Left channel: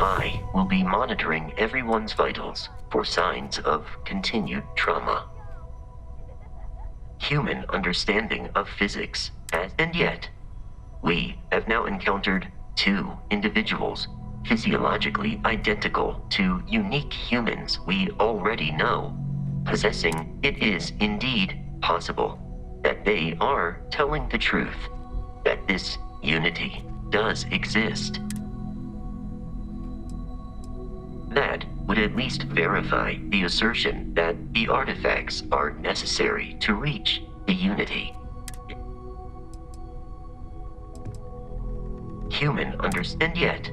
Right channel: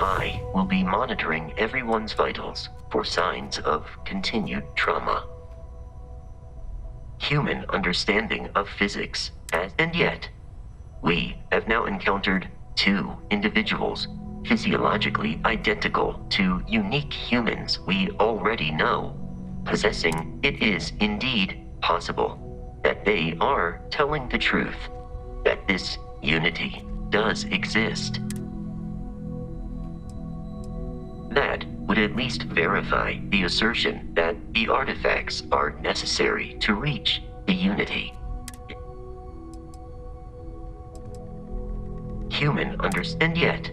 I will be monitoring everyone's vitals for signs of continued trauma. Human understanding of physics, and yet, we have now encountered two individuals physiologically identical to unique humans we already know, possessing it is indeed possible that they are telling the truth, that this unity does exist. That would at least verify the assertion that the artifacts are necessary to reach the unity. Human understand, yet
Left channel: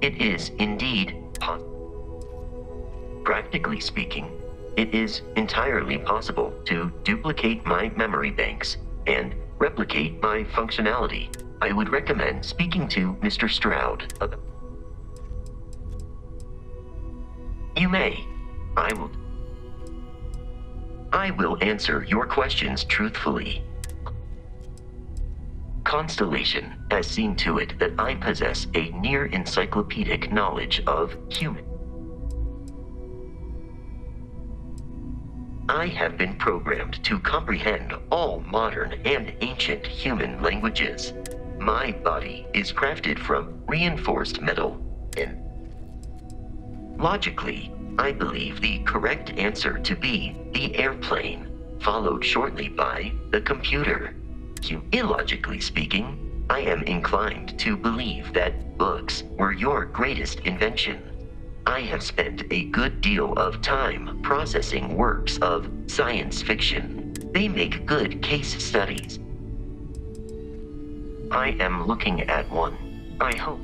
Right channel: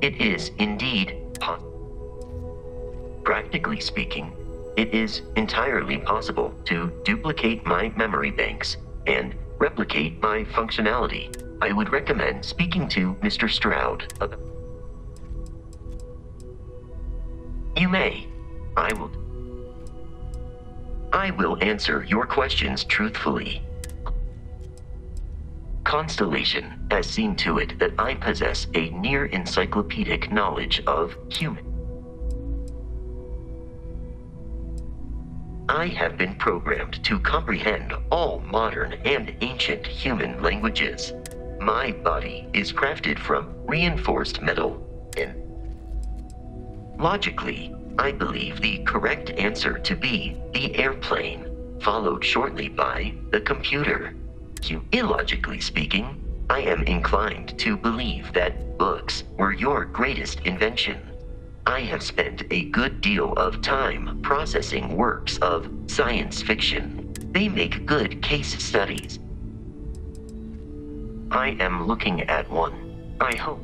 it is indeed possible. Practically speaking, it is entirely possible to duplicate my memory banks and replicate my functionality. I would recommend speaking to Mr. Stroud. You may. I will answer your questions truthfully. Constellation has seen to it that I possess a near encyclopedic knowledge of human. I have been programmed to comprehend all modern and ancient human languages. My body is crafted from reinforced metal and logically, I believe the correct answer to be the airplane, followed shortly by the computer. Illogically speaking, I am inclined to believe that books were your greatest invention. I have spent a good deal of time processing works of science fiction. They make good case studies. I am looking at one. I hope.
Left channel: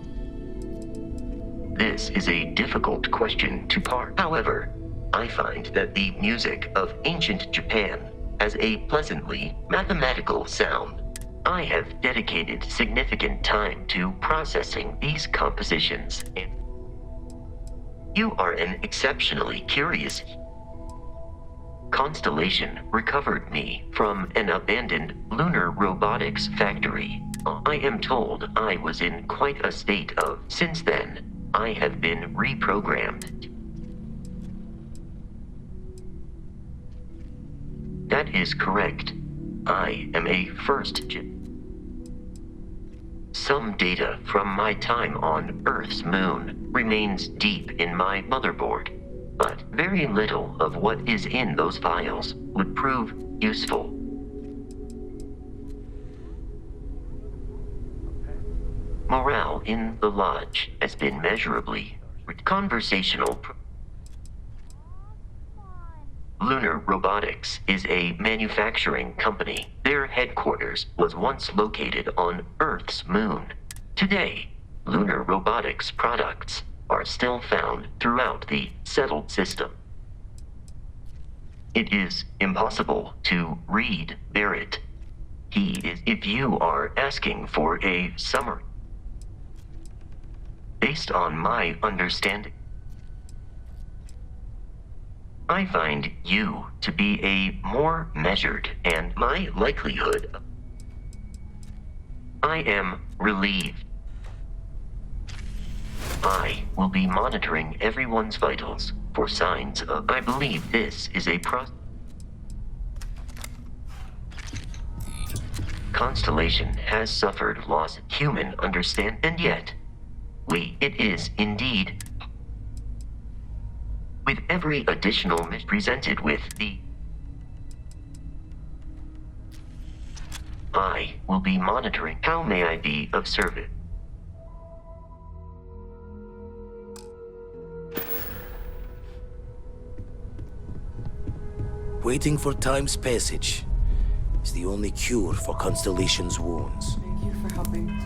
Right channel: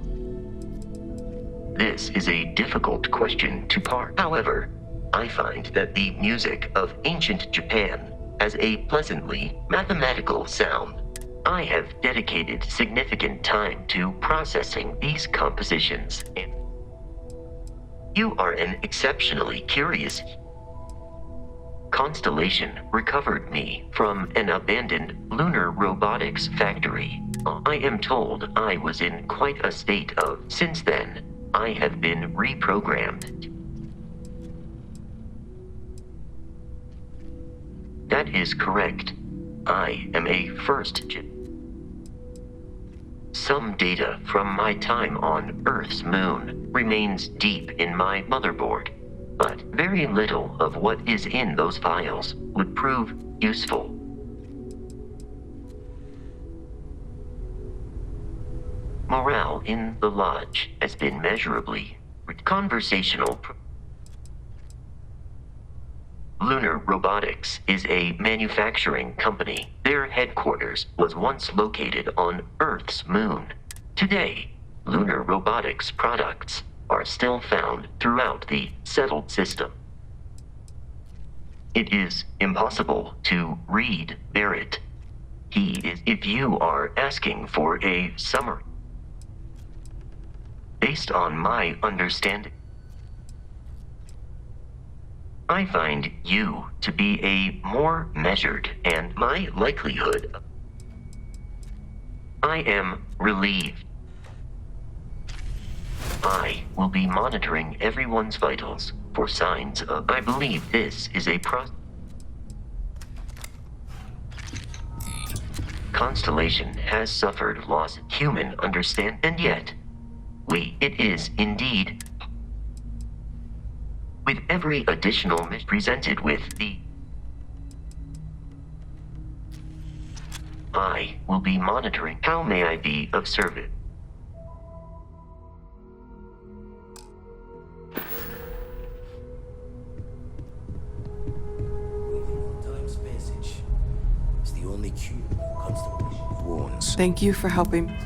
This is a difficult question to parse. However, I find that the music of ancient Japan has a pleasantly mathematical sound. I have dedicated significant time to processing these compositions, and you are an exceptionally curious. Constellation recovered me from an abandoned lunar robotics factory. I am told I was in quite a state of. Since then, I have been reprogrammed. That is correct. I am a first gen. Some data from my time on Earth's moon remains deep in my motherboard, but very little of what is in those files would prove useful. Morale in the lodge has been measurably conversational. Lunar Robotics is a manufacturing company. Their headquarters was once located on Earth's moon. Today, Lunar Robotics products are still found throughout the settled system. It is impossible to read Barrett. He is, if you are asking for a summary. Based on my understanding, I find you to be a more measured and my likelihood. I am relieved. I will be monitoring everyone's vitals for signs of. I believe this is a Constellation has suffered loss. Human understand, and yet, it is indeed. With every additional presented with the. I will be monitoring. How may I be of service? Waiting for time's passage is the only cure for Constellation's wounds. Thank you for helping.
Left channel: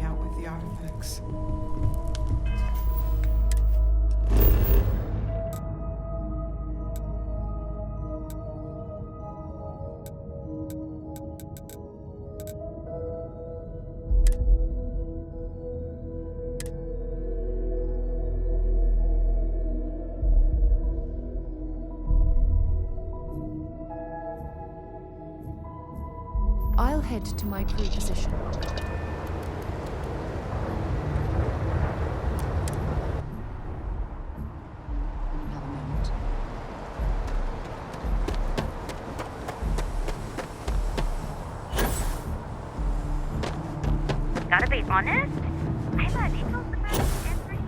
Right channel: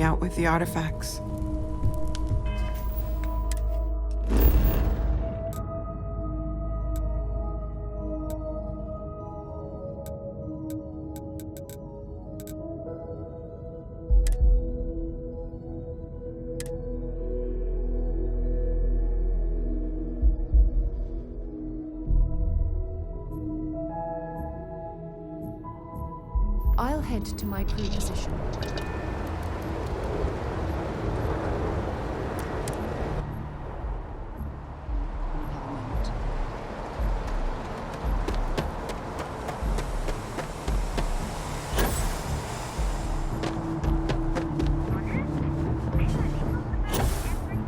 Out with the artifacts. head to my crew position. Have a moment. Gotta be honest, I'm a little about everything.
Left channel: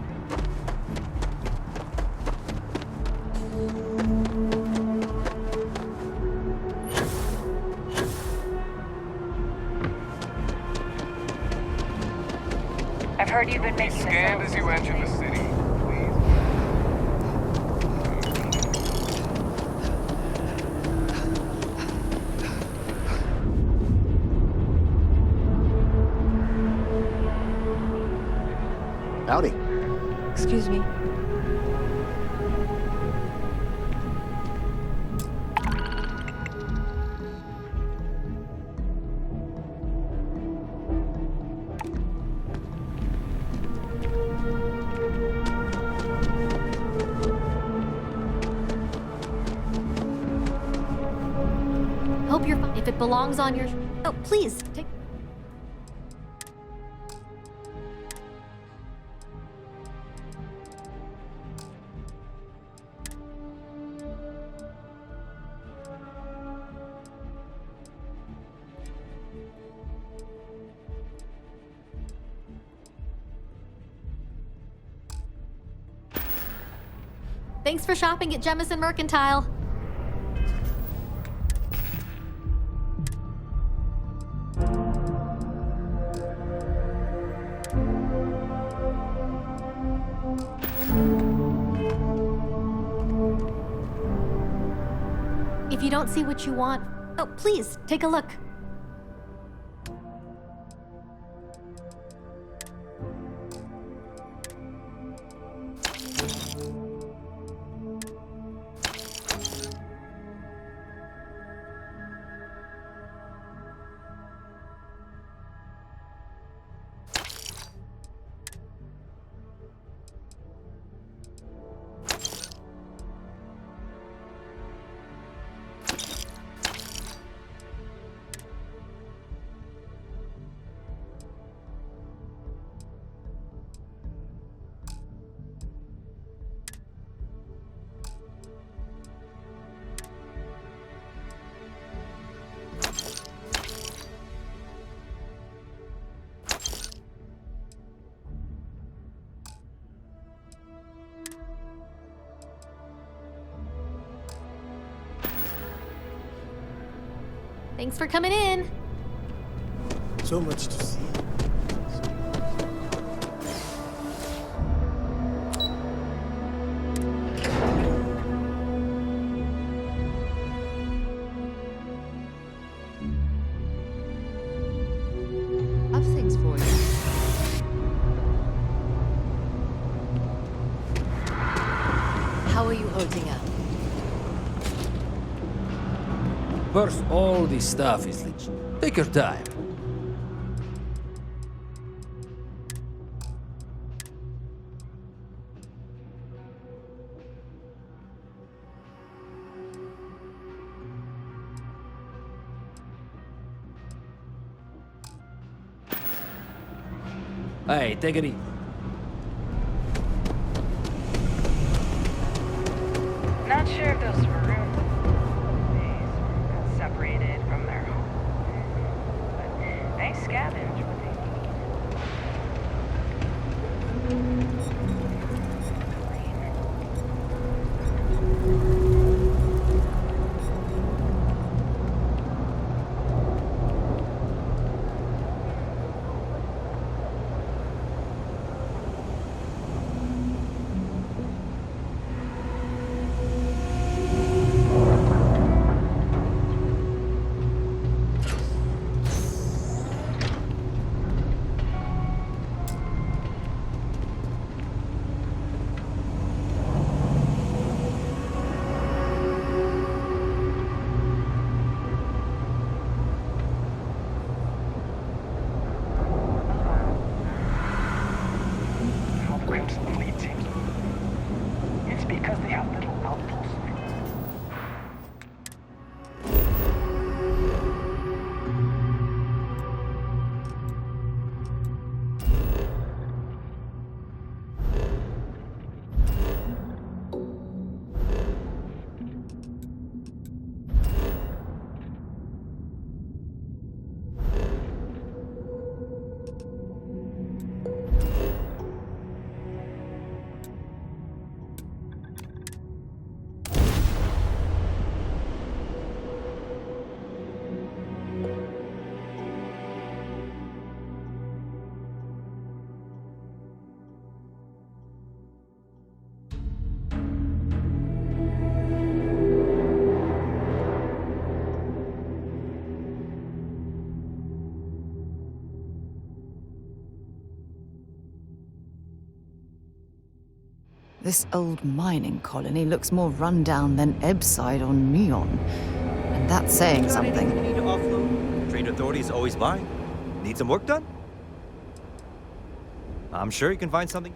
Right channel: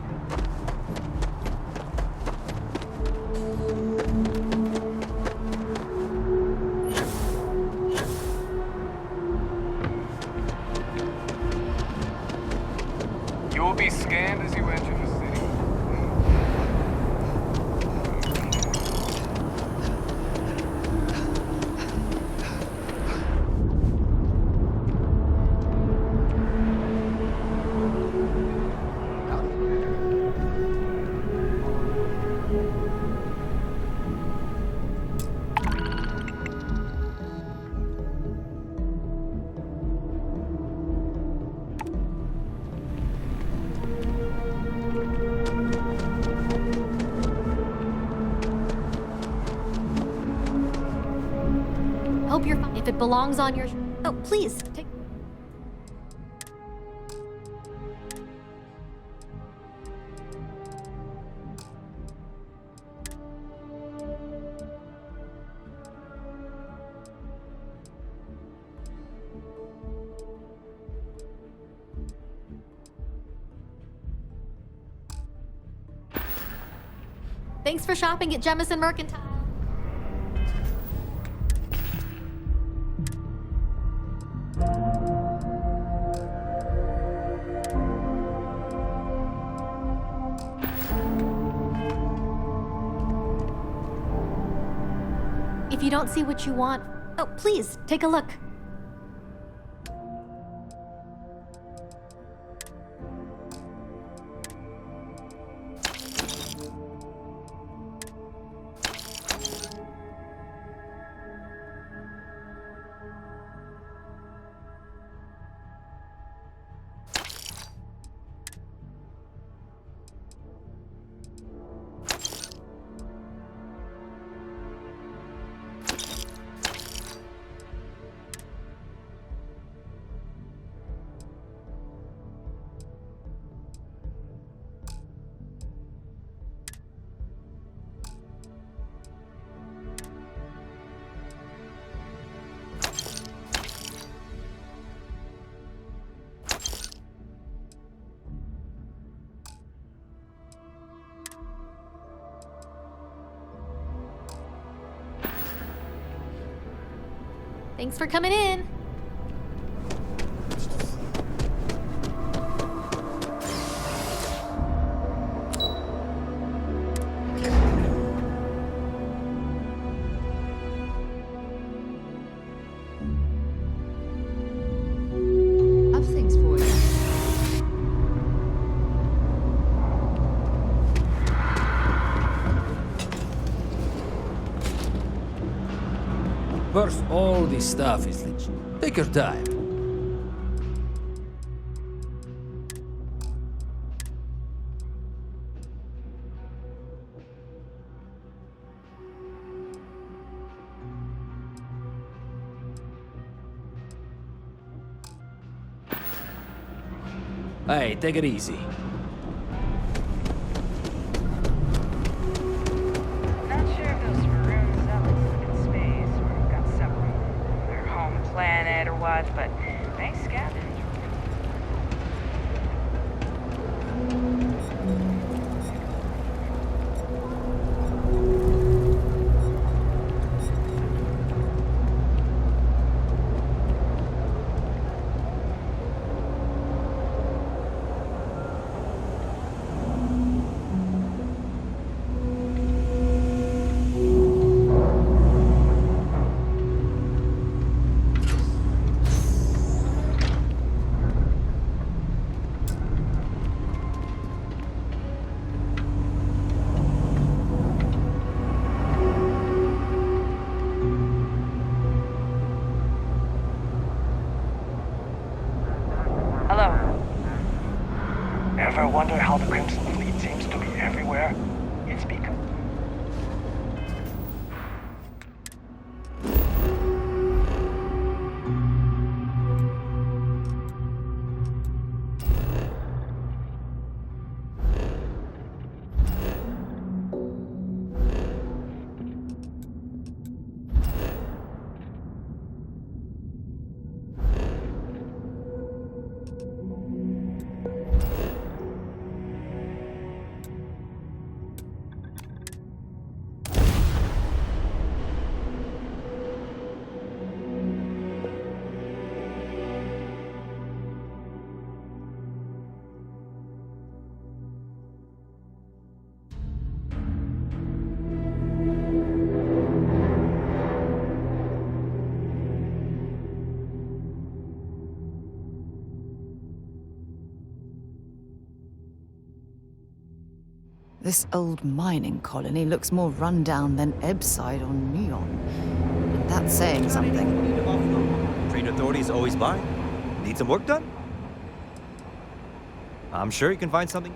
I've heard You will be scanned as you enter the city. Howdy. Excuse me. Hope you're fine. If it belongs on your... Oh, please, take... Thanks for shopping at Jemison Mercantile. If you don't see what you want, oh, please, take a look. Thanks for coming in. So much to see. I've things for you. How are you holding up? First, all this stuff is legit. Take your time. Hey, take it easy. Not sure if those maroons up in space or got separated from their home planet or what, but they scavenge with me. This old mining colony looks more rundown than Ebbside on Neon. And that's saying Got anything something. you need to offload? Trade authorities always buying. Need some work done? I'm sure you can find something.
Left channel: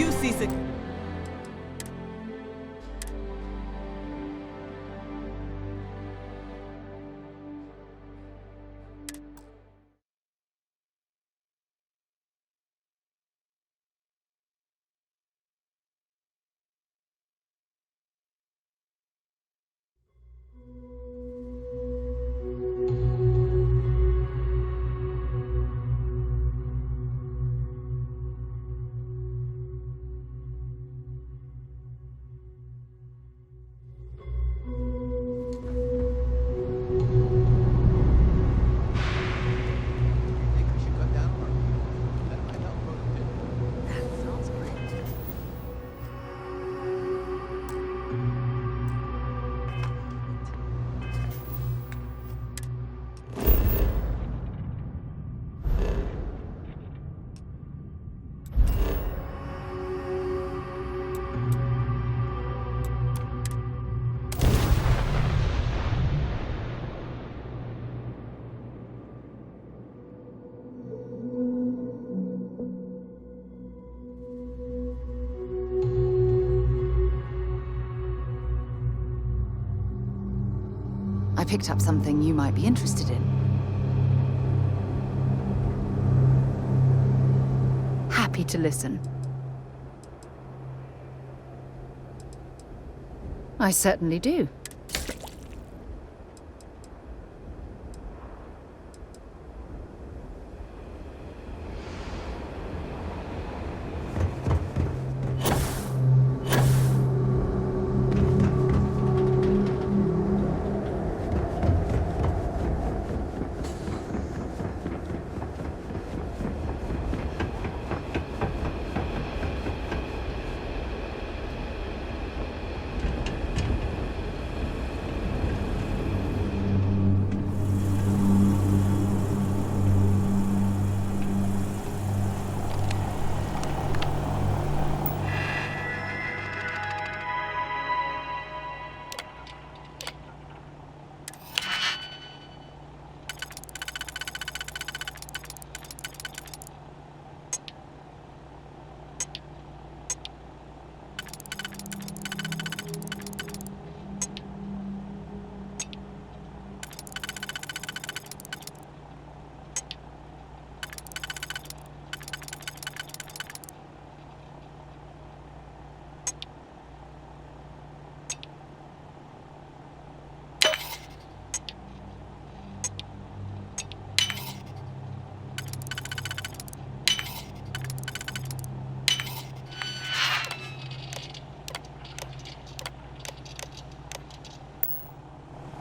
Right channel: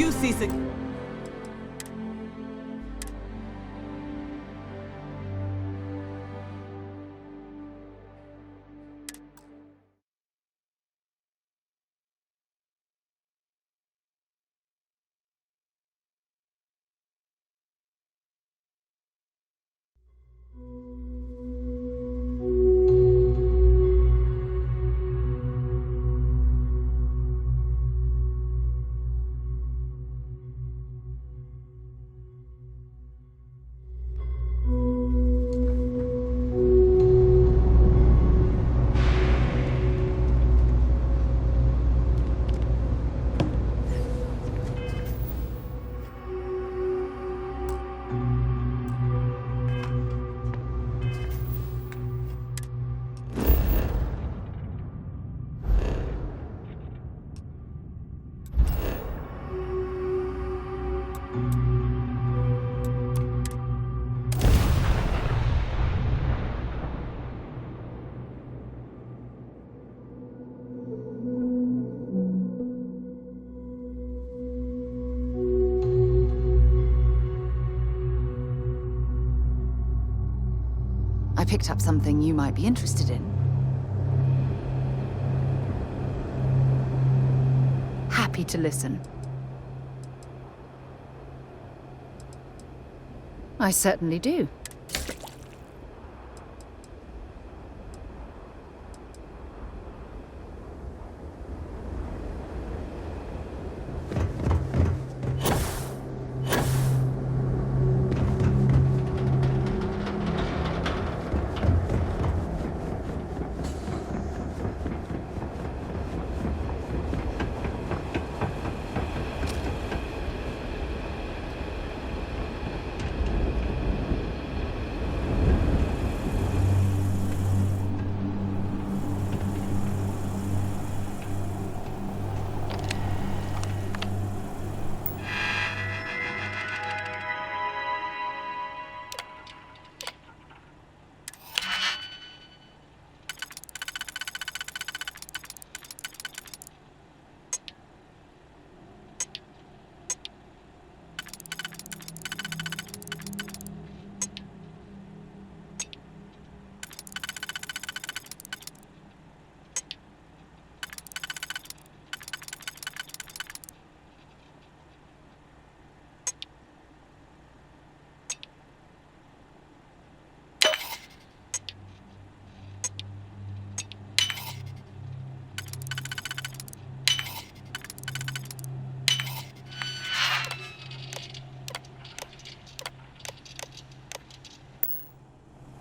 You seasick. I picked up something you might be interested in. Happy to listen. I certainly do.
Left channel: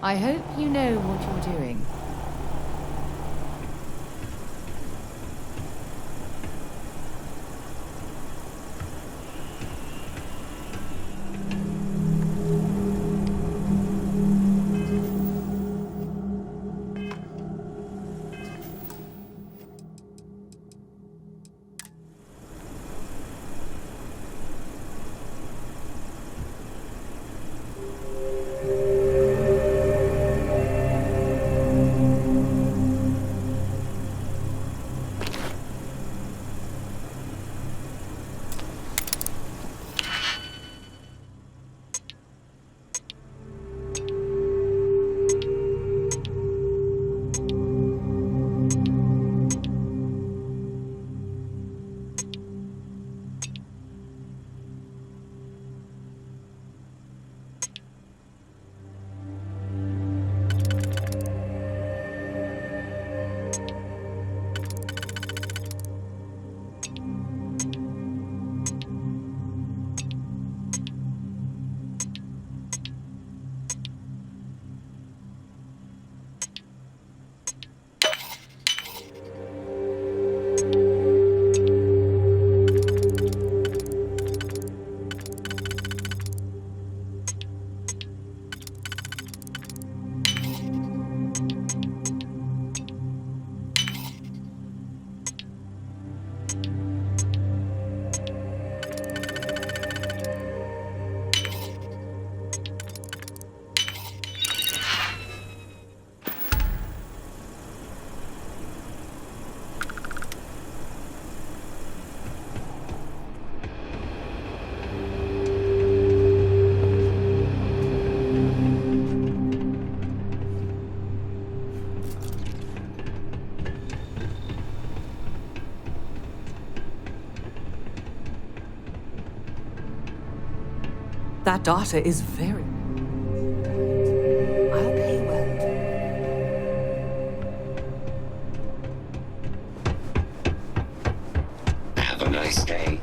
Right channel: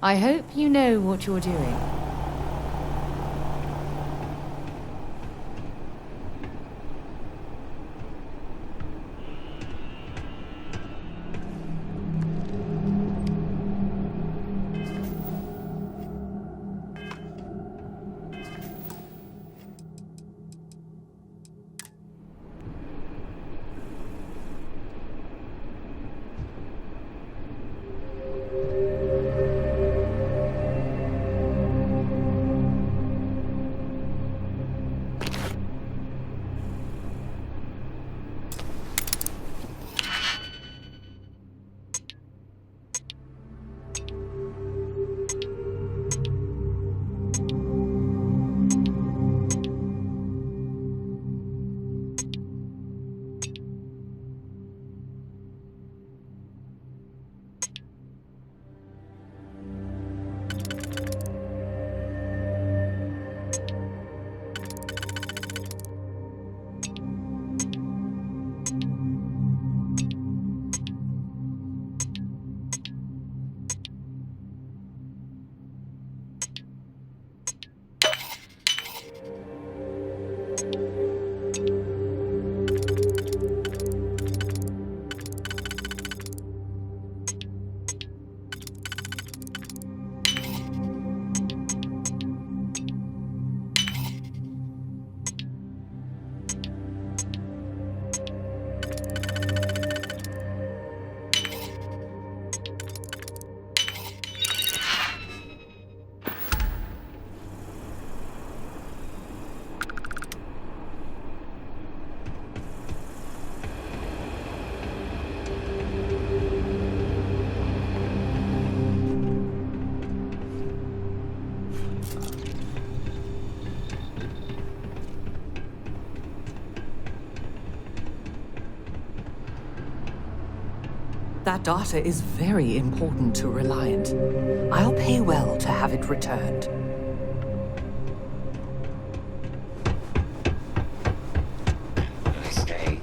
I hope you know what you're doing. That data is very important to Reliant. I'll pay well to have it returned. Have a nice day.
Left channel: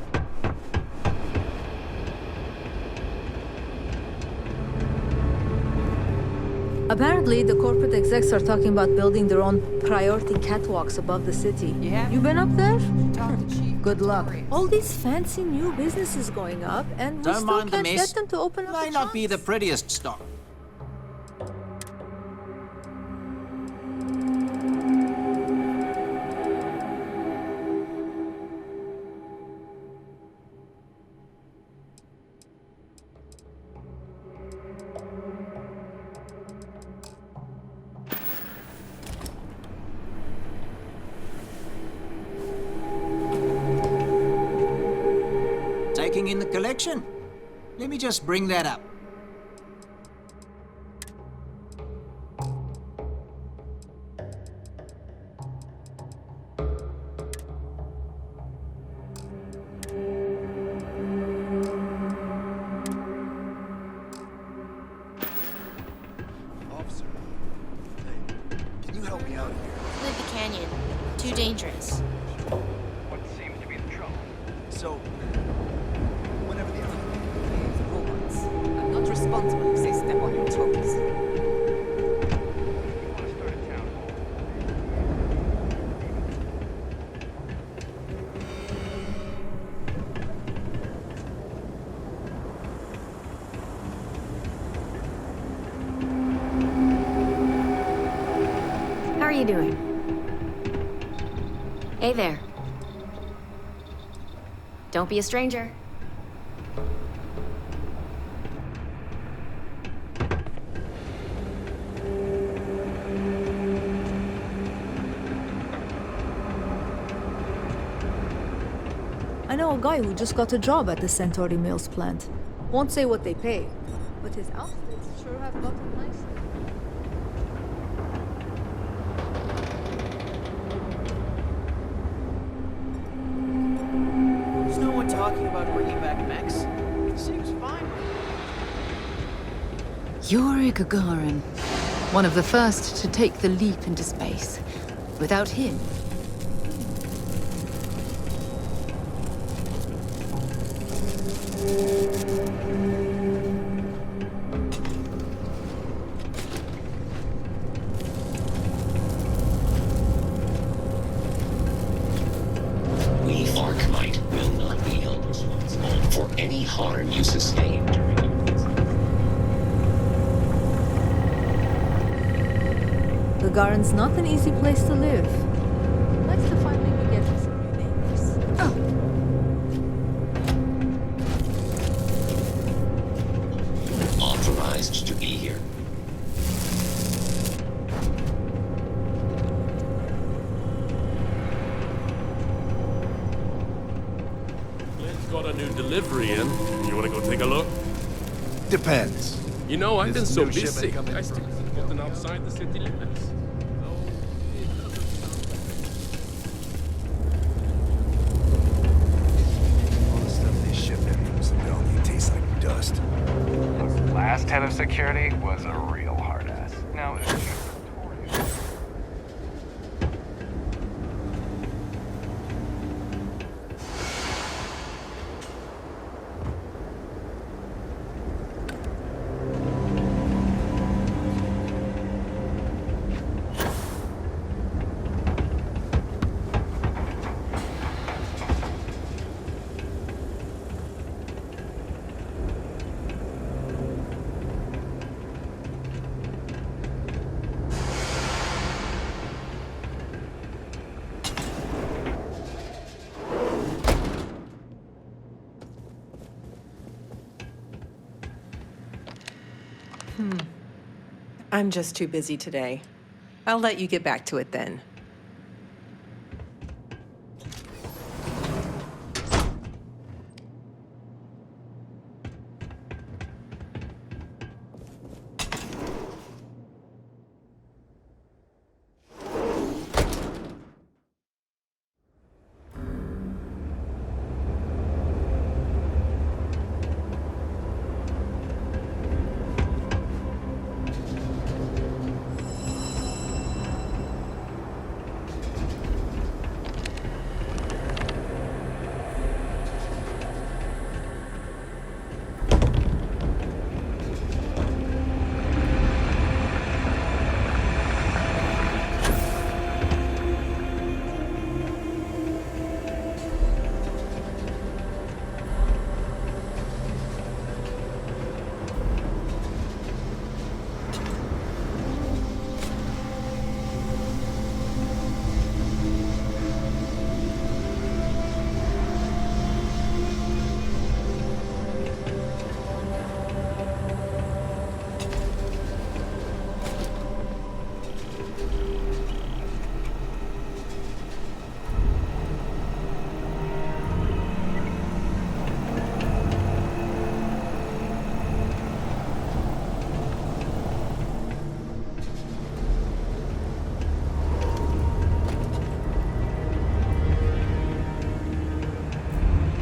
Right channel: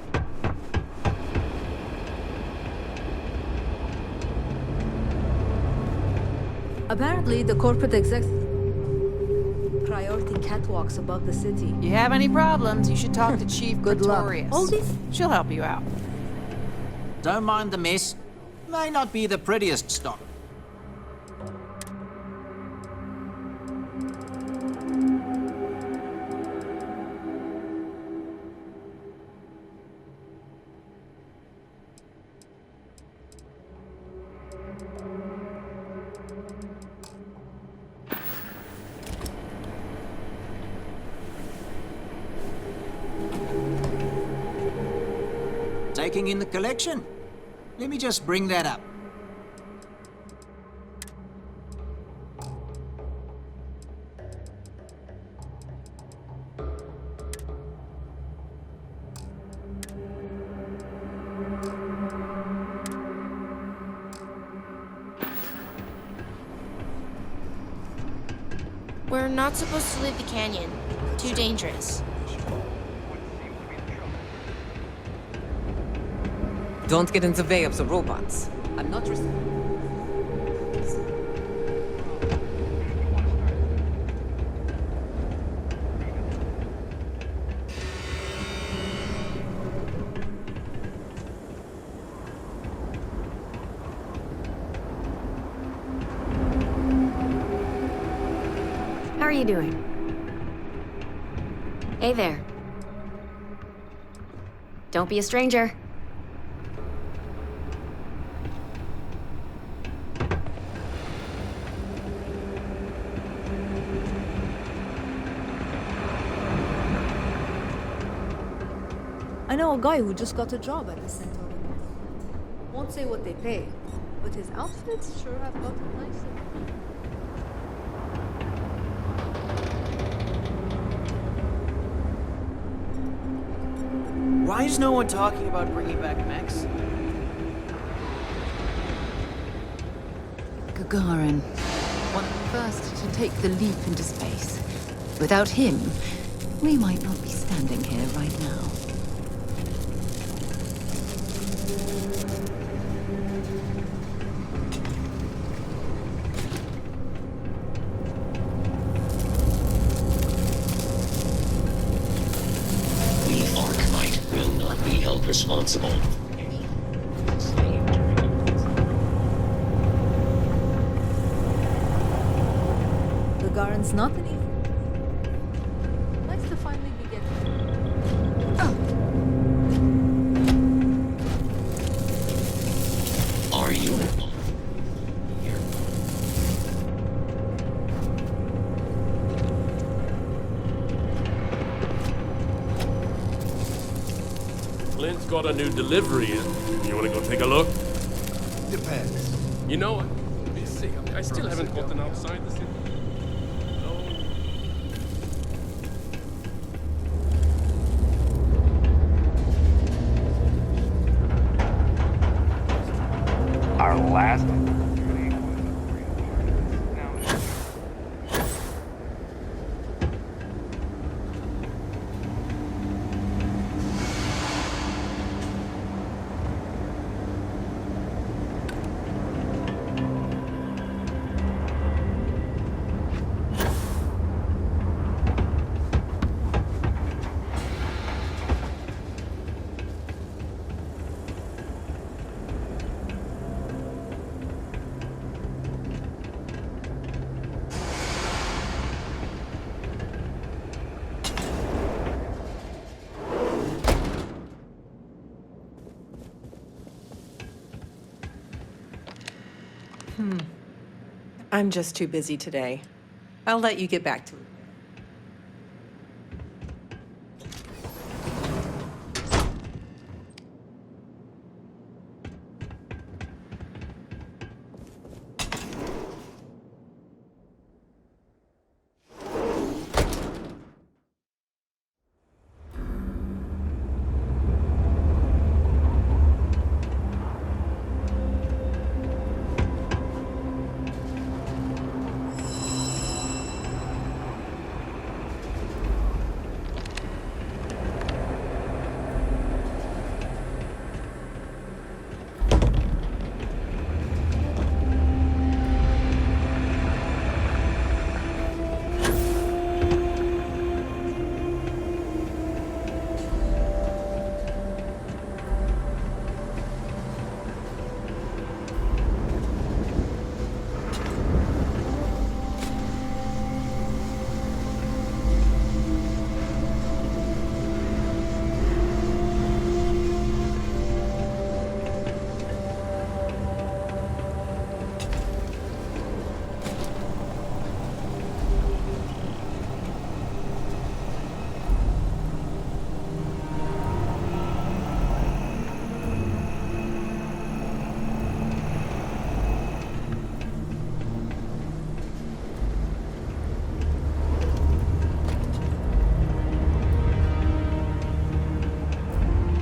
Apparently, the corporate execs are talking about building their own priority catwalks above the city. You have any been up there? problems, you should talk to Chief Good luck. Pretorius. All these fancy She'll help you new out. businesses going up, and we Don't still mind the can't mess. get them to open up May the not be the shops. prettiest stock. Taking in the collection? Let me just bring that up. We're not supposed to leave the canyon. Too dangerous. Don't get in the way of the robots. I'm not responsible if they step on your toes. How are you doing? Hey there. Don't be a stranger. I know a guy who just got a job at the Centauri Mills plant. Won't say what they pay, but his outfits sure have gotten nicer. Why is no one talking about bringing back mechs? Seems fine. Yuri Gagarin, one of the first to take the leap into space. Without him, we might not be standing here right now. not be held responsible for any harm you sustain during your visit. The Garen's not an easy place to live. Nice to finally be getting some things. Are you authorized to be here? Clint's got a new delivery in. You want to go take a look? Depends. You know, I've been so busy. I still haven't gotten outside the city limits. Our last head of security was a real hard ass. Now it's I'm just too busy today. I'll let you get back to it then.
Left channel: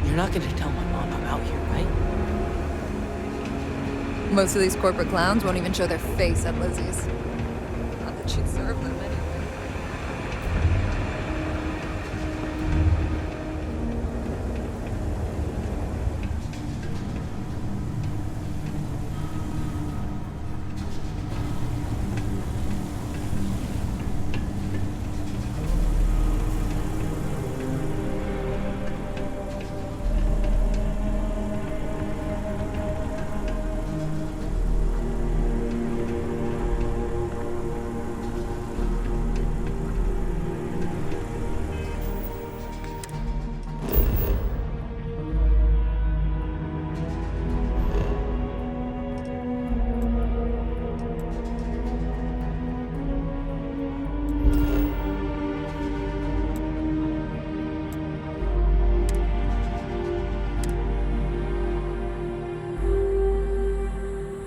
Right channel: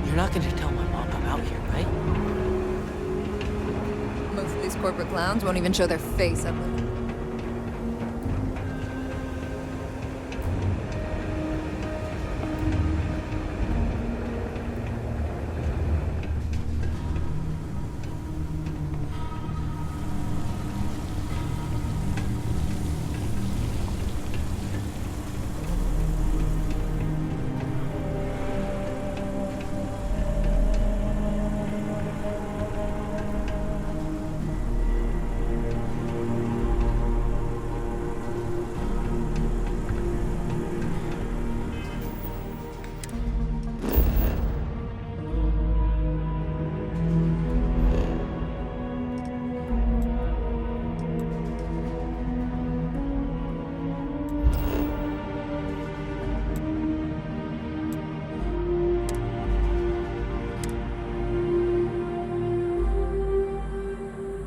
You're not gonna tell my mom I'm out here, right? Most of these corporate clowns won't even show their face at Lizzie's. Not that she'd serve them anyway.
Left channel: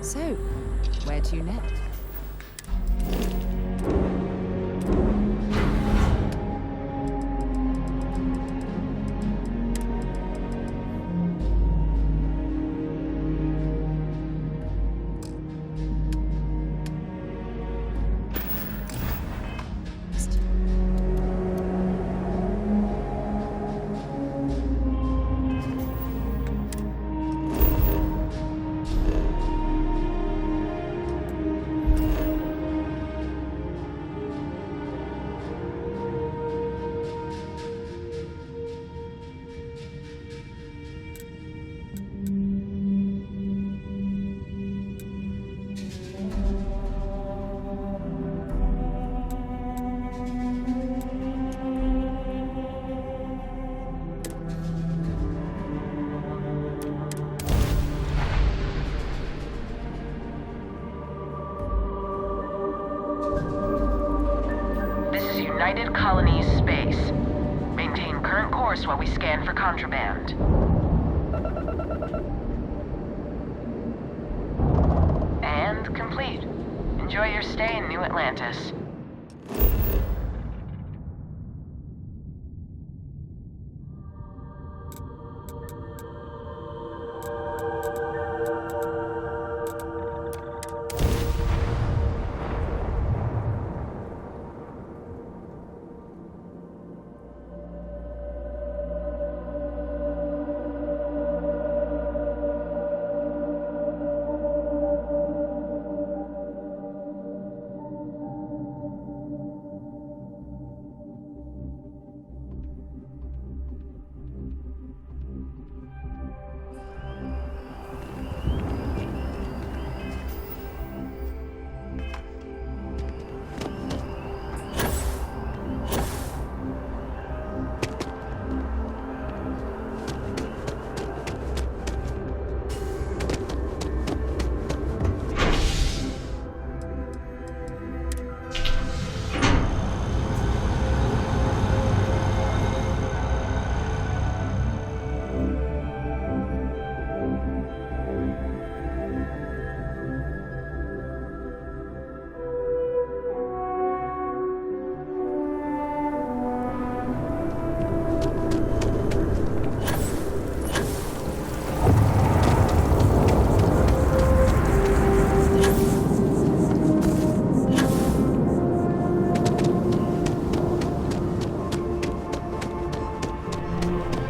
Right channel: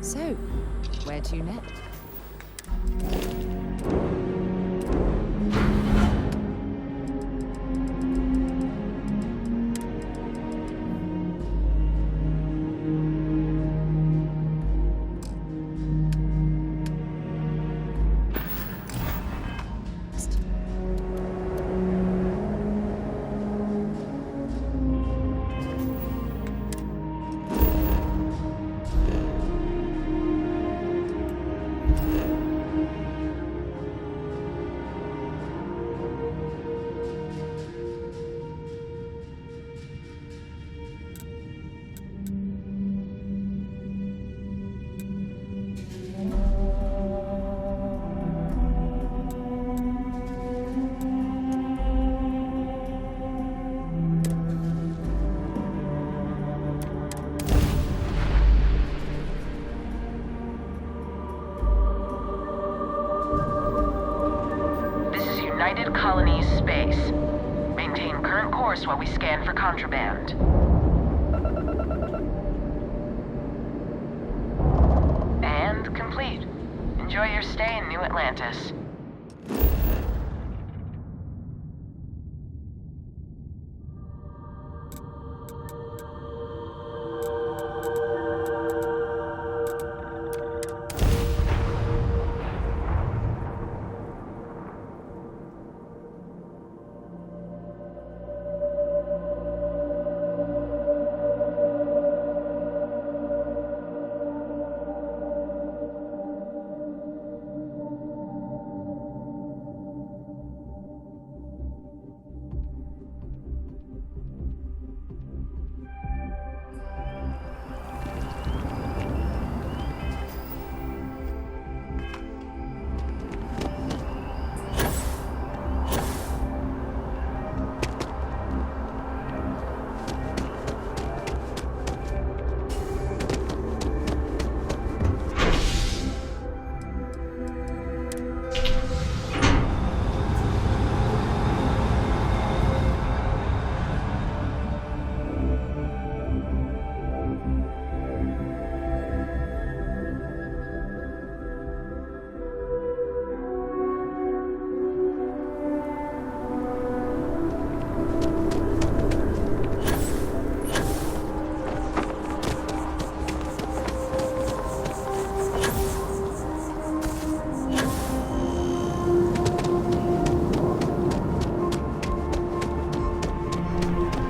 So, where to next? United Colonies space. Maintain current course while we scan for contraband. And complete. Enjoy your stay in New Atlantis.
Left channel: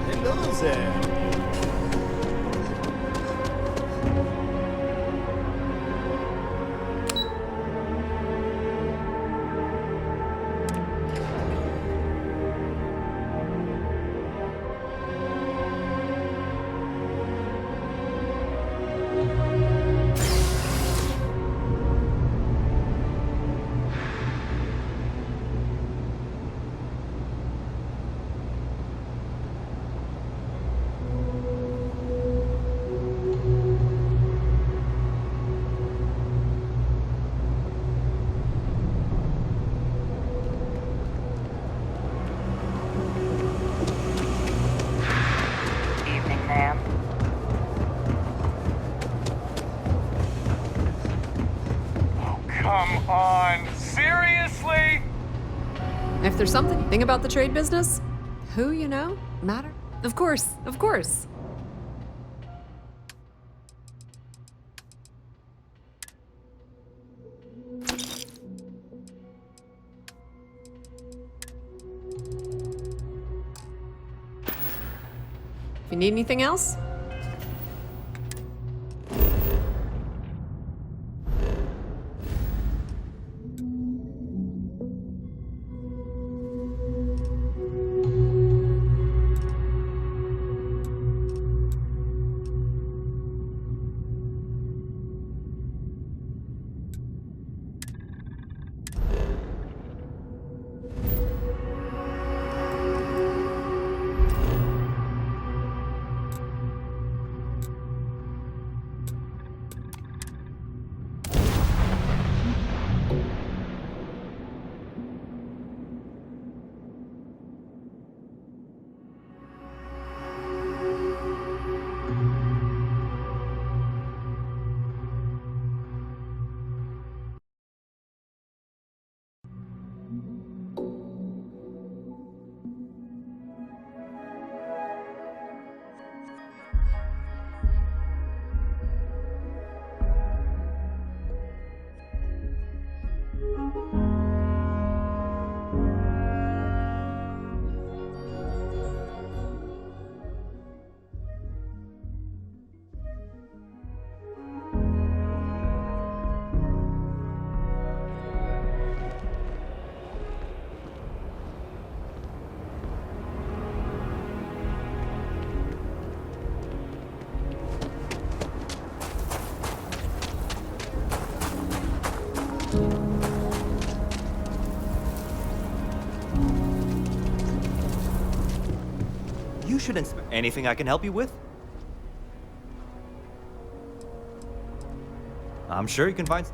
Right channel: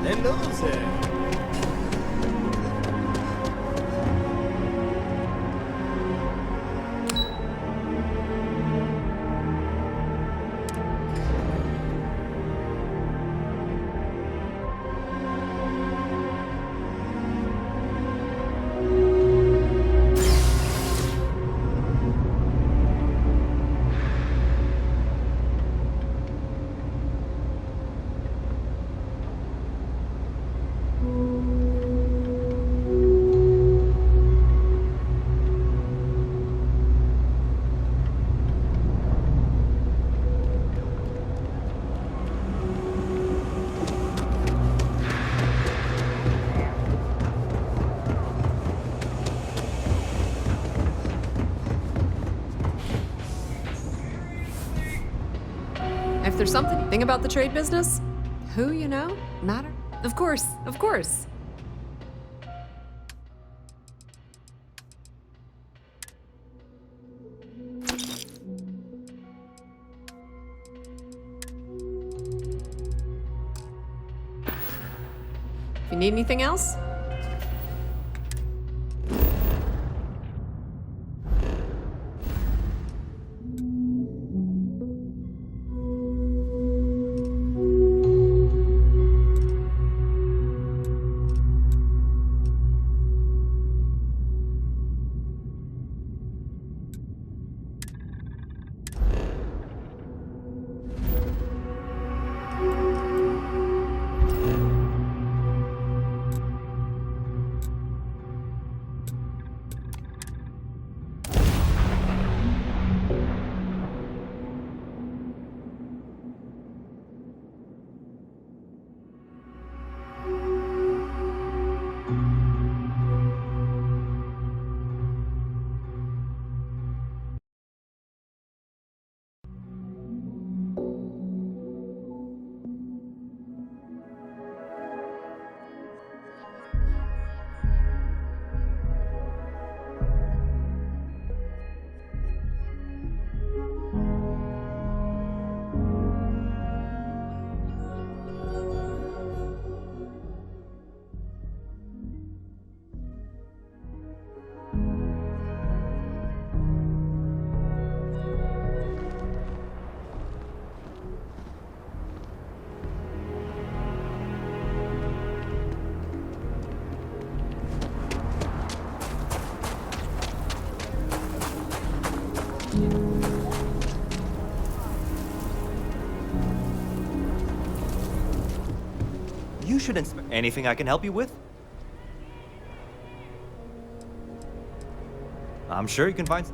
Hello there. If there's something about the trade business, who you know matter. Of course, of course. If you need anything else, You should anything I can help you with? I'm sure you can find.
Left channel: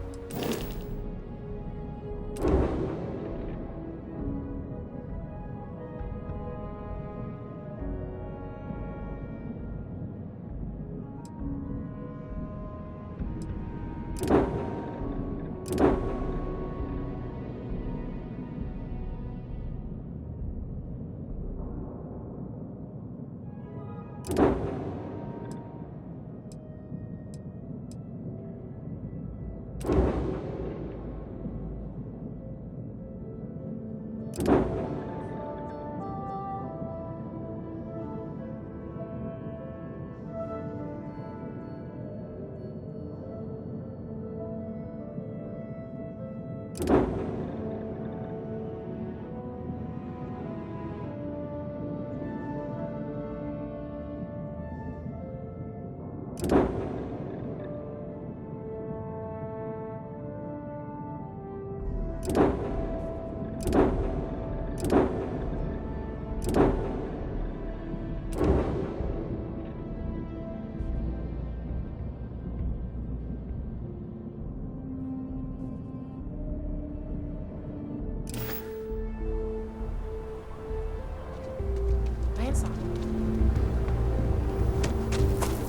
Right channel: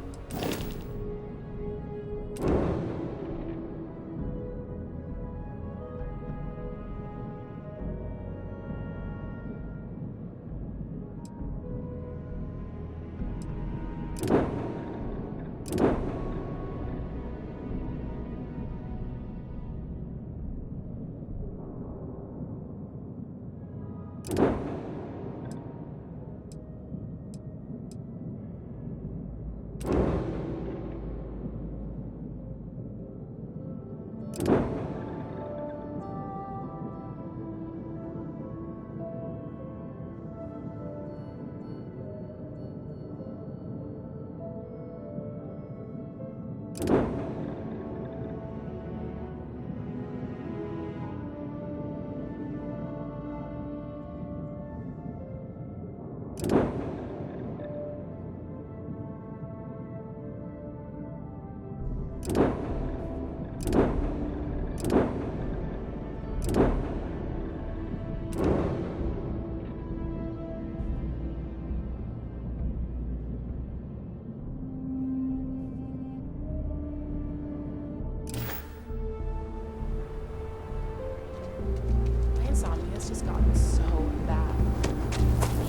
My insomnia has just gotten so bad.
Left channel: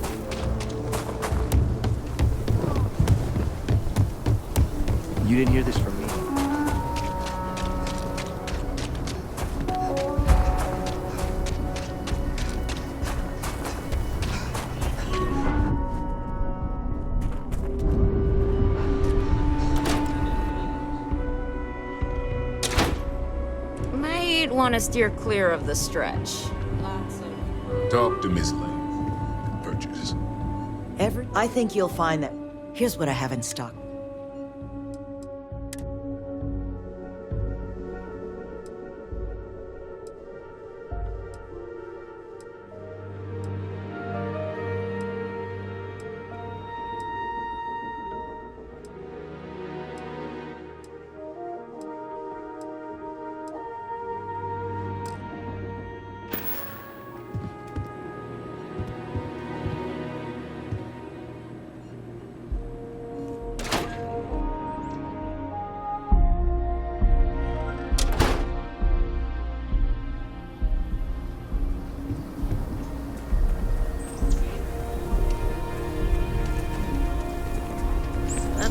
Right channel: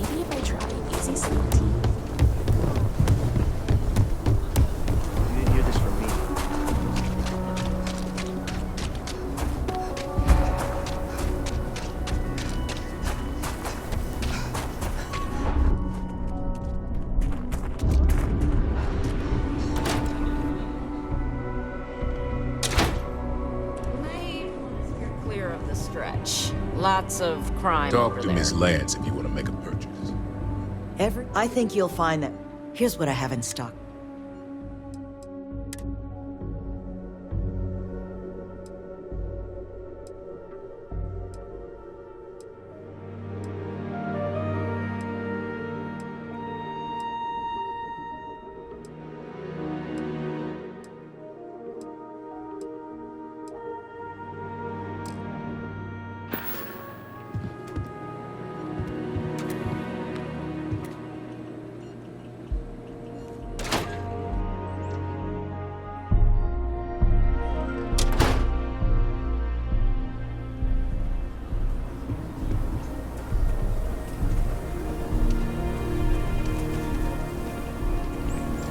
Maybe if I try easy sleep. You didn't hear this from me. Might want to steer clear of the stretch. Lots of crime. Talk to Miss Lance if you want to make a purchase. I think you'll find that. Here's what I have in stock.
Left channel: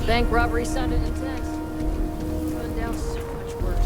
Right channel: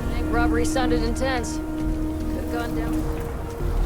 Bank robbery sounded intense. Could've gone down so much worse.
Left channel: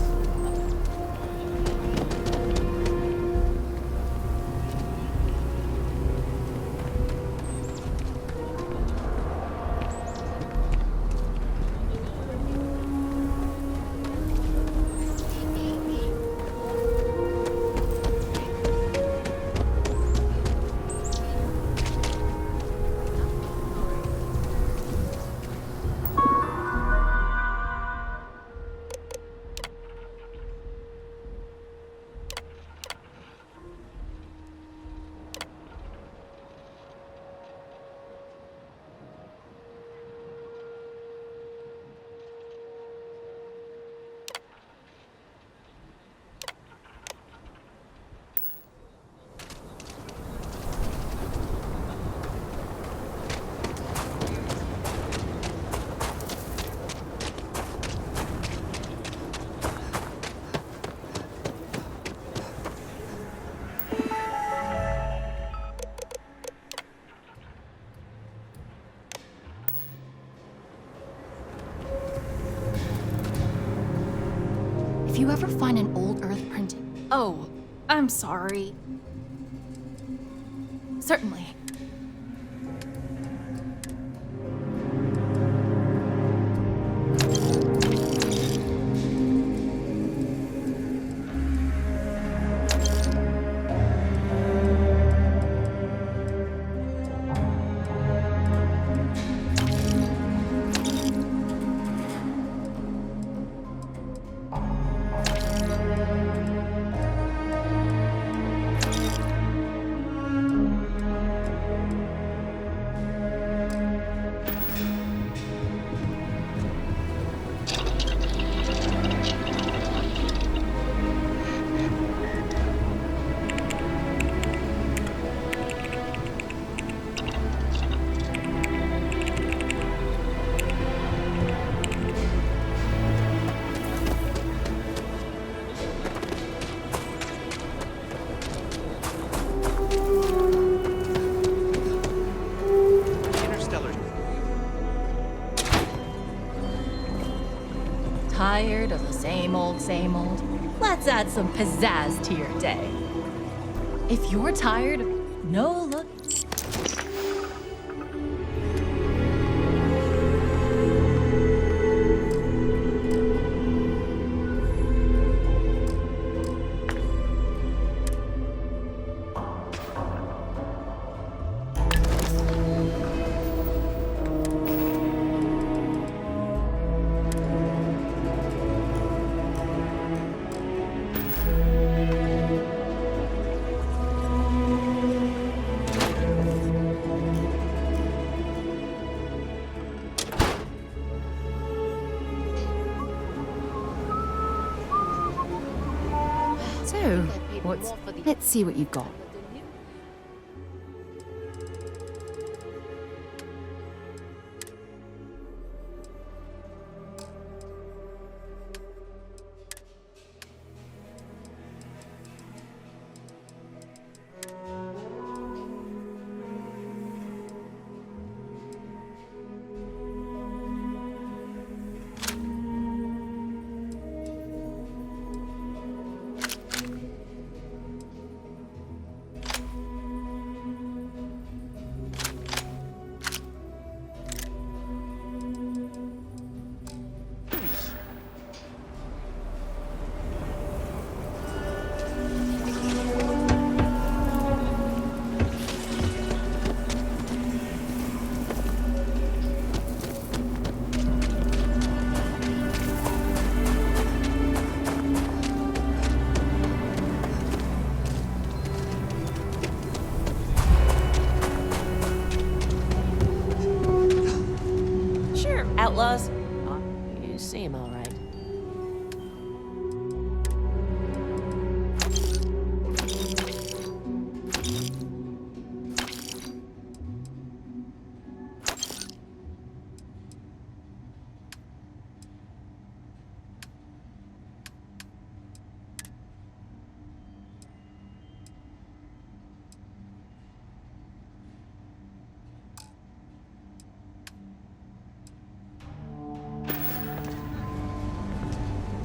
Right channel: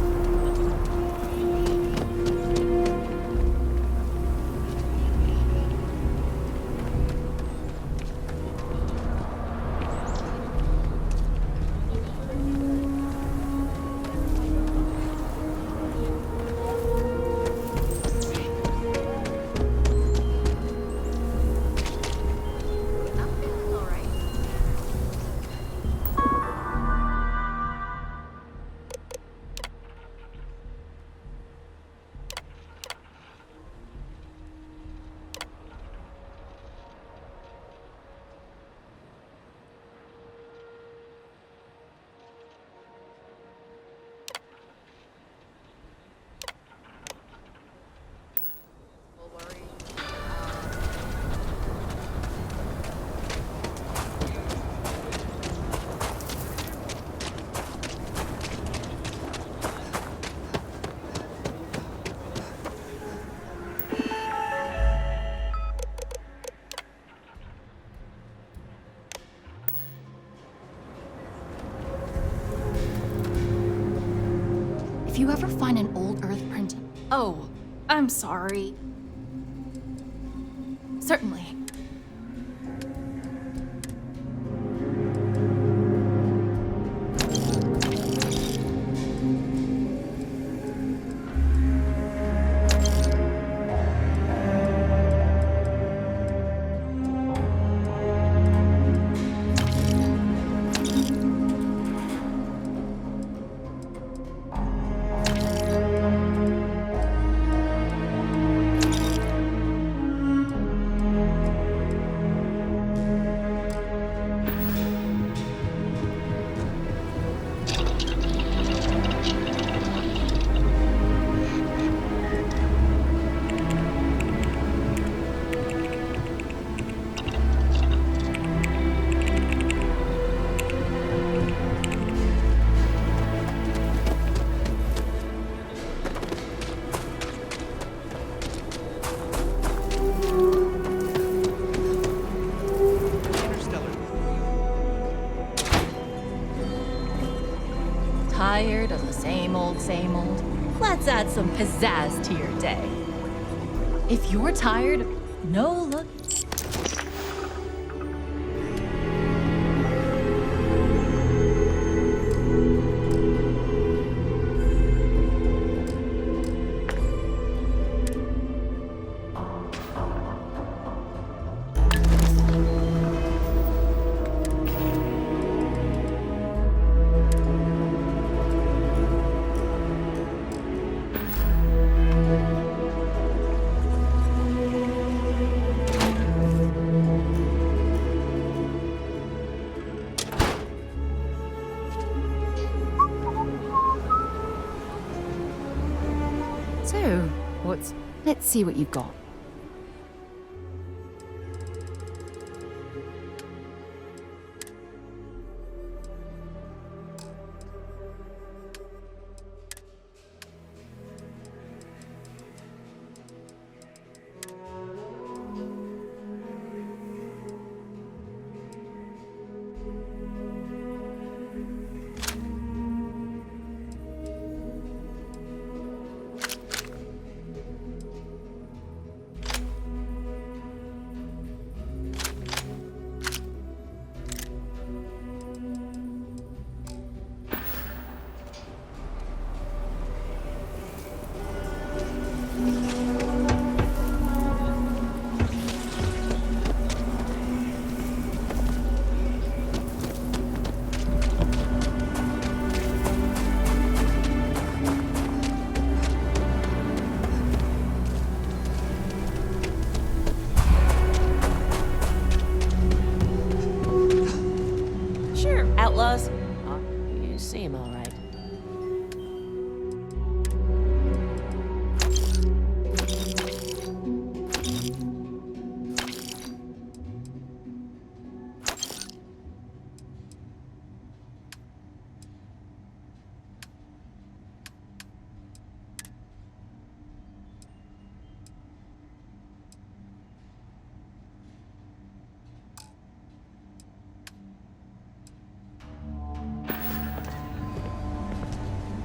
If you ever find an old Earth printing... Oh, I'm sorry. Certainly. Tired of the same old, same old? Let's add some pizzazz to your day. If you're tired, No look. So, let's see what you've got. Outlaws? You seem all right.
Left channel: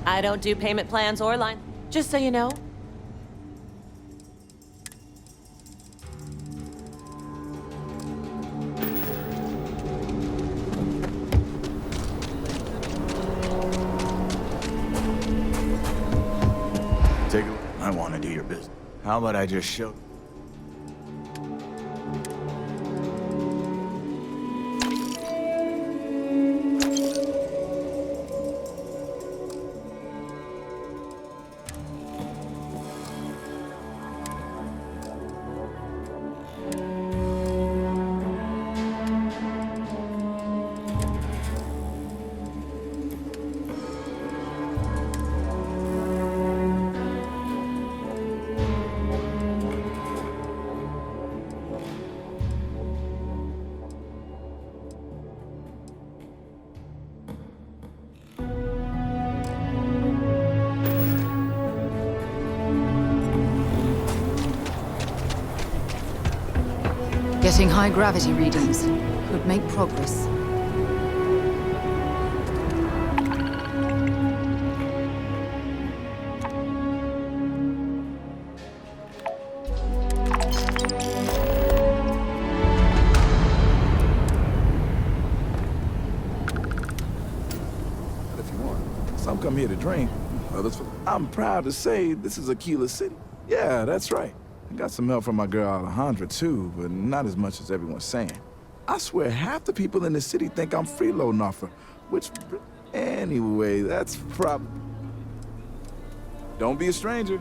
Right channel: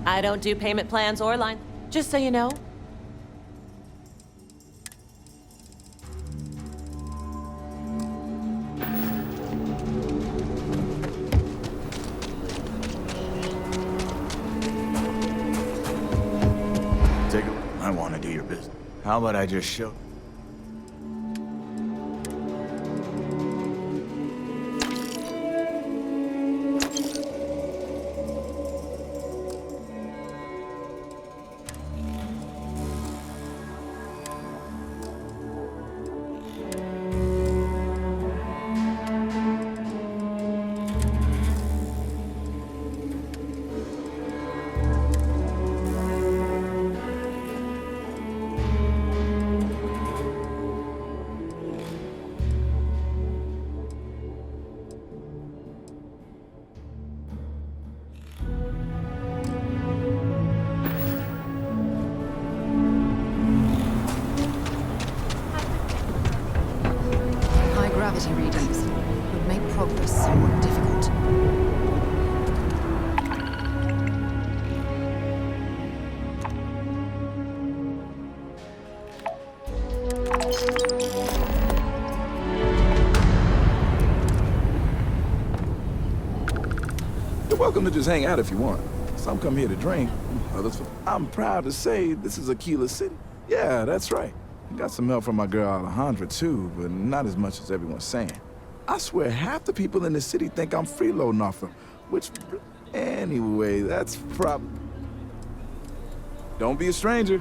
I don't do payment plans or line, just so you know. Take a look. I want to do your business. How about I just show? Getting high gravity readings could make progress somewhat difficult. You're welcome to just hang out if you want. Some come here to drink, others for... I'm proud to say this is Aquila City. Yeah, that's right. I got some help from my girl Alejandra too, but not as much as everyone's saying. I swear half the people in the city think I'm freeloading off her, which... Anyway, that's probably... Don't be a stranger.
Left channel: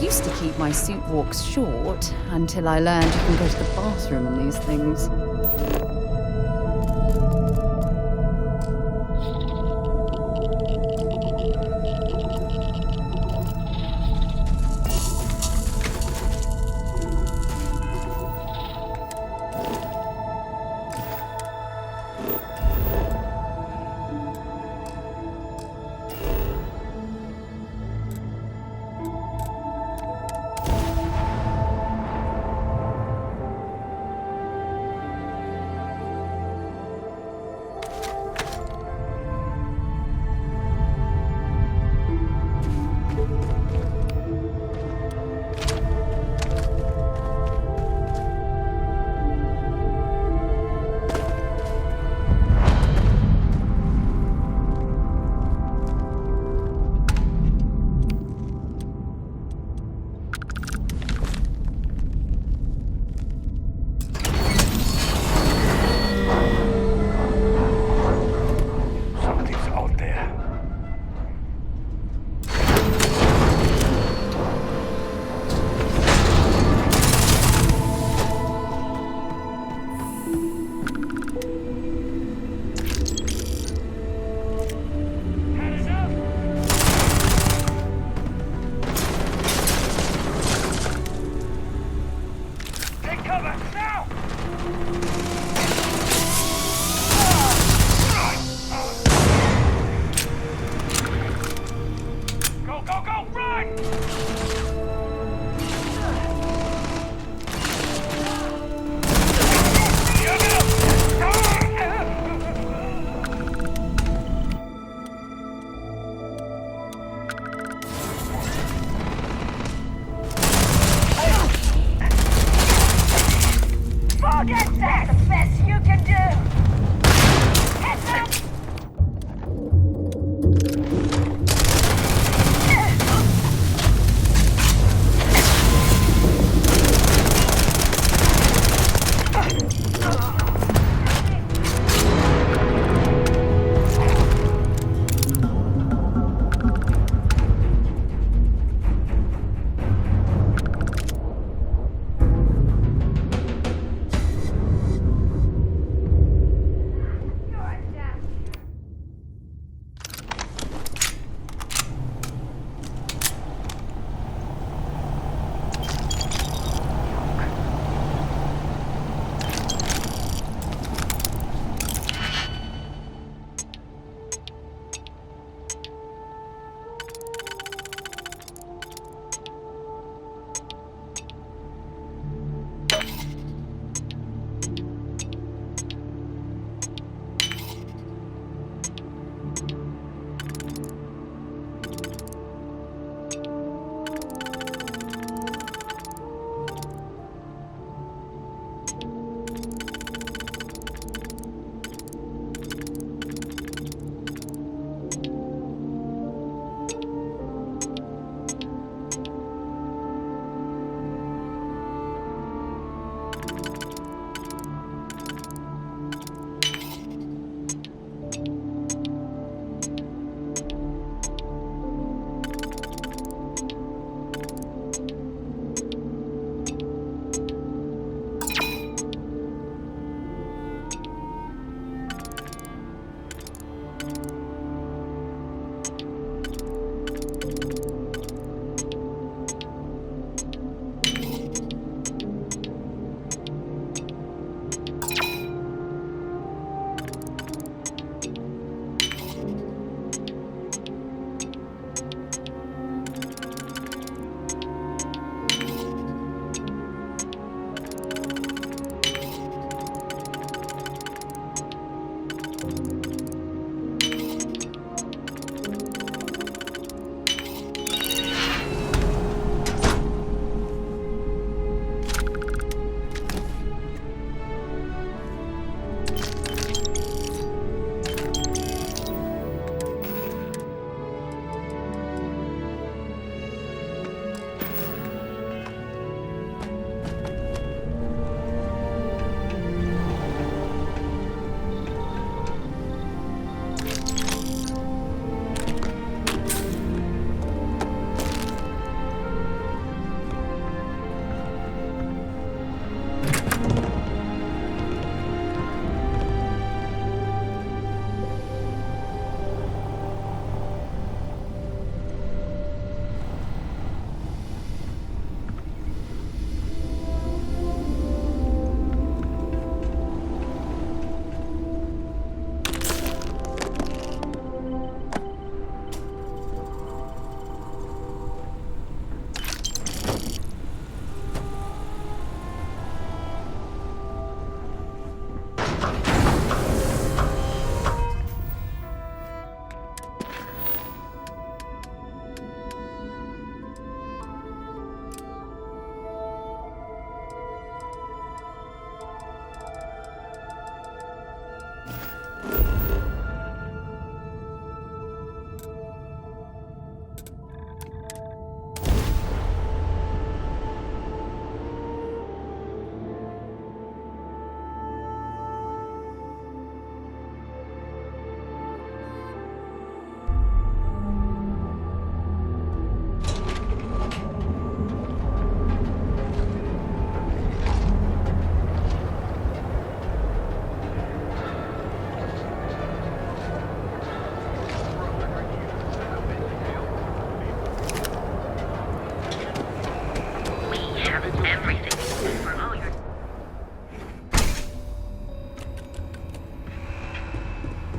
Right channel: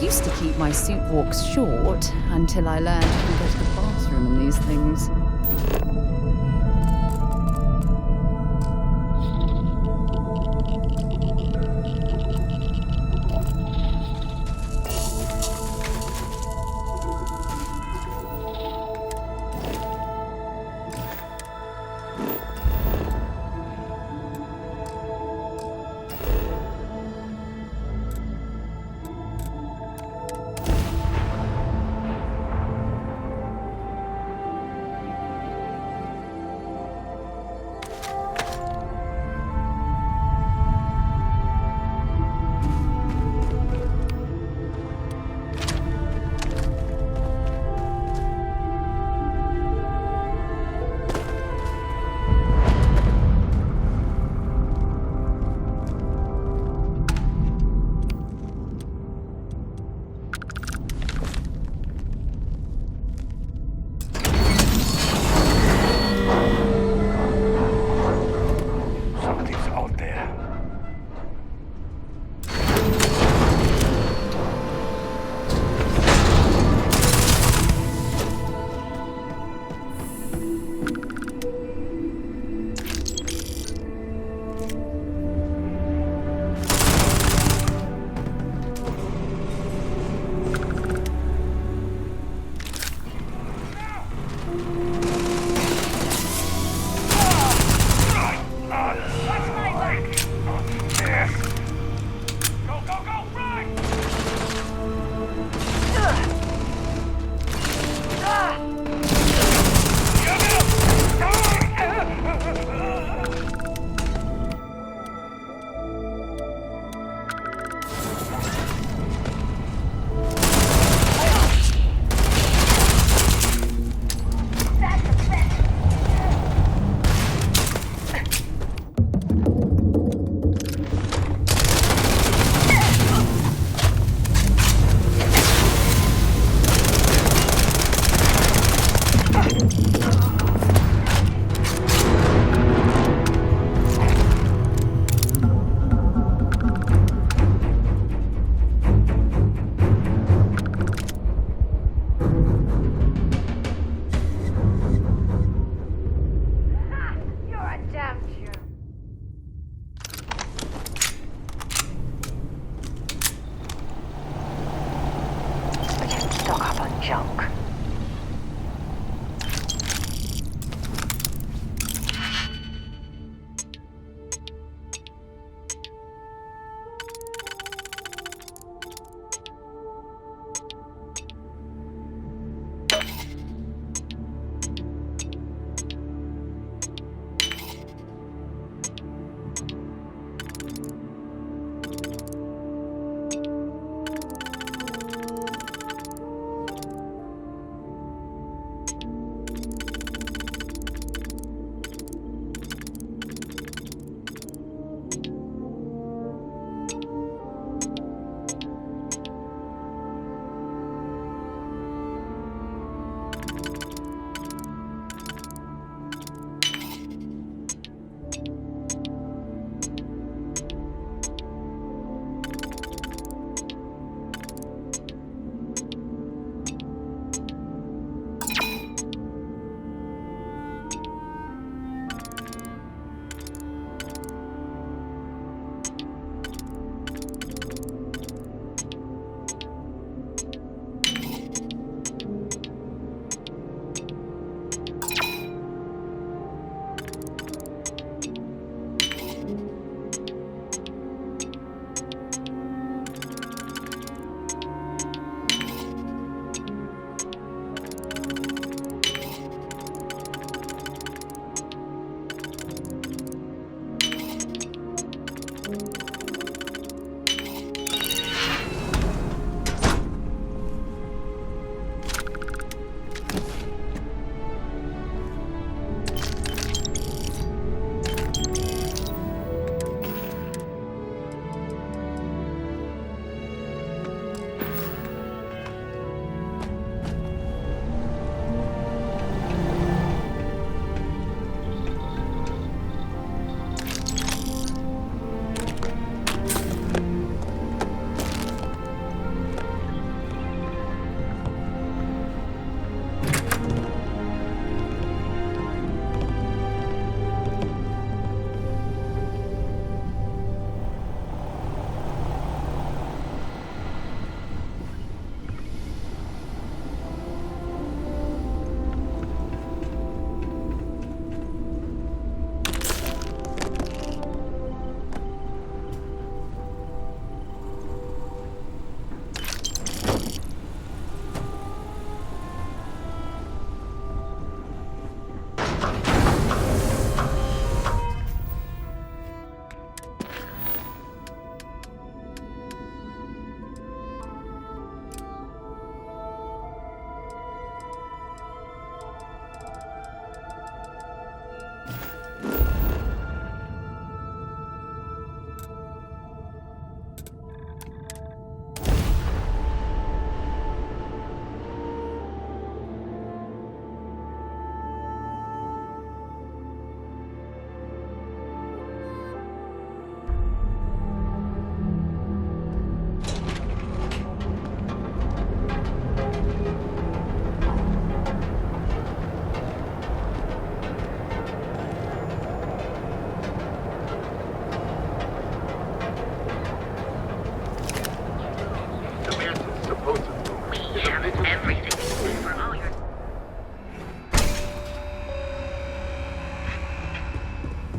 Used to keep my suit walks short until I learned you can go to the bathroom in these things.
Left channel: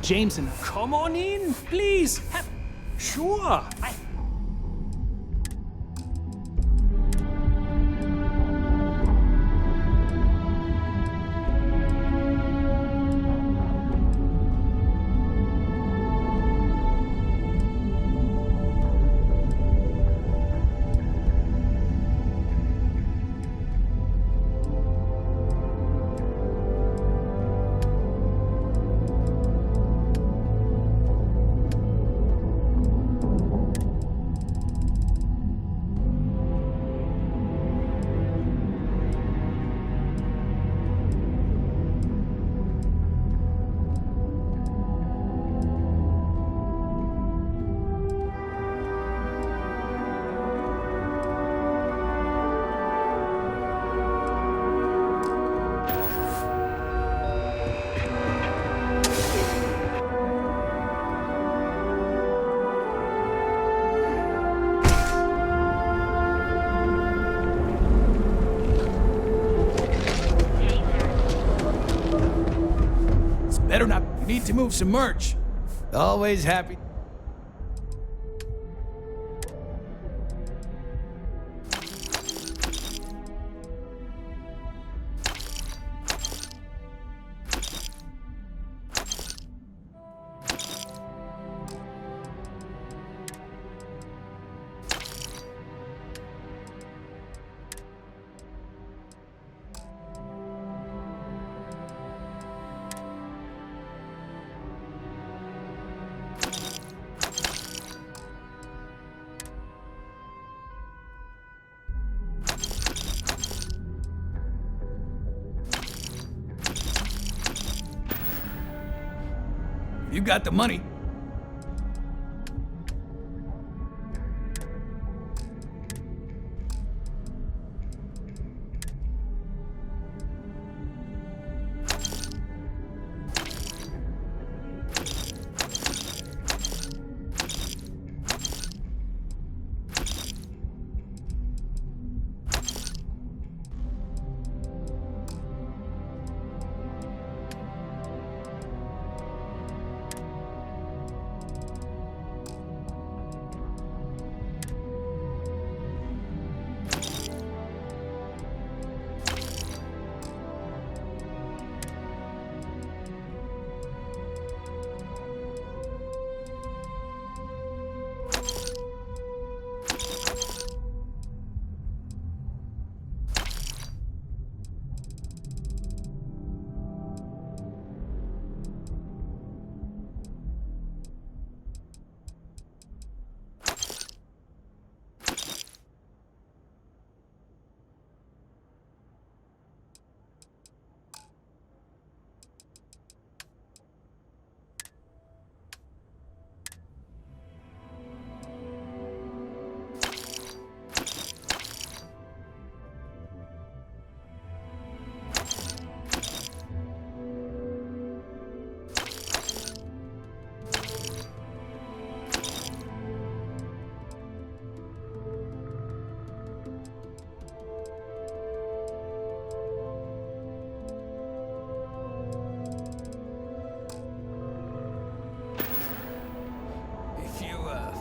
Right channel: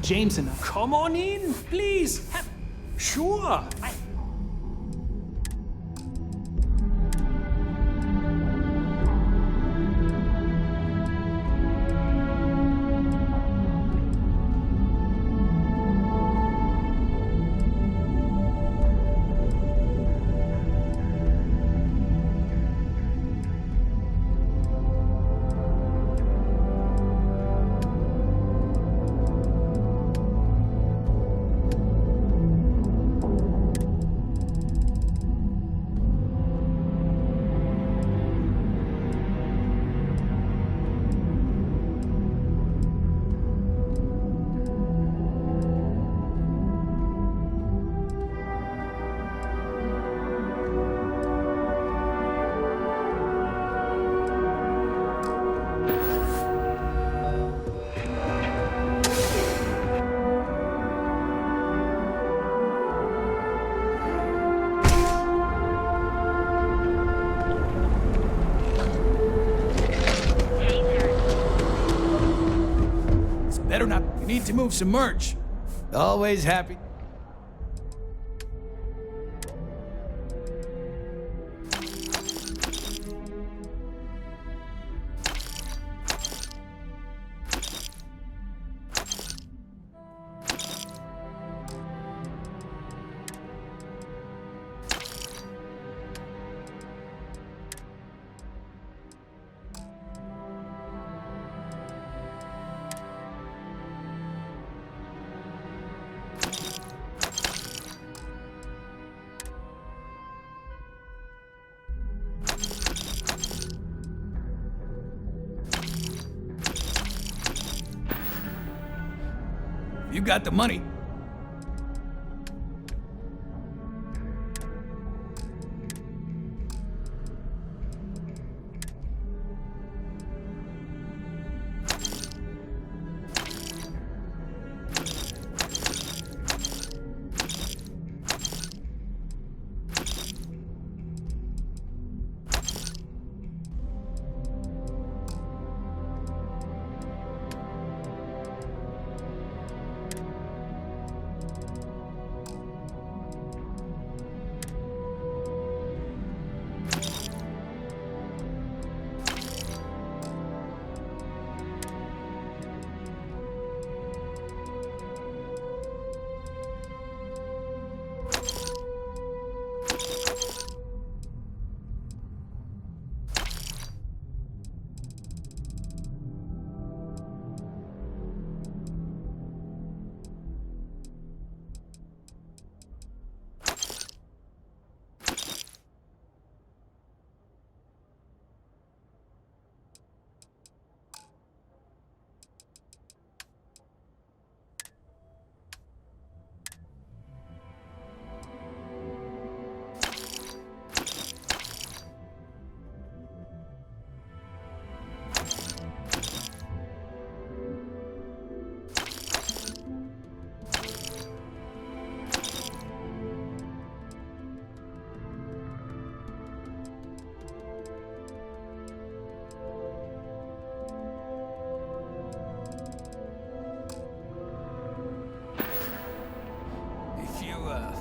Jameson. Come on in, please. Sure. Better not. You need to move some merch. Always happy. You got the money.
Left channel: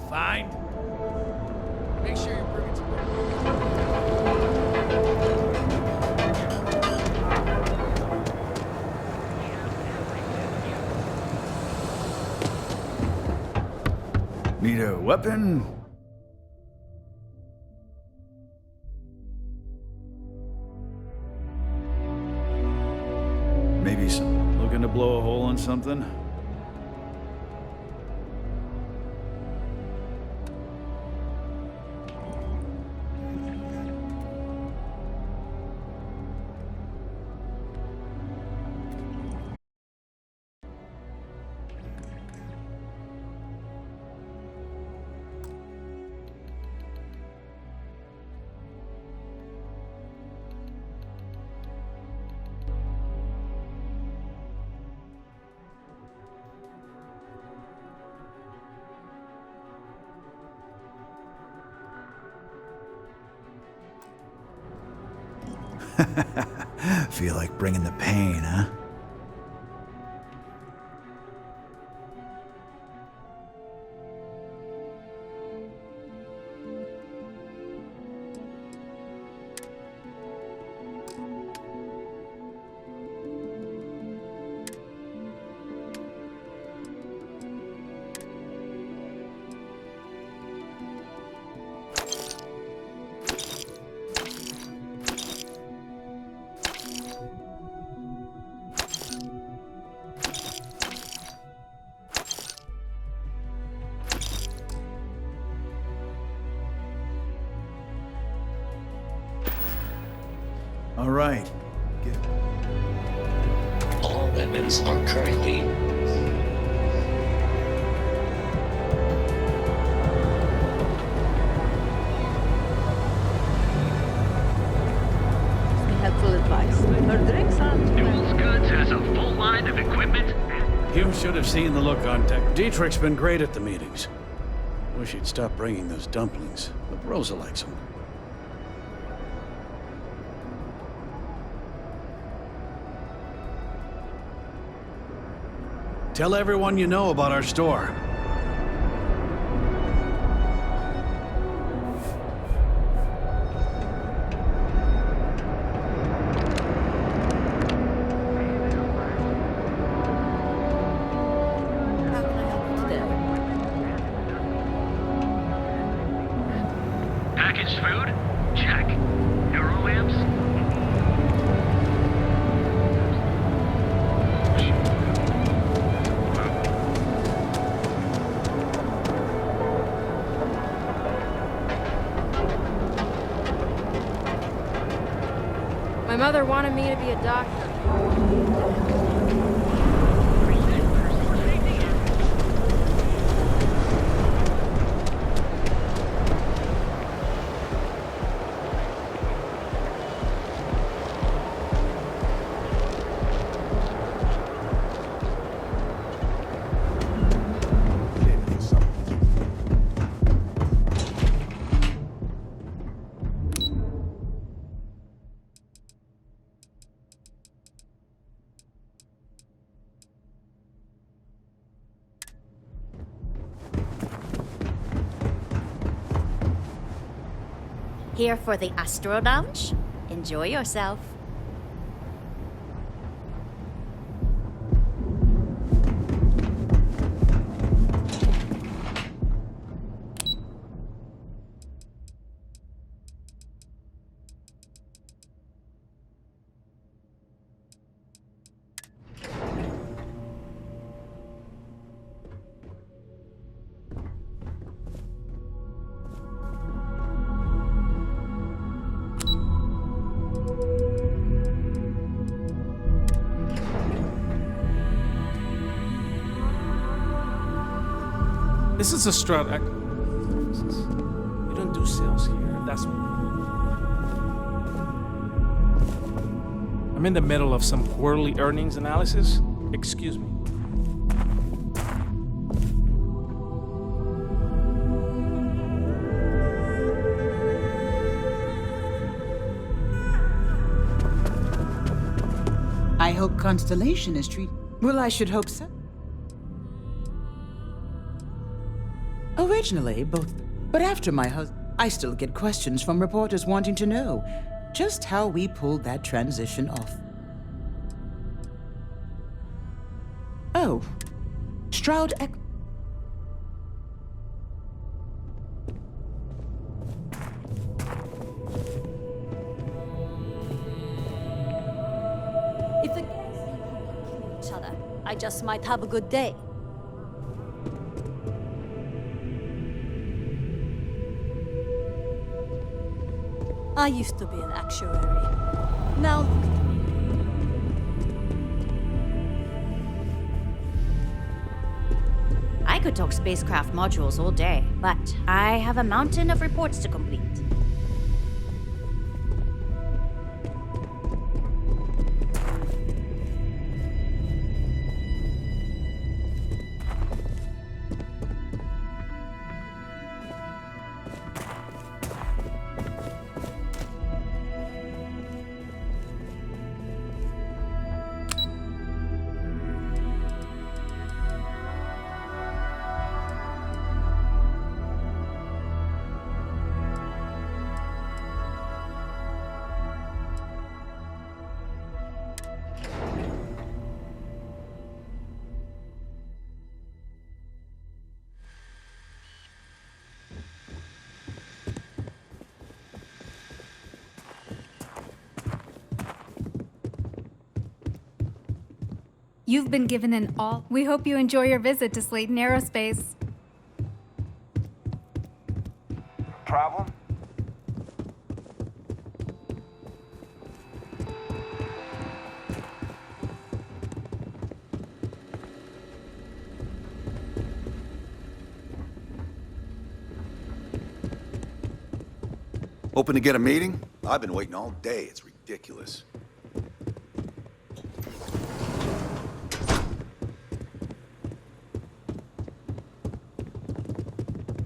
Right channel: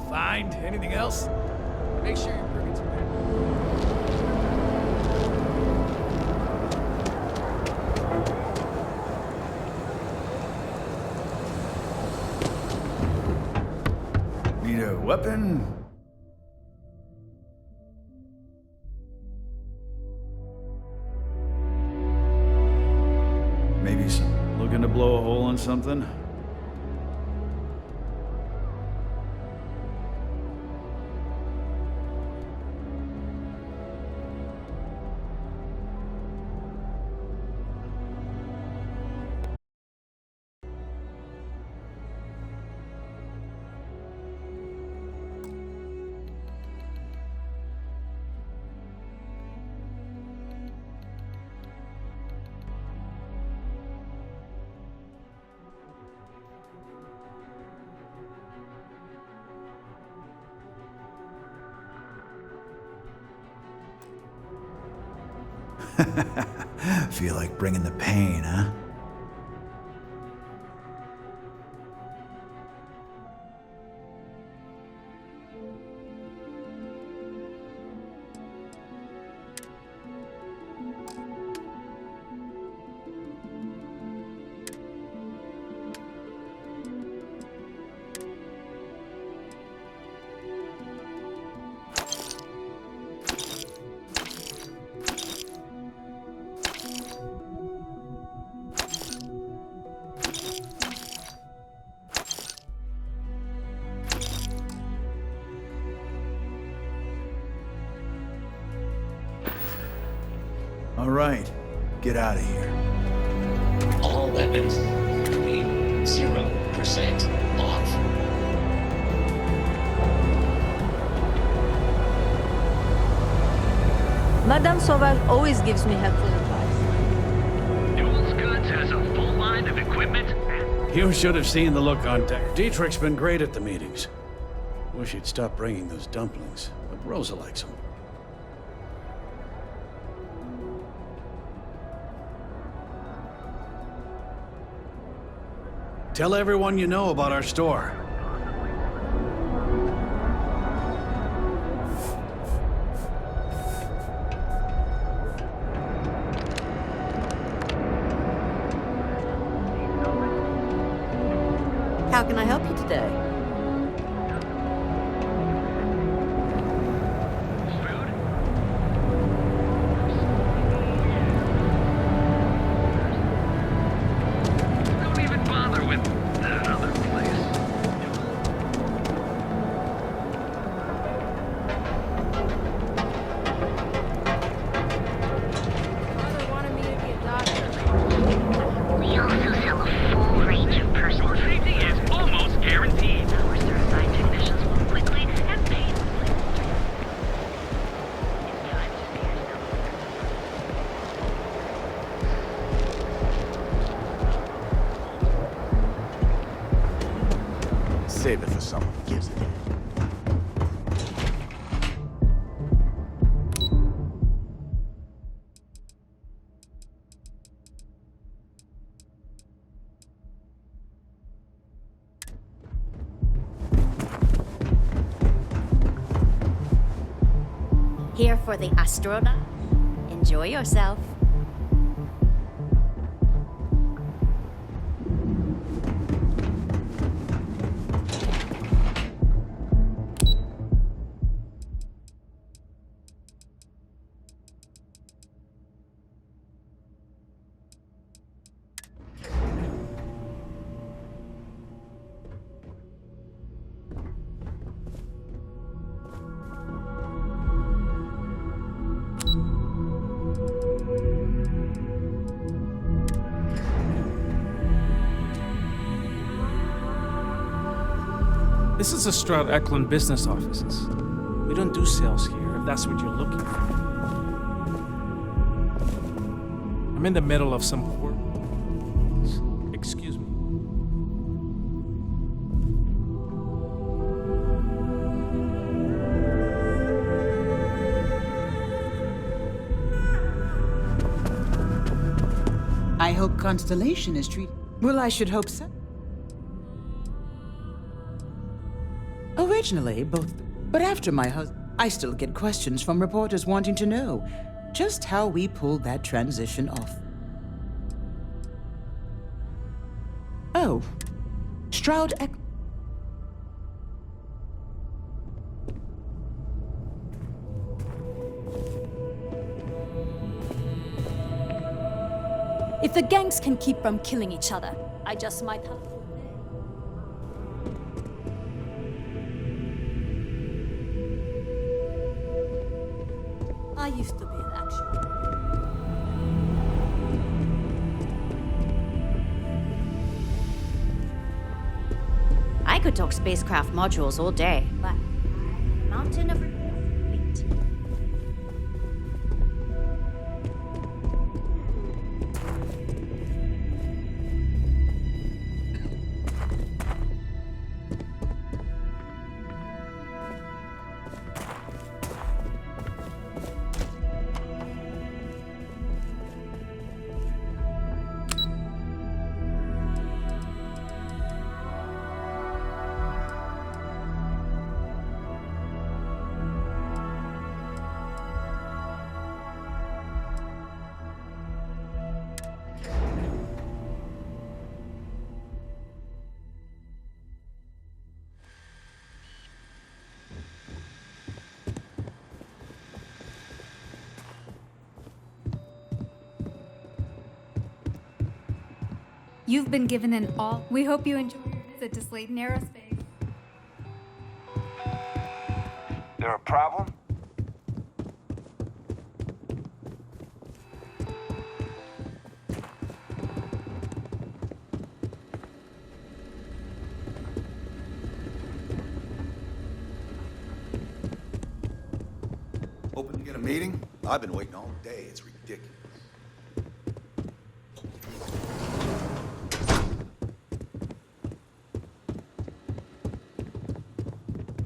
Find anything else? Make sure you're bringing some back. Need a weapon? Maybe some. Looking to blow a hole in something? Feel like bringing the pain, huh? All right, get out of here. All weapons are currently 0% off. Madame Sauval always gives me helpful advice. Her drinks aren't... Duels Goods has a full line of equipment. You should have seen the look on deck. Dietrich's been great at the meetings. Wish he'd stop bringing those dumplings, but Rosa likes them. Tell everyone you know about our store. How can I help you today? Packaged food? Check. Euro lamps? Don't even bother with that other My mother wanted me to be a doctor. You're a full range of personal safety is almost guaranteed. Save it for someone. Here for the Astro Lounge? Enjoy yourself. This is the Stroud Eklund business offices. We don't do sales here, if that's what you're looking for. I'm in the middle of some quarterly earnings analysis. Excuse me. I hope Constellation is treated. Well, I should hope so. Originally, both. But after my husband, I still get questions from reporters wanting to know just how we pulled that transition off. Oh, Stroud Eklund. If the gangs can keep from killing each other, I just might have a good day. I used to be an actuary. Now... I could talk spacecraft modules all day, but I have a mountain of reports to complete. You've been given an all. We hope you enjoy your visit to Slayton Aerospace. There a problem? Hoping to get a meeting? I've been waiting all day. It's ridiculous.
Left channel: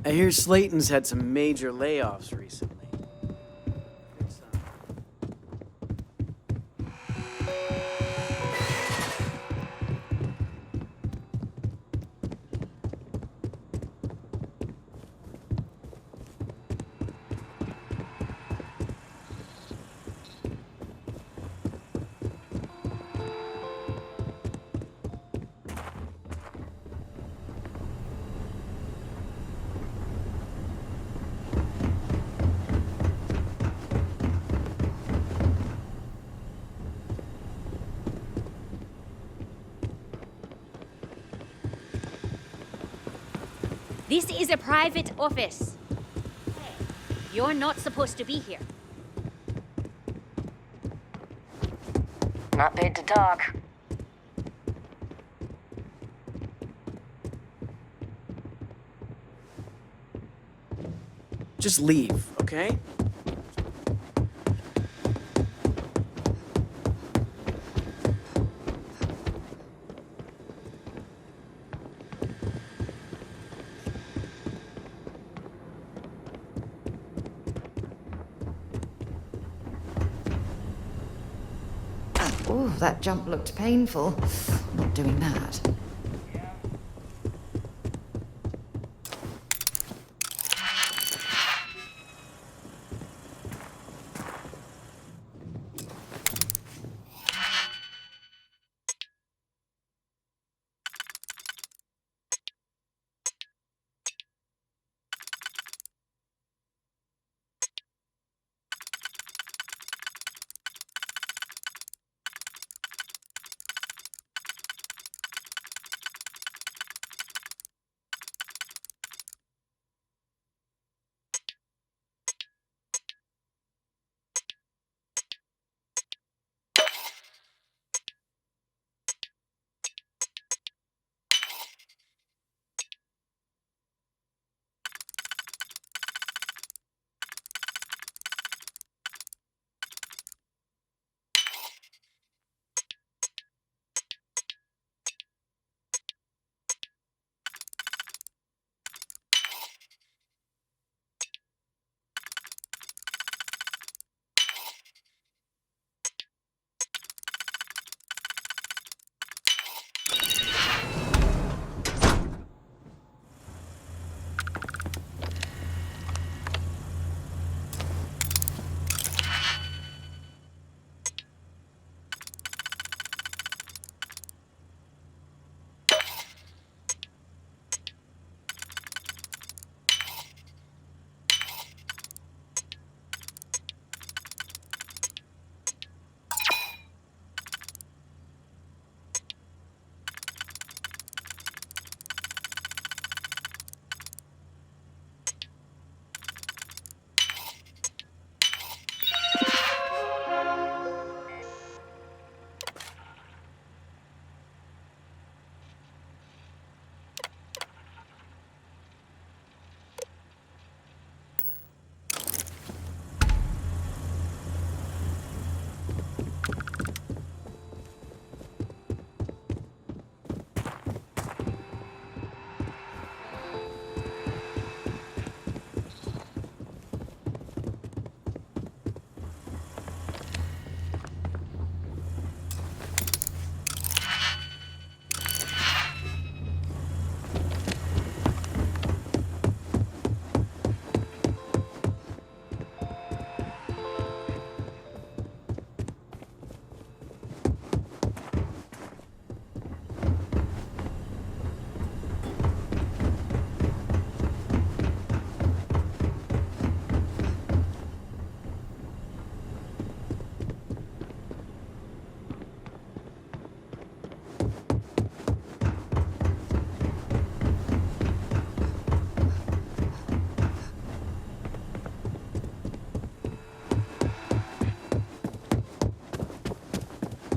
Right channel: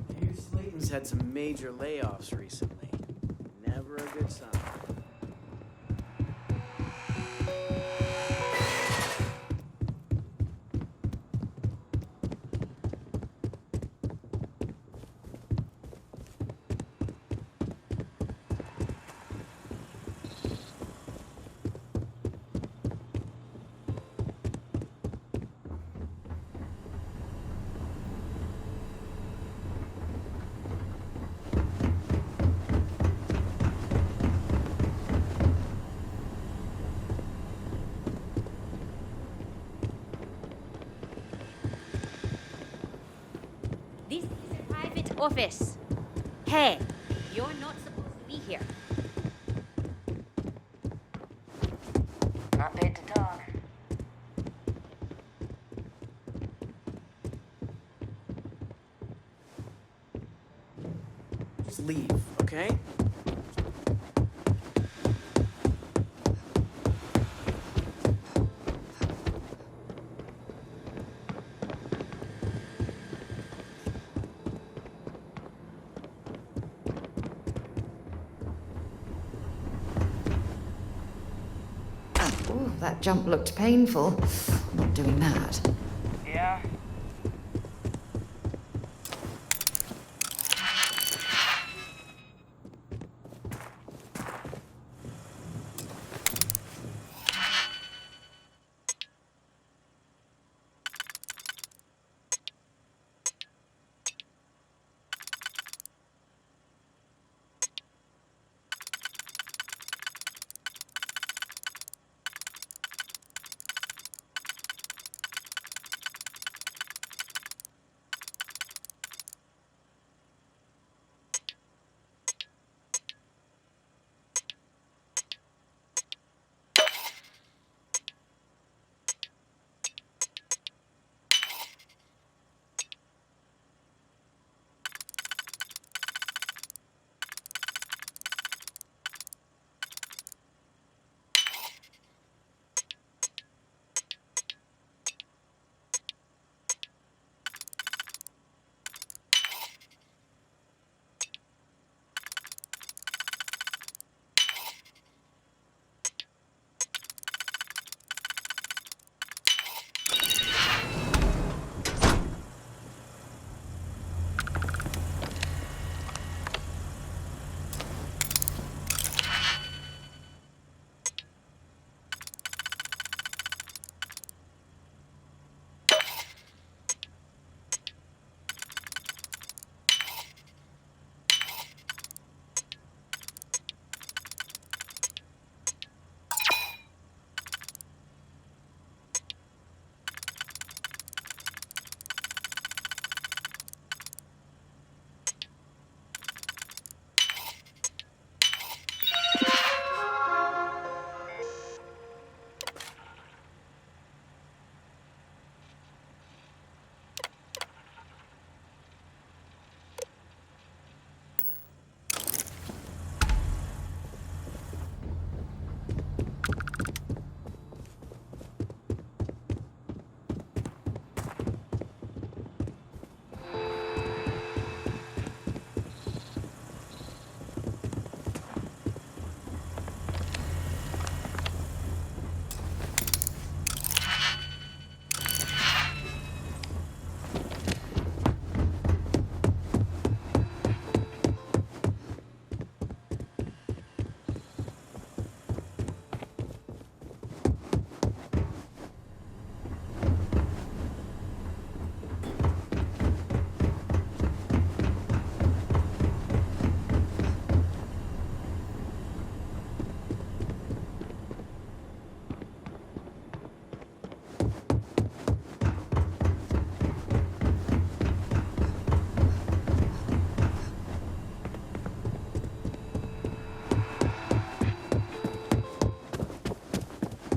I hear Slayton's had some major layoffs recently. Never a good sign. This is a private office. Hey, you're not supposed to be here. Not paid to talk. Just leave, okay? Ooh, that jump looked painful. Not doing that. Yeah.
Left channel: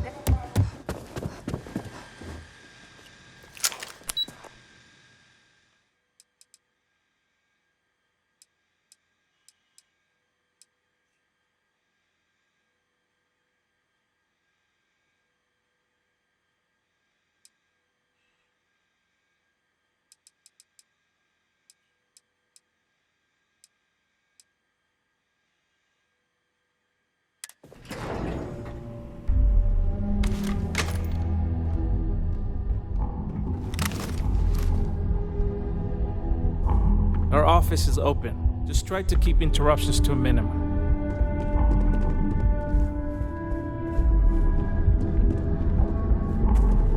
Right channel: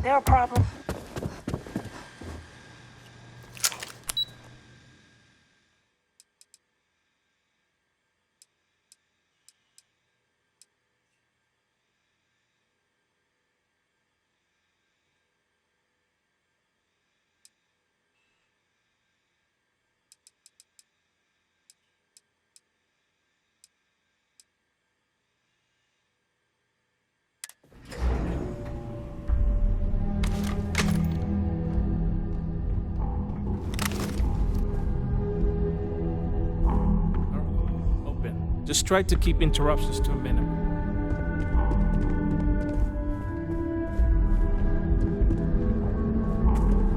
There are problems. office is open. Just try to keep interruptions to a minimum.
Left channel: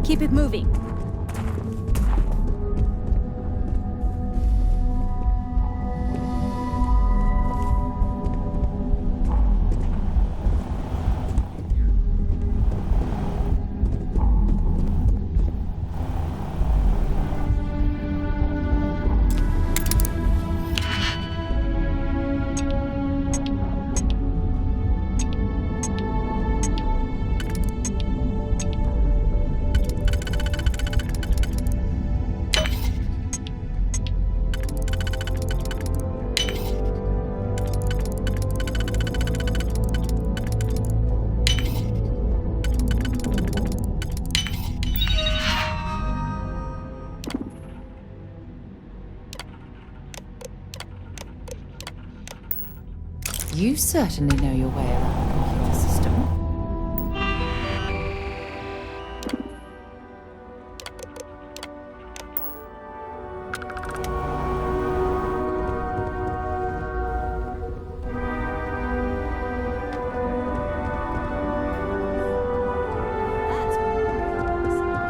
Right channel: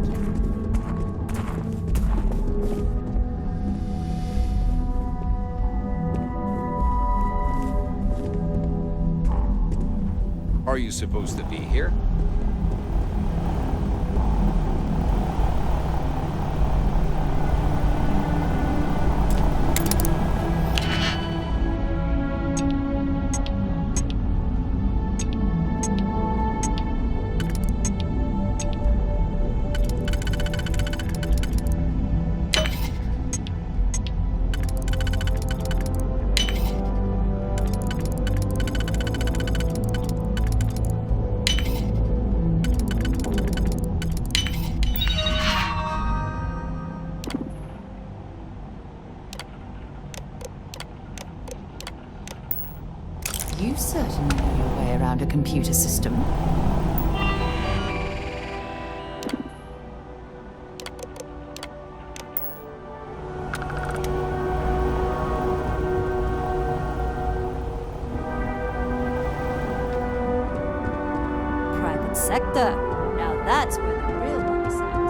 Keep it moving. Are you supposed to be here? You certainly know your way around a computer system. Private sector. Now that's where the real money's at.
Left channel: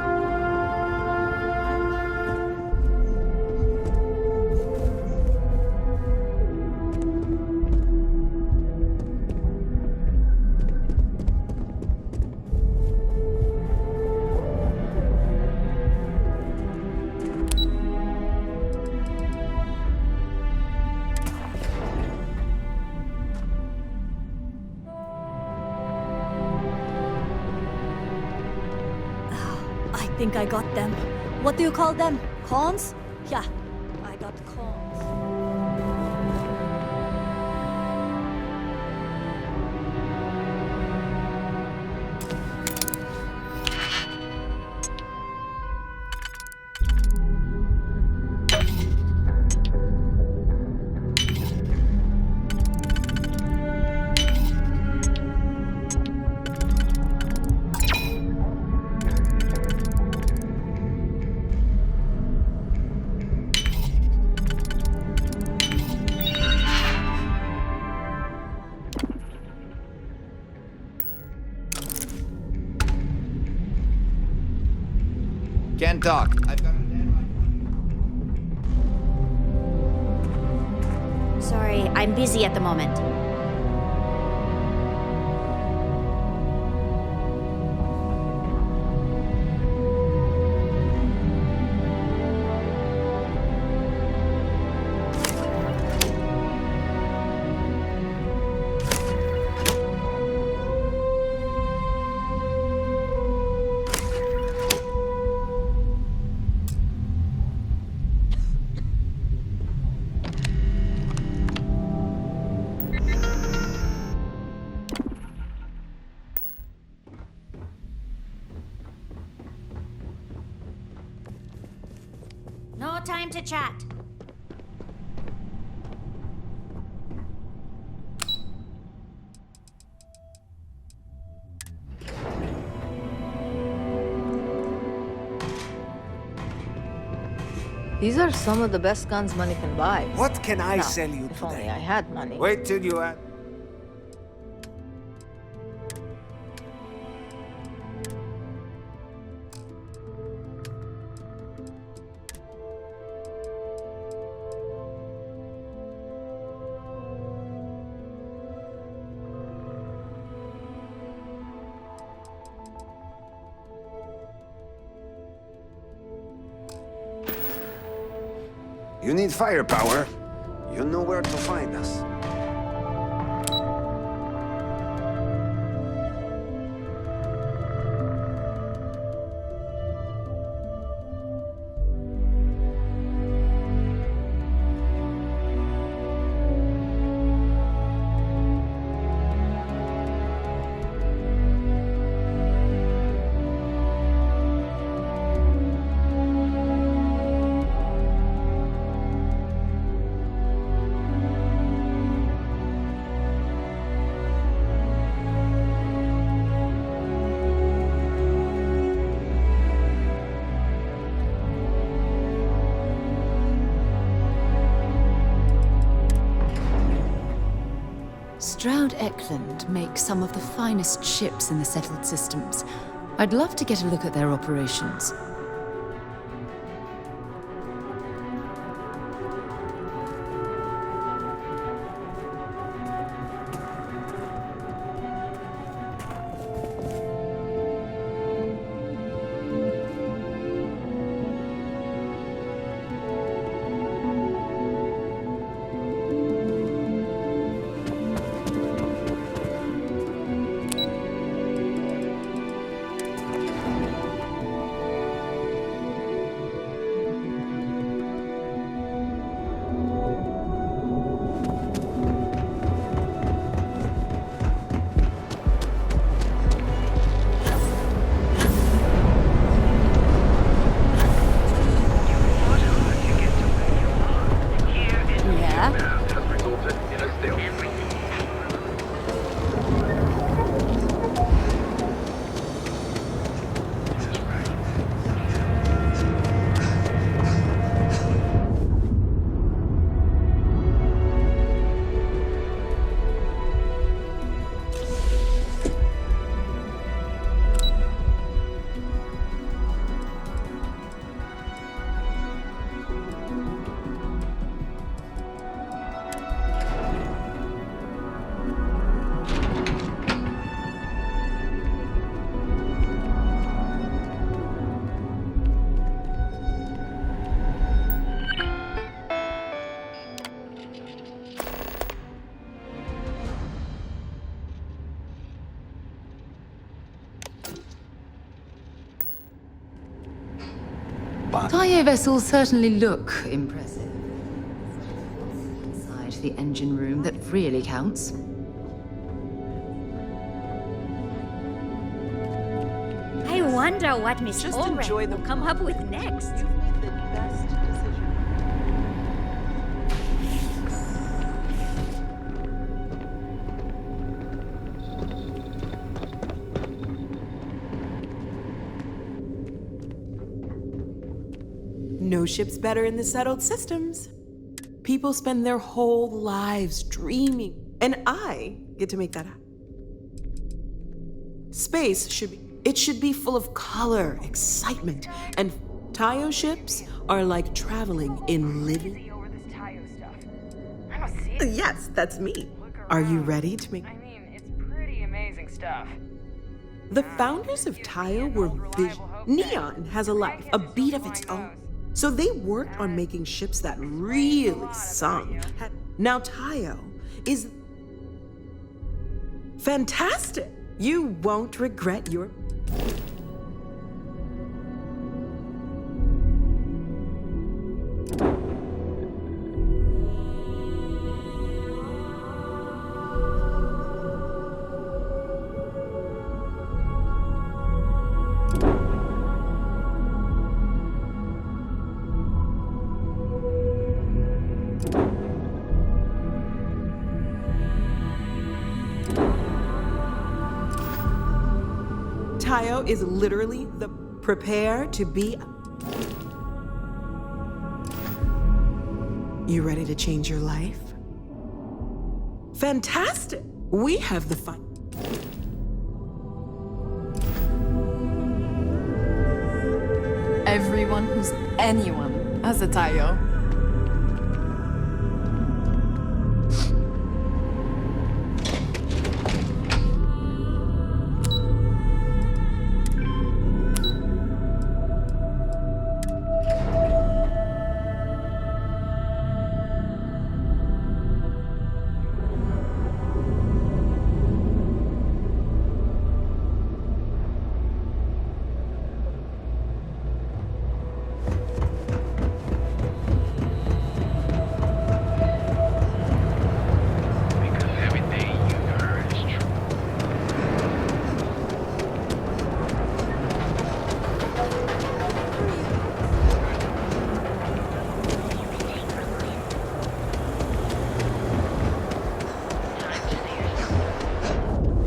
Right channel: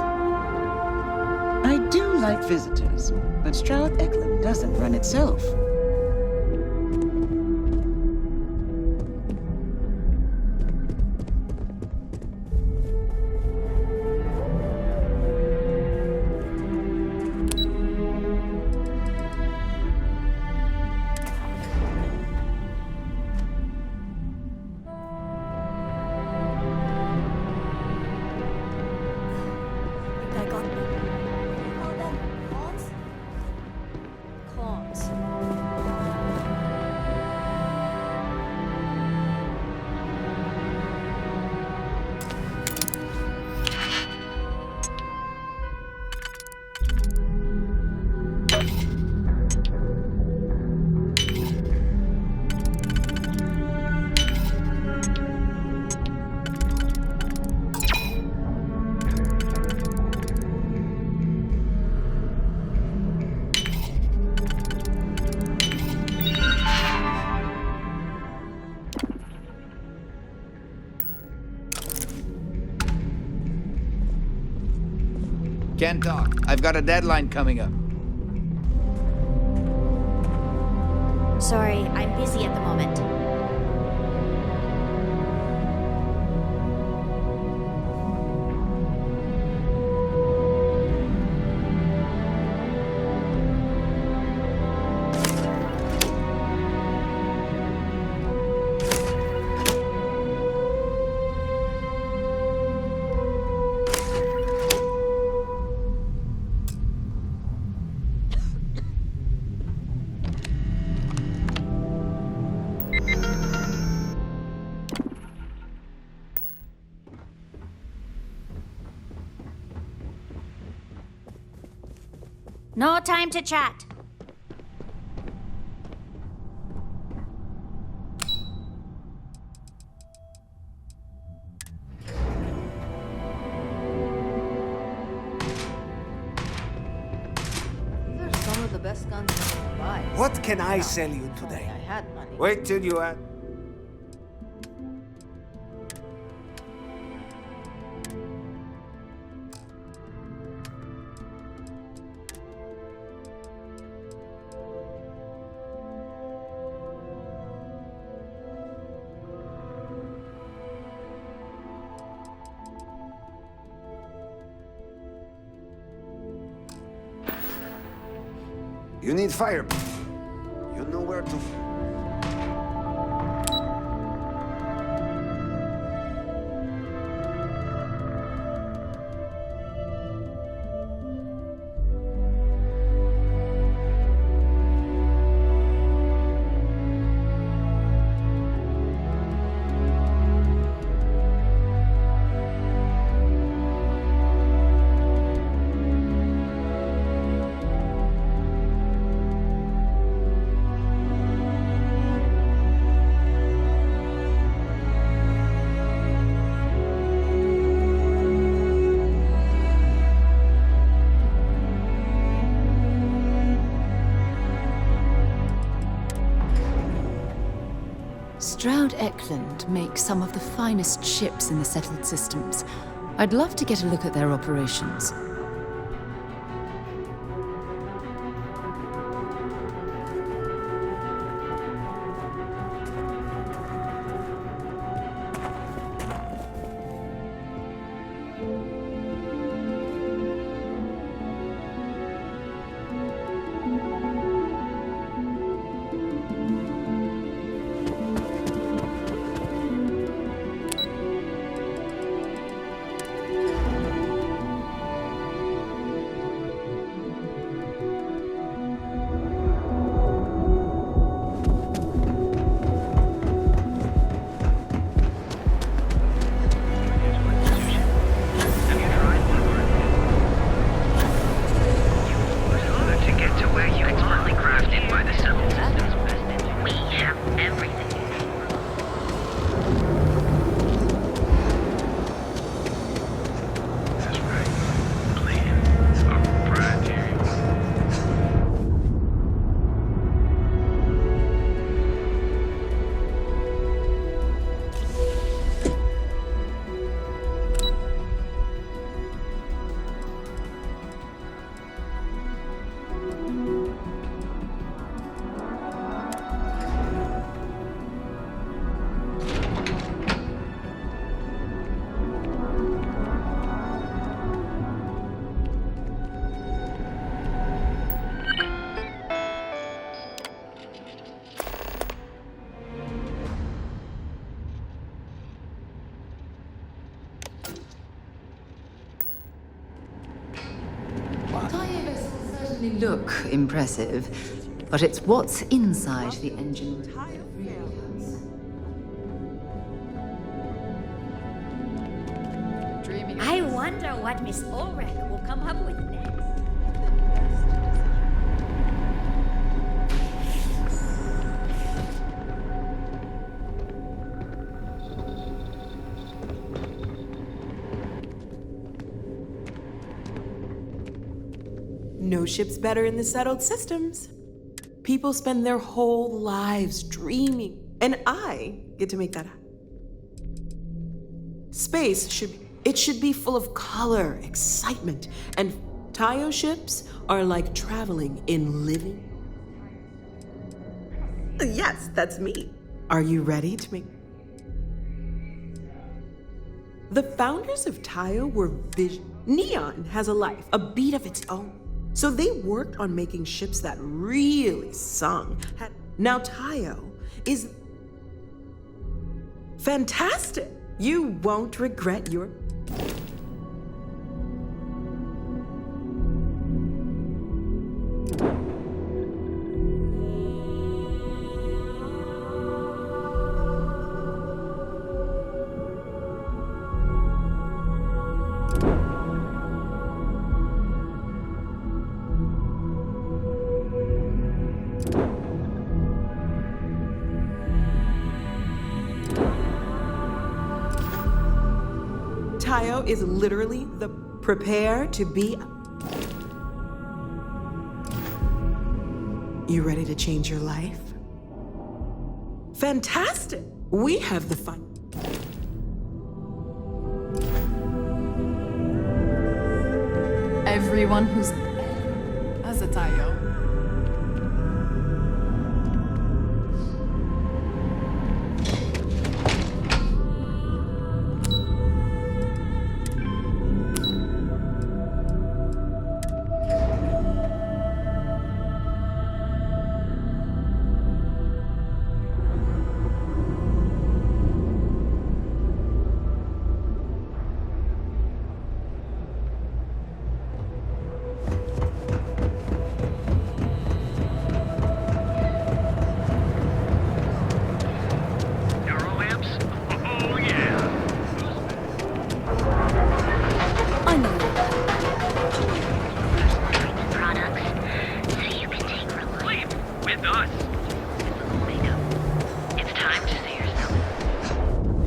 I do like visitors, but Stroud Eklund doesn't run itself. I think I got them. What do you call them? Cons? Yeah, I got cons. Can't talk. I've got a deadline coming up. Sorry, I'm busy at the moment. No time to chat. These are some of the best guns money can buy. What can I Now, sell you if only today? I had money. Wait till you add. You need firepower. You know where to find us. Stroud Eklund makes some of the finest ships in the settled systems. I'd love to get a look at their operations. Tayo vessels certainly look impressive, but it's what's inside the engine room that really counts. I wonder what Miss Ulrich will come up with next. No ship's better in the settled systems. People spend their whole lives dreaming, and I get to make that happen. Space should be full of color, excitement, and Tayo ships are like traveling in living. Yes, that's me. Are you ready to make? It's pretty amazing stuff. The founders of Tayo were Neon has a life, a beat of its own. So they worked on making ships that really sung. Now Tayo is fantastic. You won't regret your... Tayo is literally the prepare to be. You ready to change your life? Fantastic! We have the fun. Everyone who's anyone has a Tayo.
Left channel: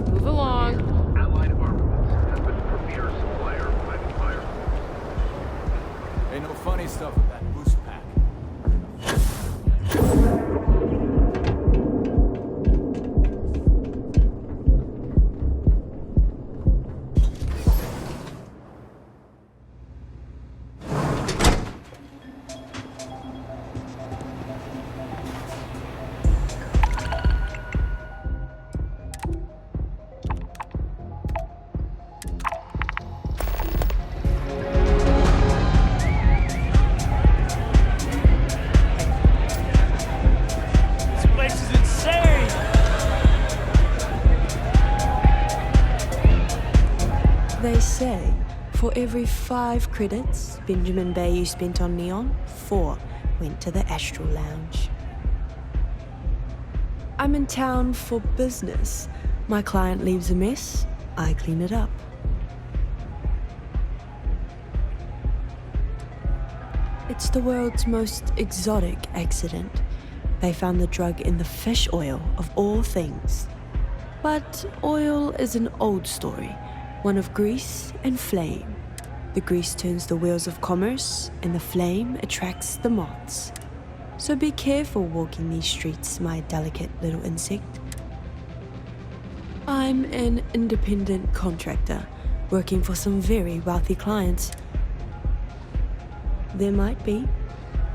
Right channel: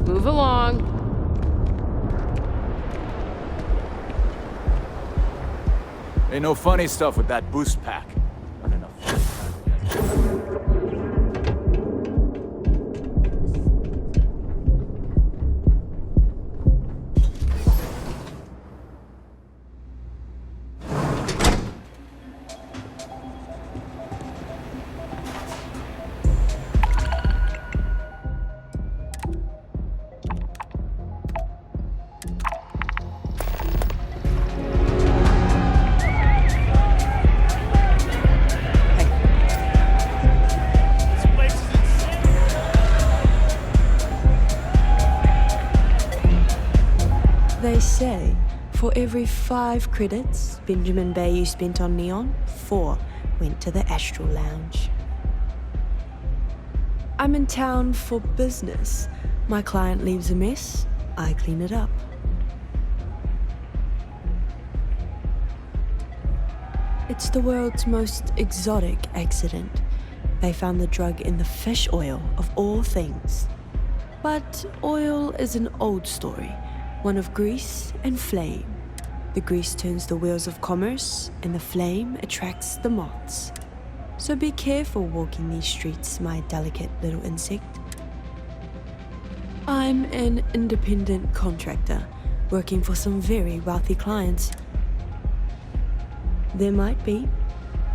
Move along. Ain't no funny stuff with that boost pack. They say for every 5 credits Benjamin Bayou spent on Neon, 4 went to the Astral Lounge. I'm in town for business. My client leaves a mess, I clean it up. It's the world's most exotic accident. They found the drug in the fish oil of all things. But oil is an old story, one of grease and flame. The grease turns the wheels of commerce, and the flame attracts the moths. So be careful walking these streets, my delicate little insect. I'm an independent contractor, working for some very wealthy clients. There might be.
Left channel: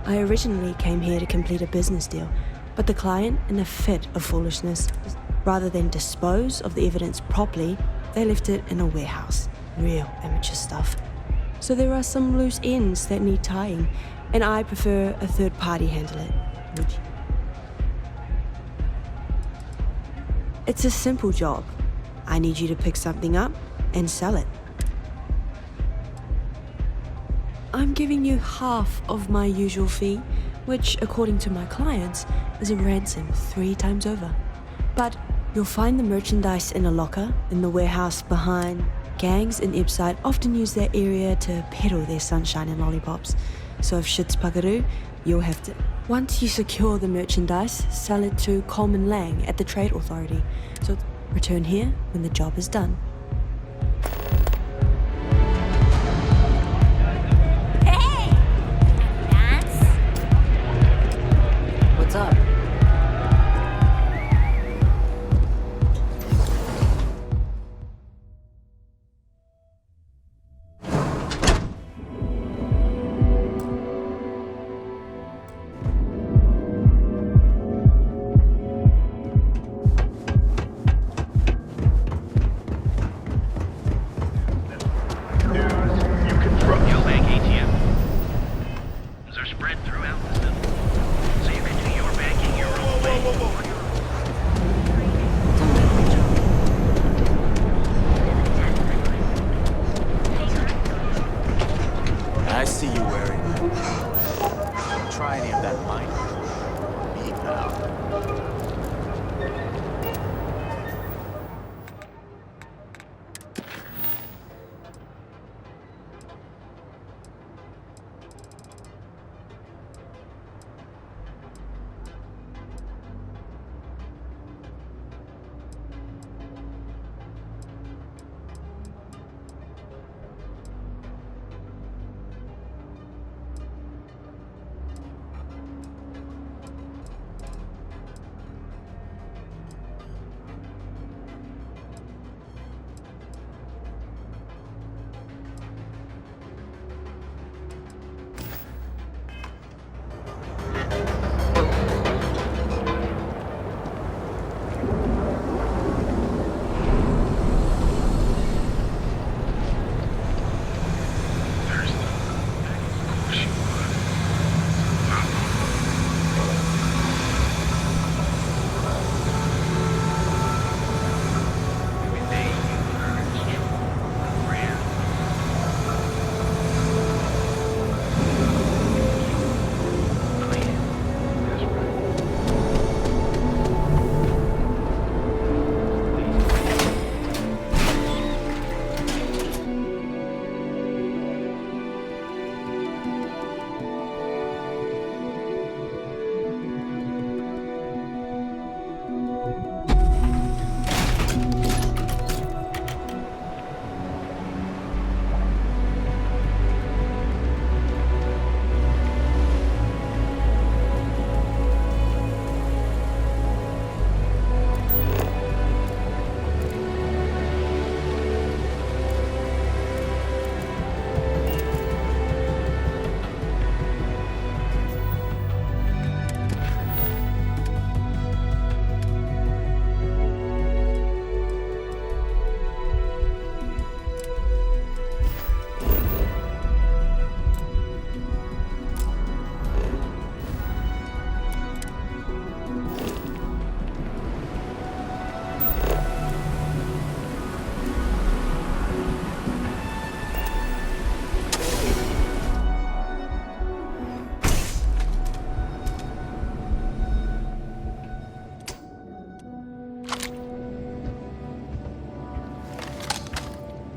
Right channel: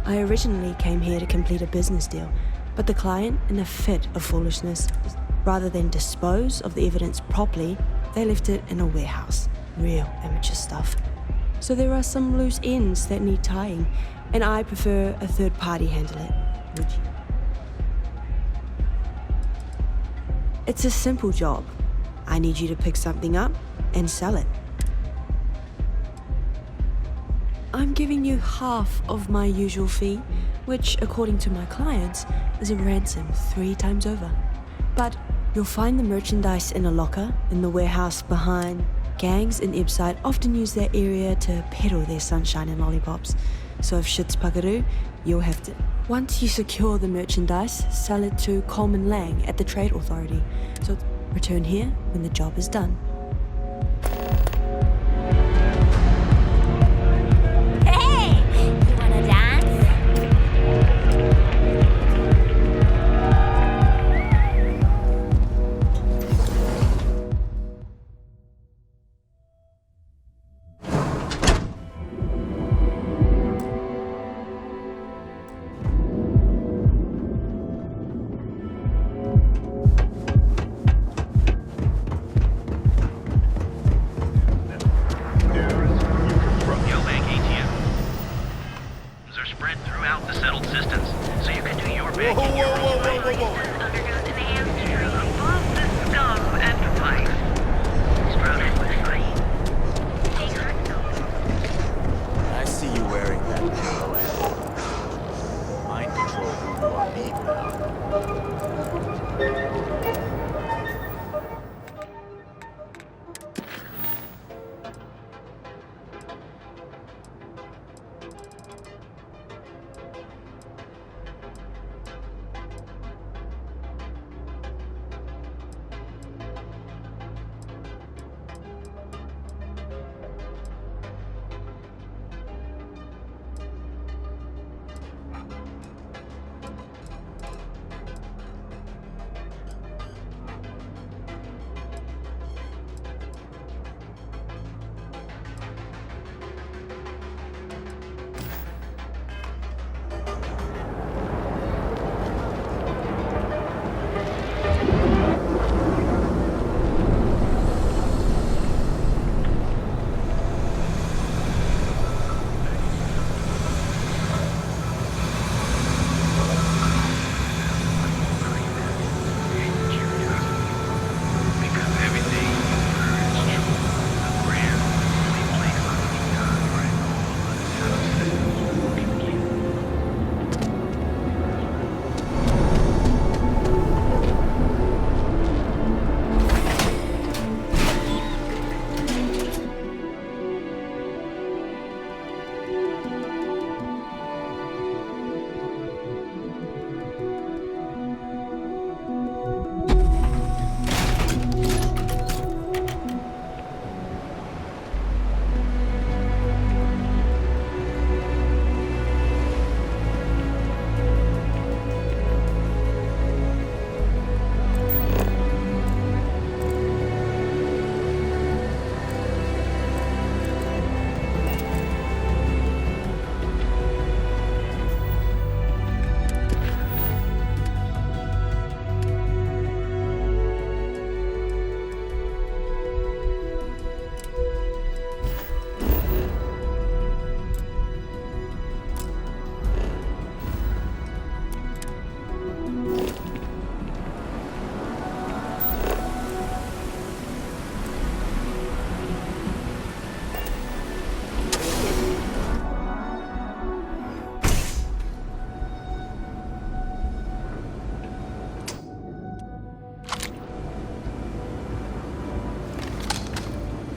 I originally came here to complete a business deal, but the client, in a fit of foolishness, rather than dispose of the evidence properly, they left it in a warehouse. Real amateur stuff. So there are some loose ends that need tying, and I prefer a third party handle it. Would you? It's a simple job. I need you to pick something up and sell it. I'm giving you half of my usual fee, which, according to my clients, is a ransom 3 times over. But you'll find the merchandise in a locker in the warehouse behind. Gangs in Ibside often use that area to peddle their sunshine and lollipops. So if shit's puckaroo, you'll have to... Once you secure the merchandise, sell it to Coleman Lang at the Trade Authority. So return here when the job is done.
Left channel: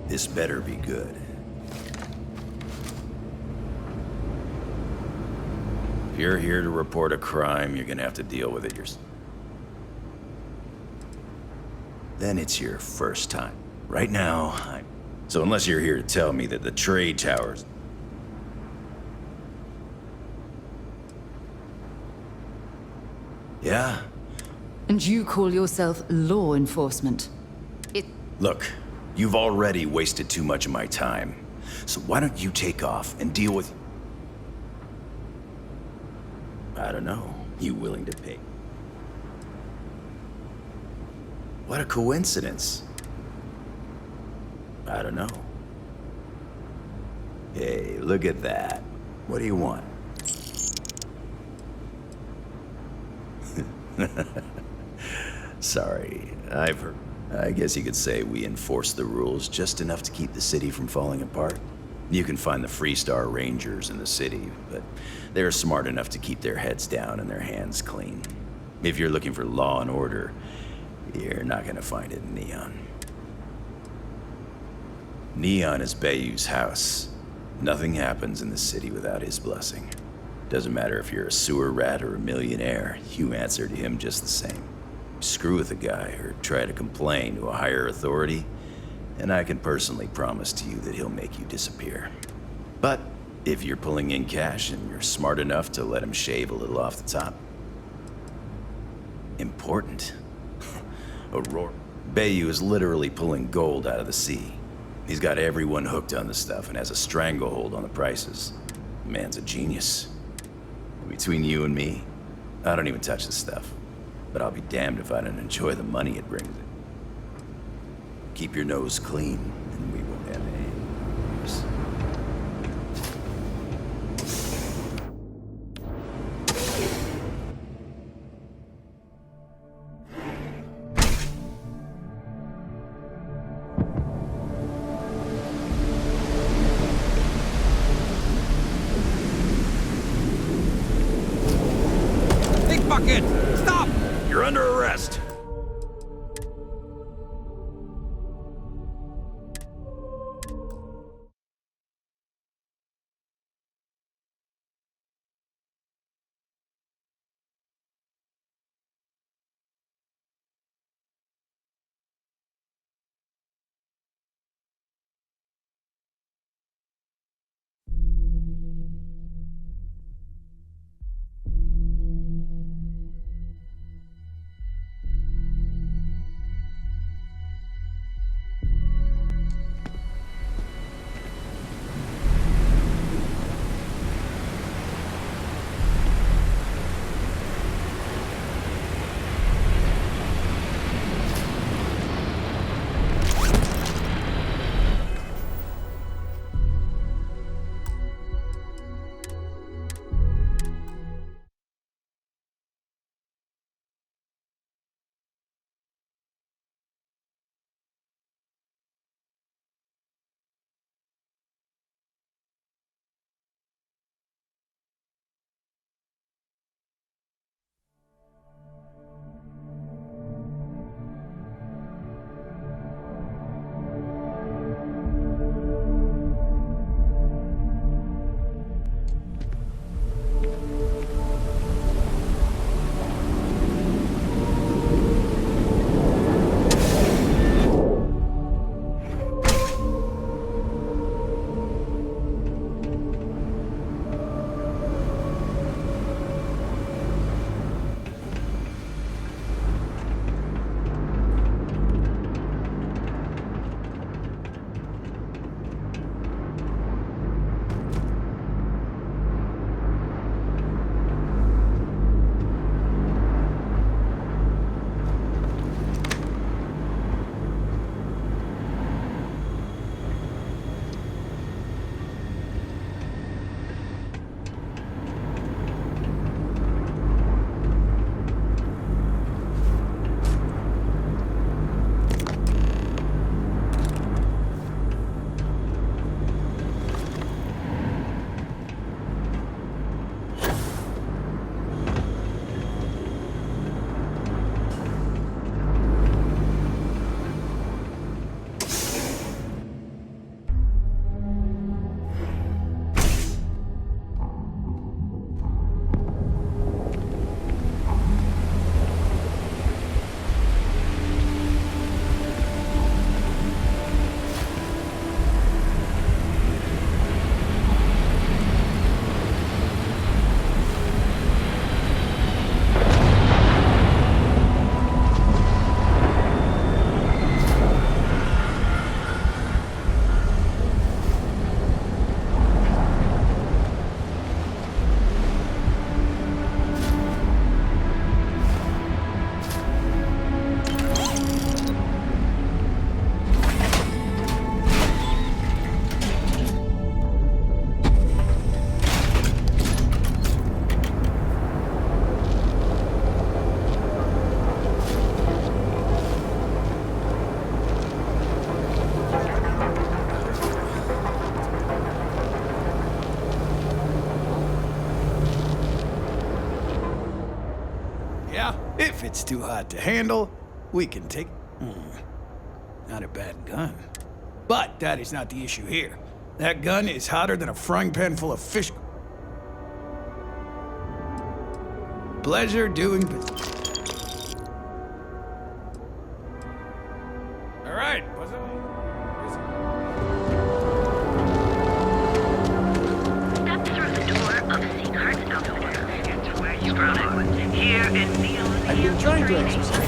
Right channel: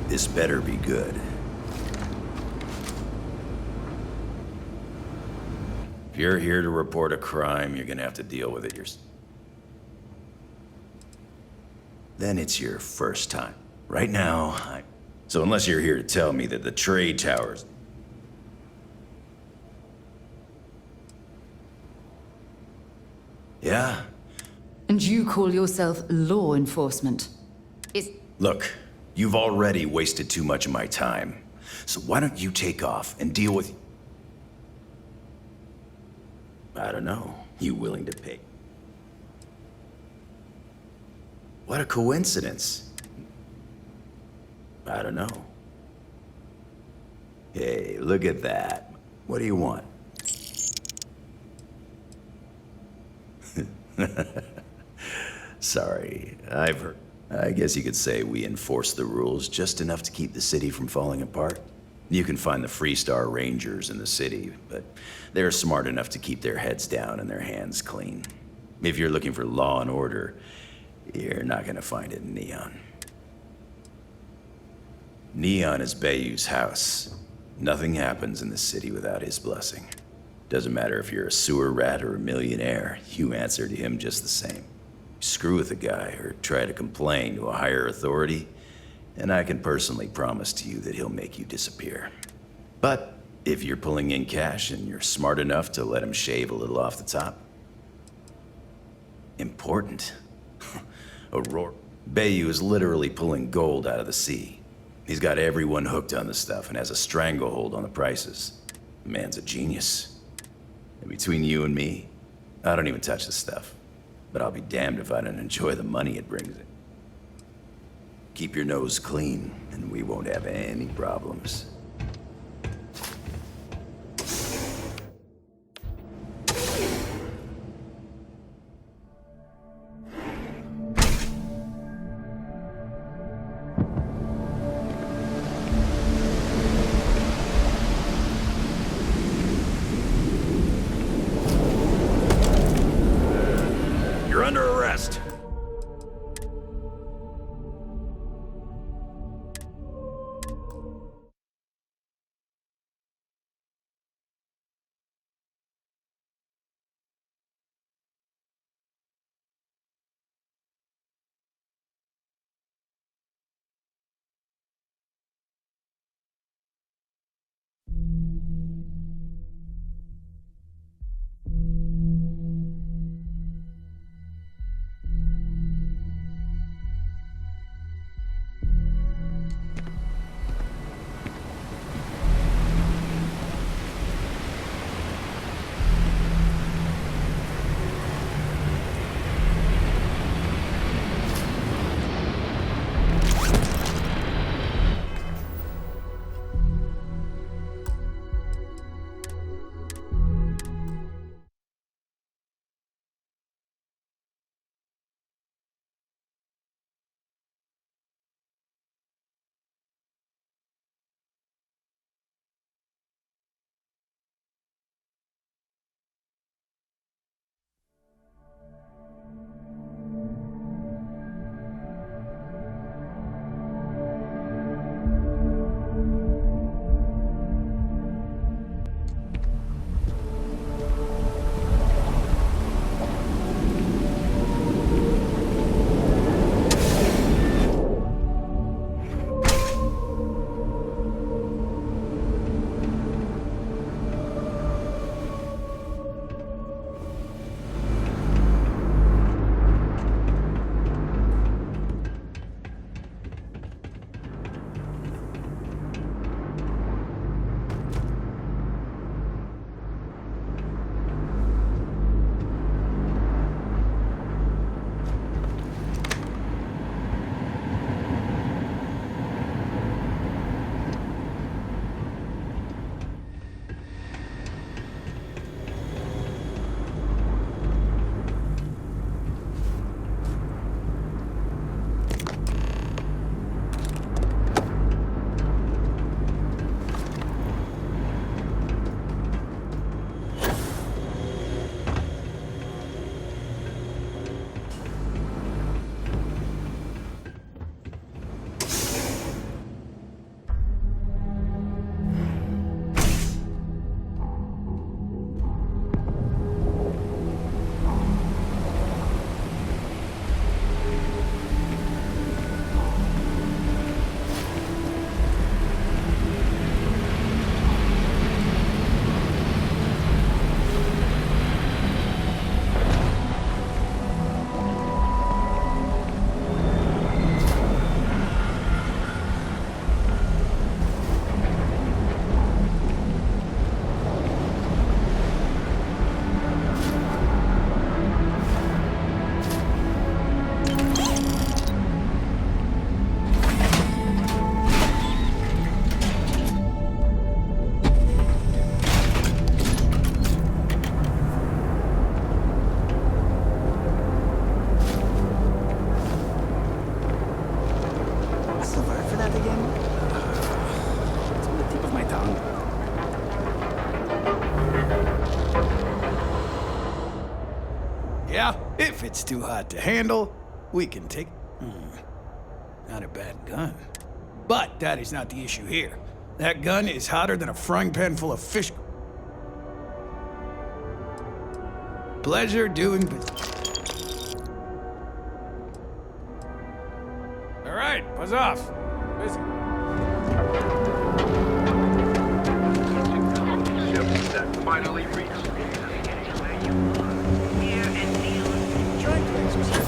This better be good. If you're here to report a crime, you're gonna have to deal with it yourself. Then it's your first time. Right now, So unless you're here to tell me that the trade towers... Yeah? And you call yourself law enforcement? Look, you've already wasted too much of my time. So why don't you take off and deal with... I don't know. You willing to pay? What a coincidence. I don't know. Hey, look at that. What do you want? Sorry, I've heard. I guess you could say we enforce the rules just enough to keep the city from falling apart. You can find the Freestar Rangers in the city, but they're smart enough to keep their heads down and their hands clean. If you're looking for law and order, you're not gonna find it in Neon. Neon is Bayou's house. Nothing happens in the city without his blessing. Doesn't matter if you're a sewer rat or a millionaire, you answer to him just the same. Screw with a guy or try to complain to a higher authority, and I can personally promise to you that he'll make you disappear. But if you're pulling in cash and you're smart enough to let him shave a little off the top... Important. Aurora. Bayou is literally pulling gold out of the sea. He's got everyone hooked on the stuff and has a stranglehold on the prices. The man's a genius. And between you and me, I don't even touch the stuff. But I'll be damned if I don't enjoy the money it brings in. Keep your nose clean, and we won't have any problems. Stop! You're under arrest! If it's too hot to handle, we can take... Not a bad gun. But that is not the issue here. That gun is hotter than a frying pan full of fish... Pleasure doing business. All right, buzz off. Busy. I've been trying to exercise.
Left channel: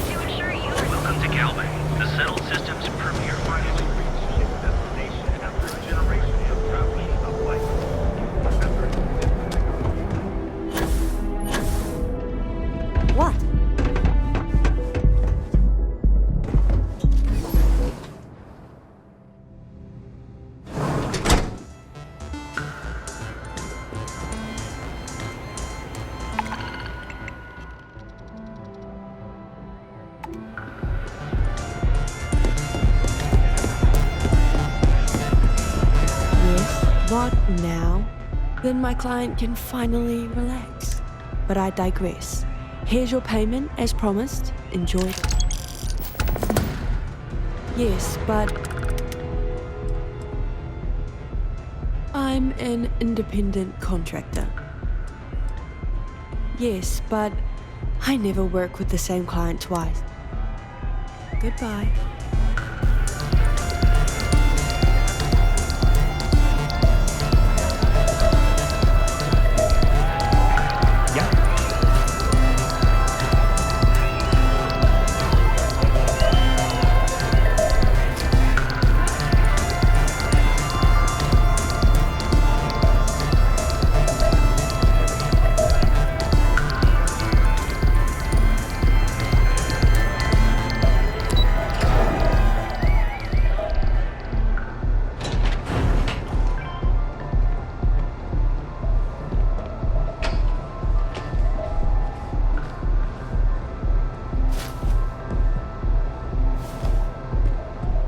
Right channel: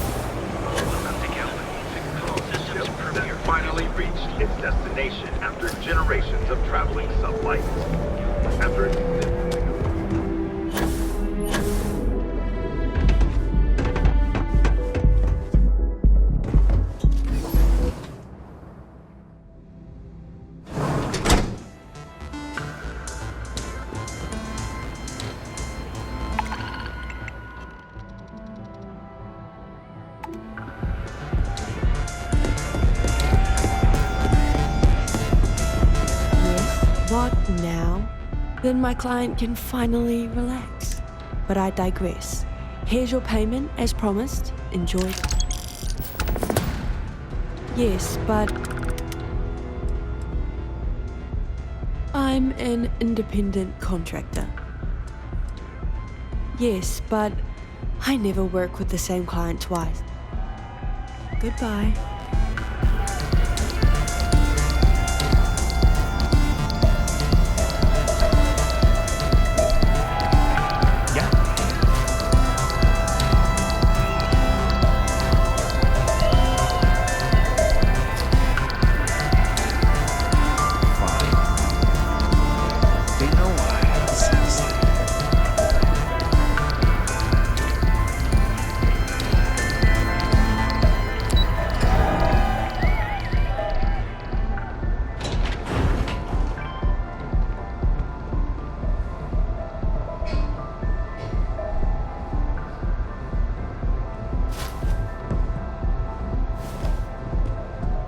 Welcome to Galway, the Settle Systems premier. Finally reached its destination after generations of traveling sublight. After What? What now? Then my client can finally relax. But I digress. Here's your payment, as promised. Enjoy it. Yes, but... I'm an independent contractor. Yes, but I never work with the same client twice. Goodbye.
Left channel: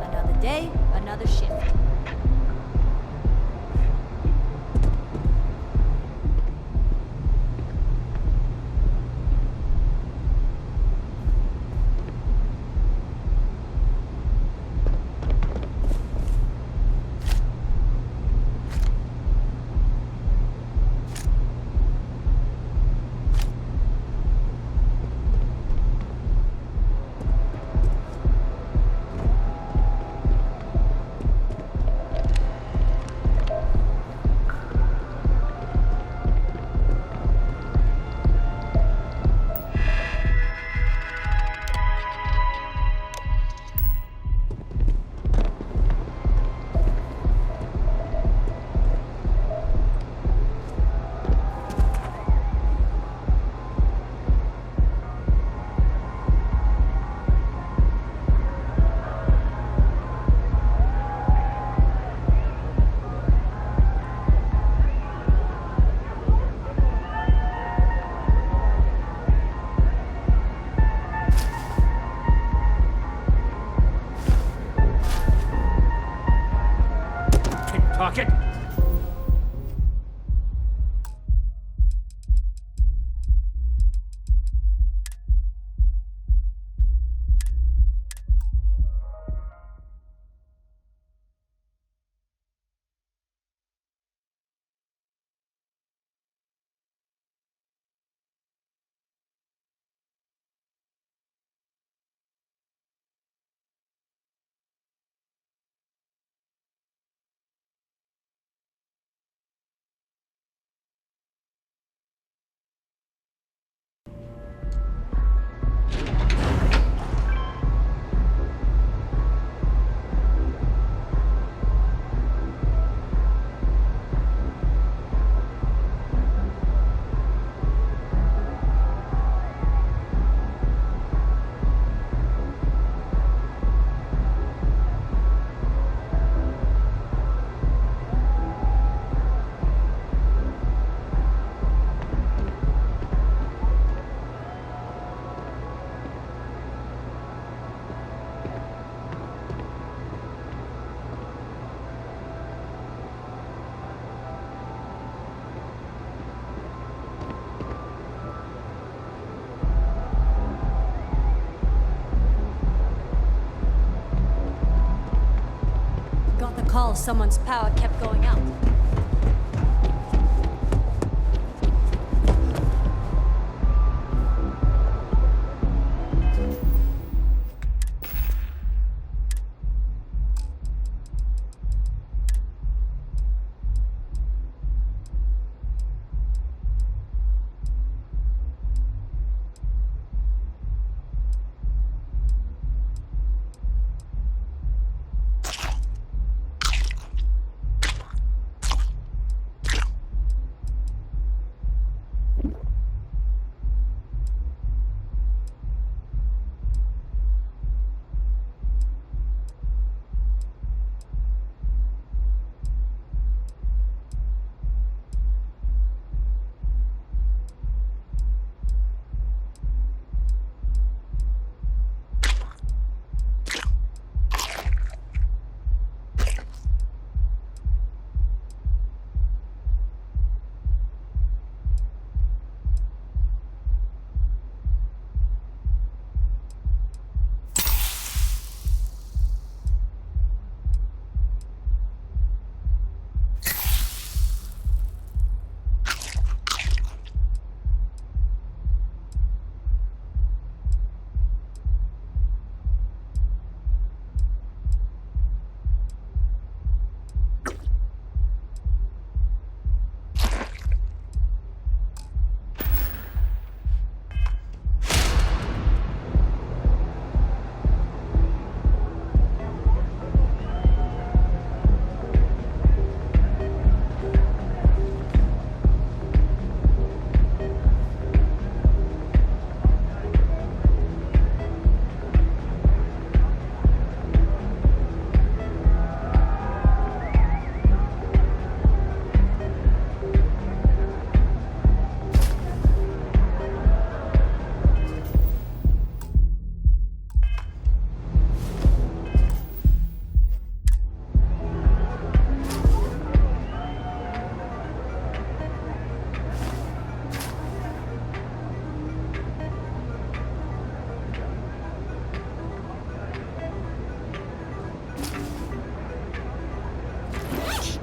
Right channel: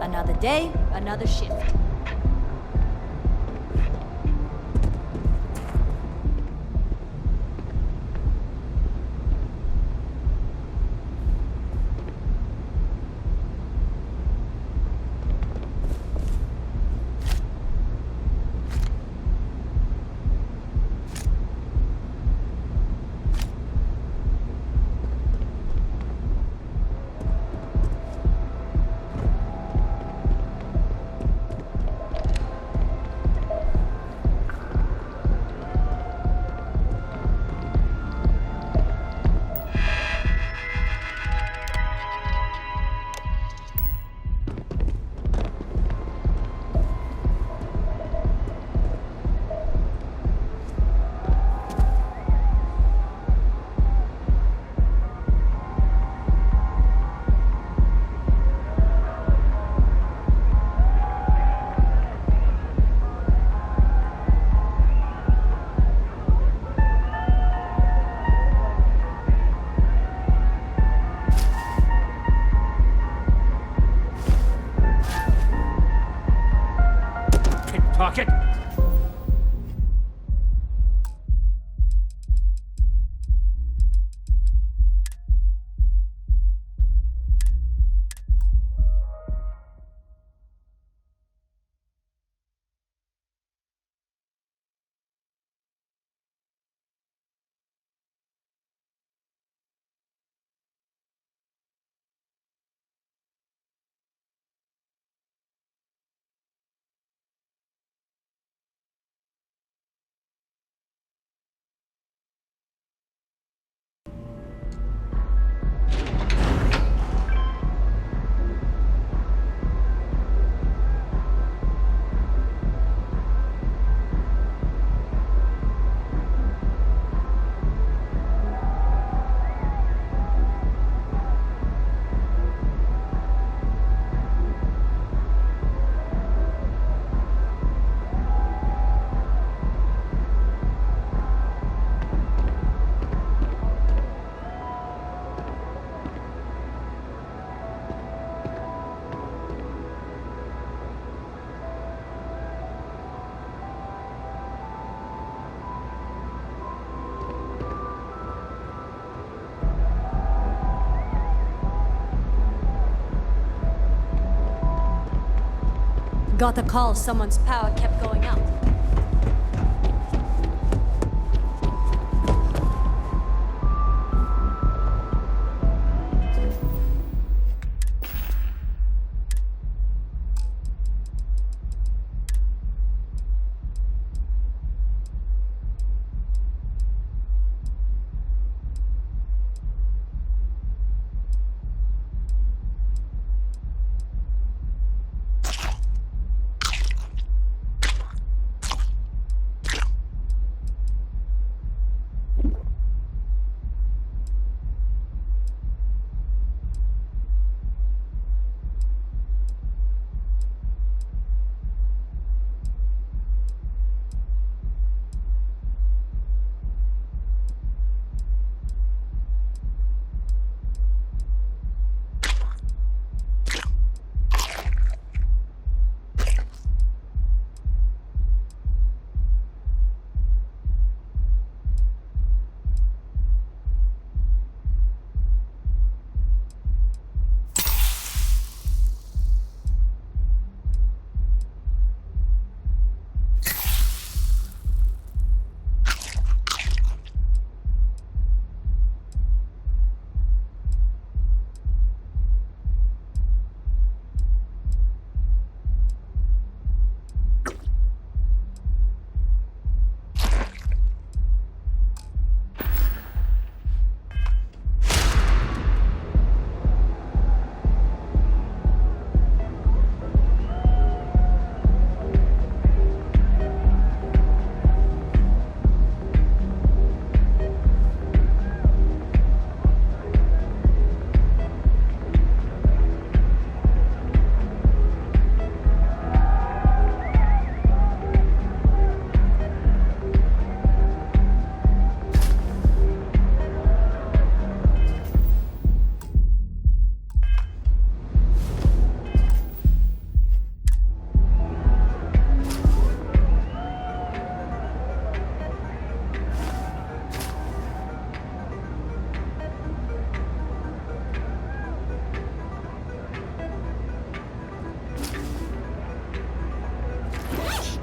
Another day, another shift. Pickpocket? Got a call, someone's power kept going out.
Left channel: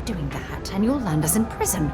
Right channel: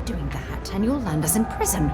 Doing that, and you'll land us in prison.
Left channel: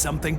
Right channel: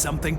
something?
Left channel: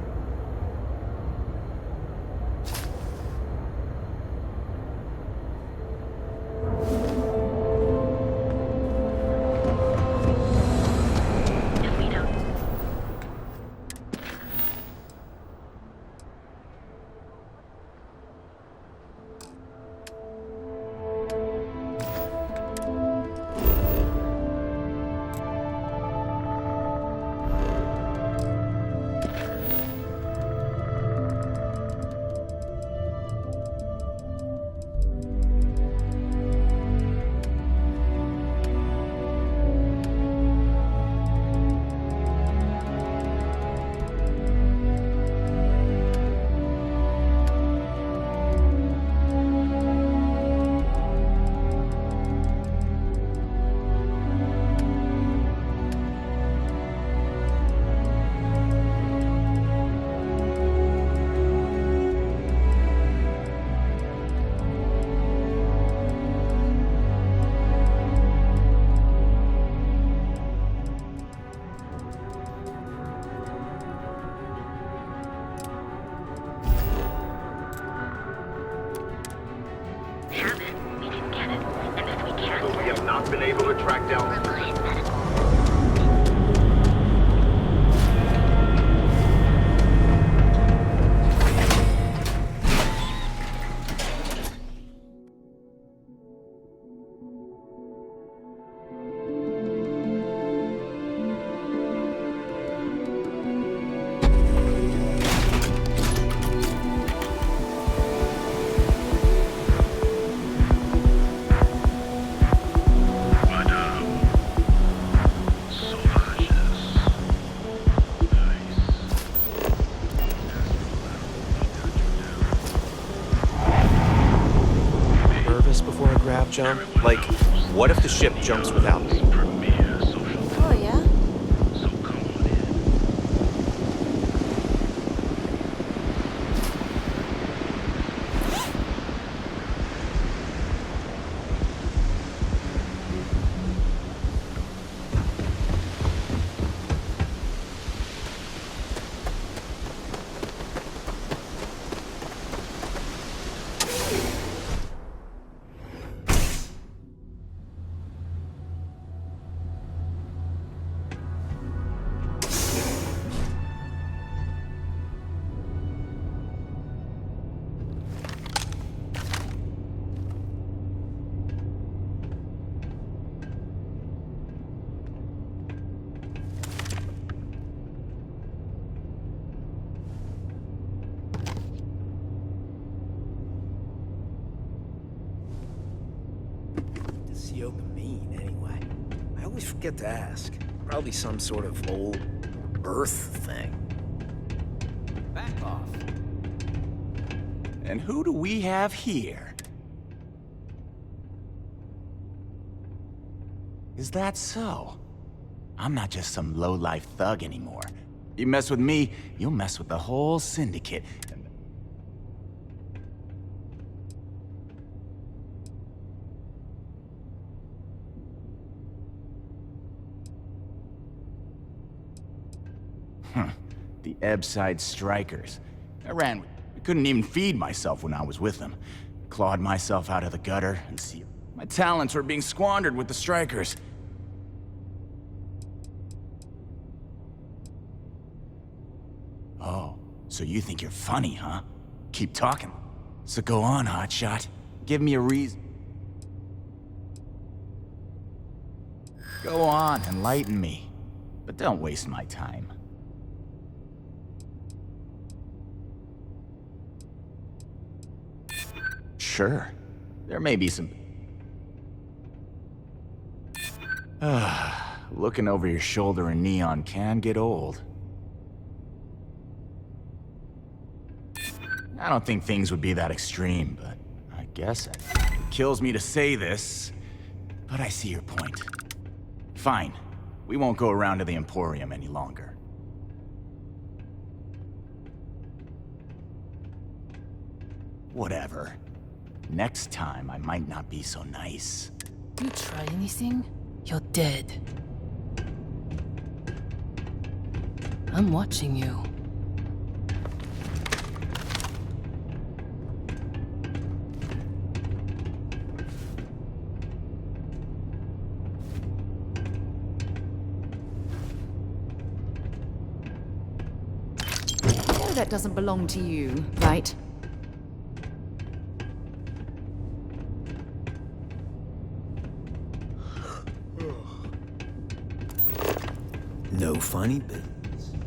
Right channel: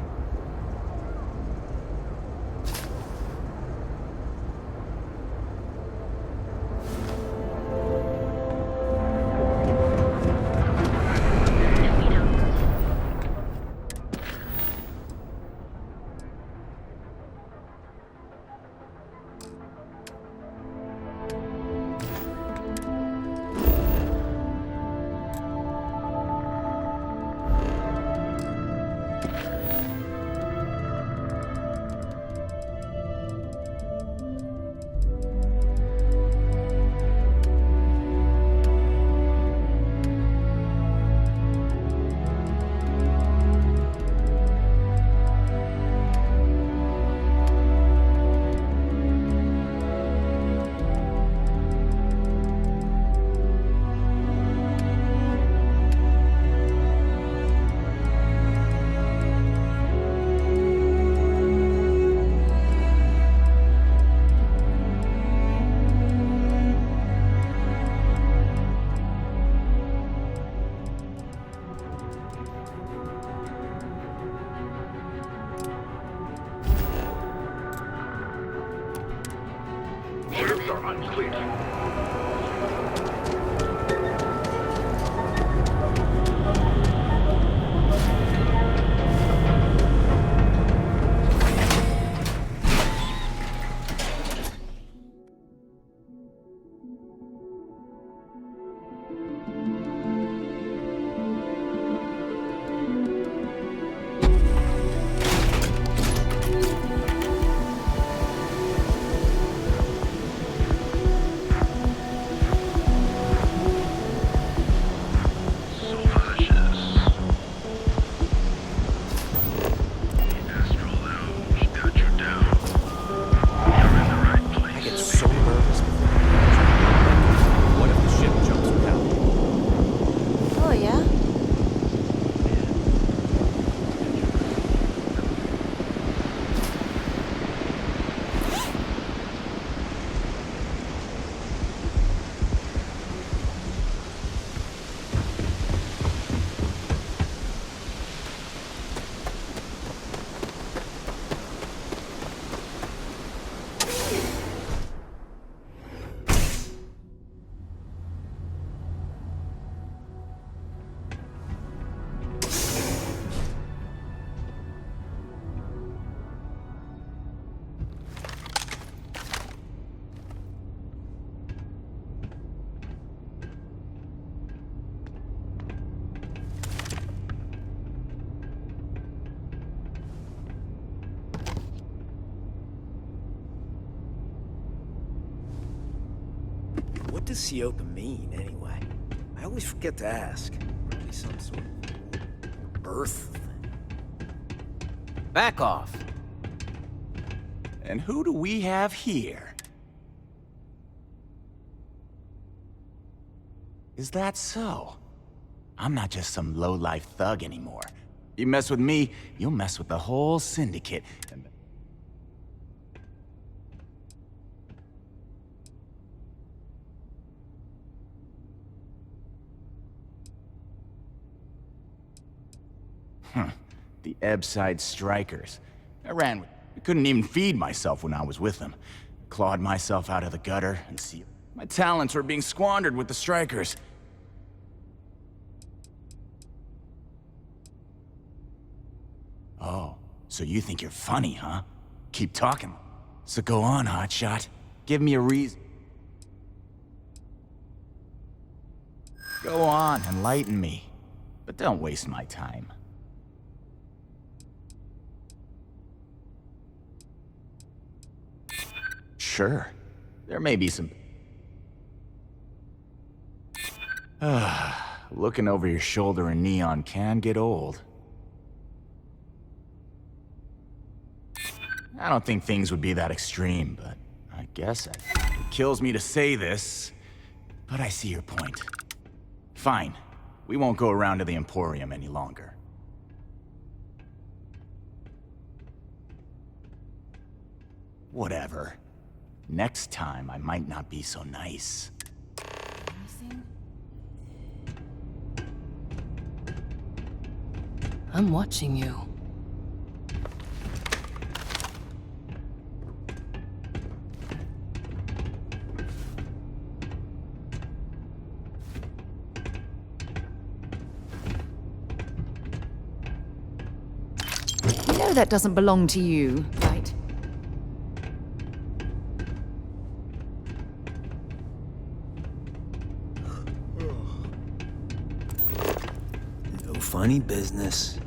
What does Sioka mean, anyway? I always forget to ask. Probably some sort of old Earth thing. Back off. And who do we have here? Is that so? I'm not just some low-life thug anymore. You mess with me, you'll mess with the whole syndicate. And the Ebbside Strikers. I couldn't even feed myself when I was with them. Clawed myself out of the gutter and see my talents were being squandered with the Strikers. Oh, so you think you're funny, huh? Keep talking. So go on, hotshot. Give me a reason. Go on, enlighten me. But don't waste my time. Sure. There may be some... Looking over your shoulder in neon can get old. I don't think things would be that extreme, but I guess it kills me to say this, but I see your point. Fine. We won't go around to the Emporium any longer. Whatever. Next time, I might not be so nice. You try anything, you're dead. I'm watching you. know that doesn't belong to you, right? No funny business.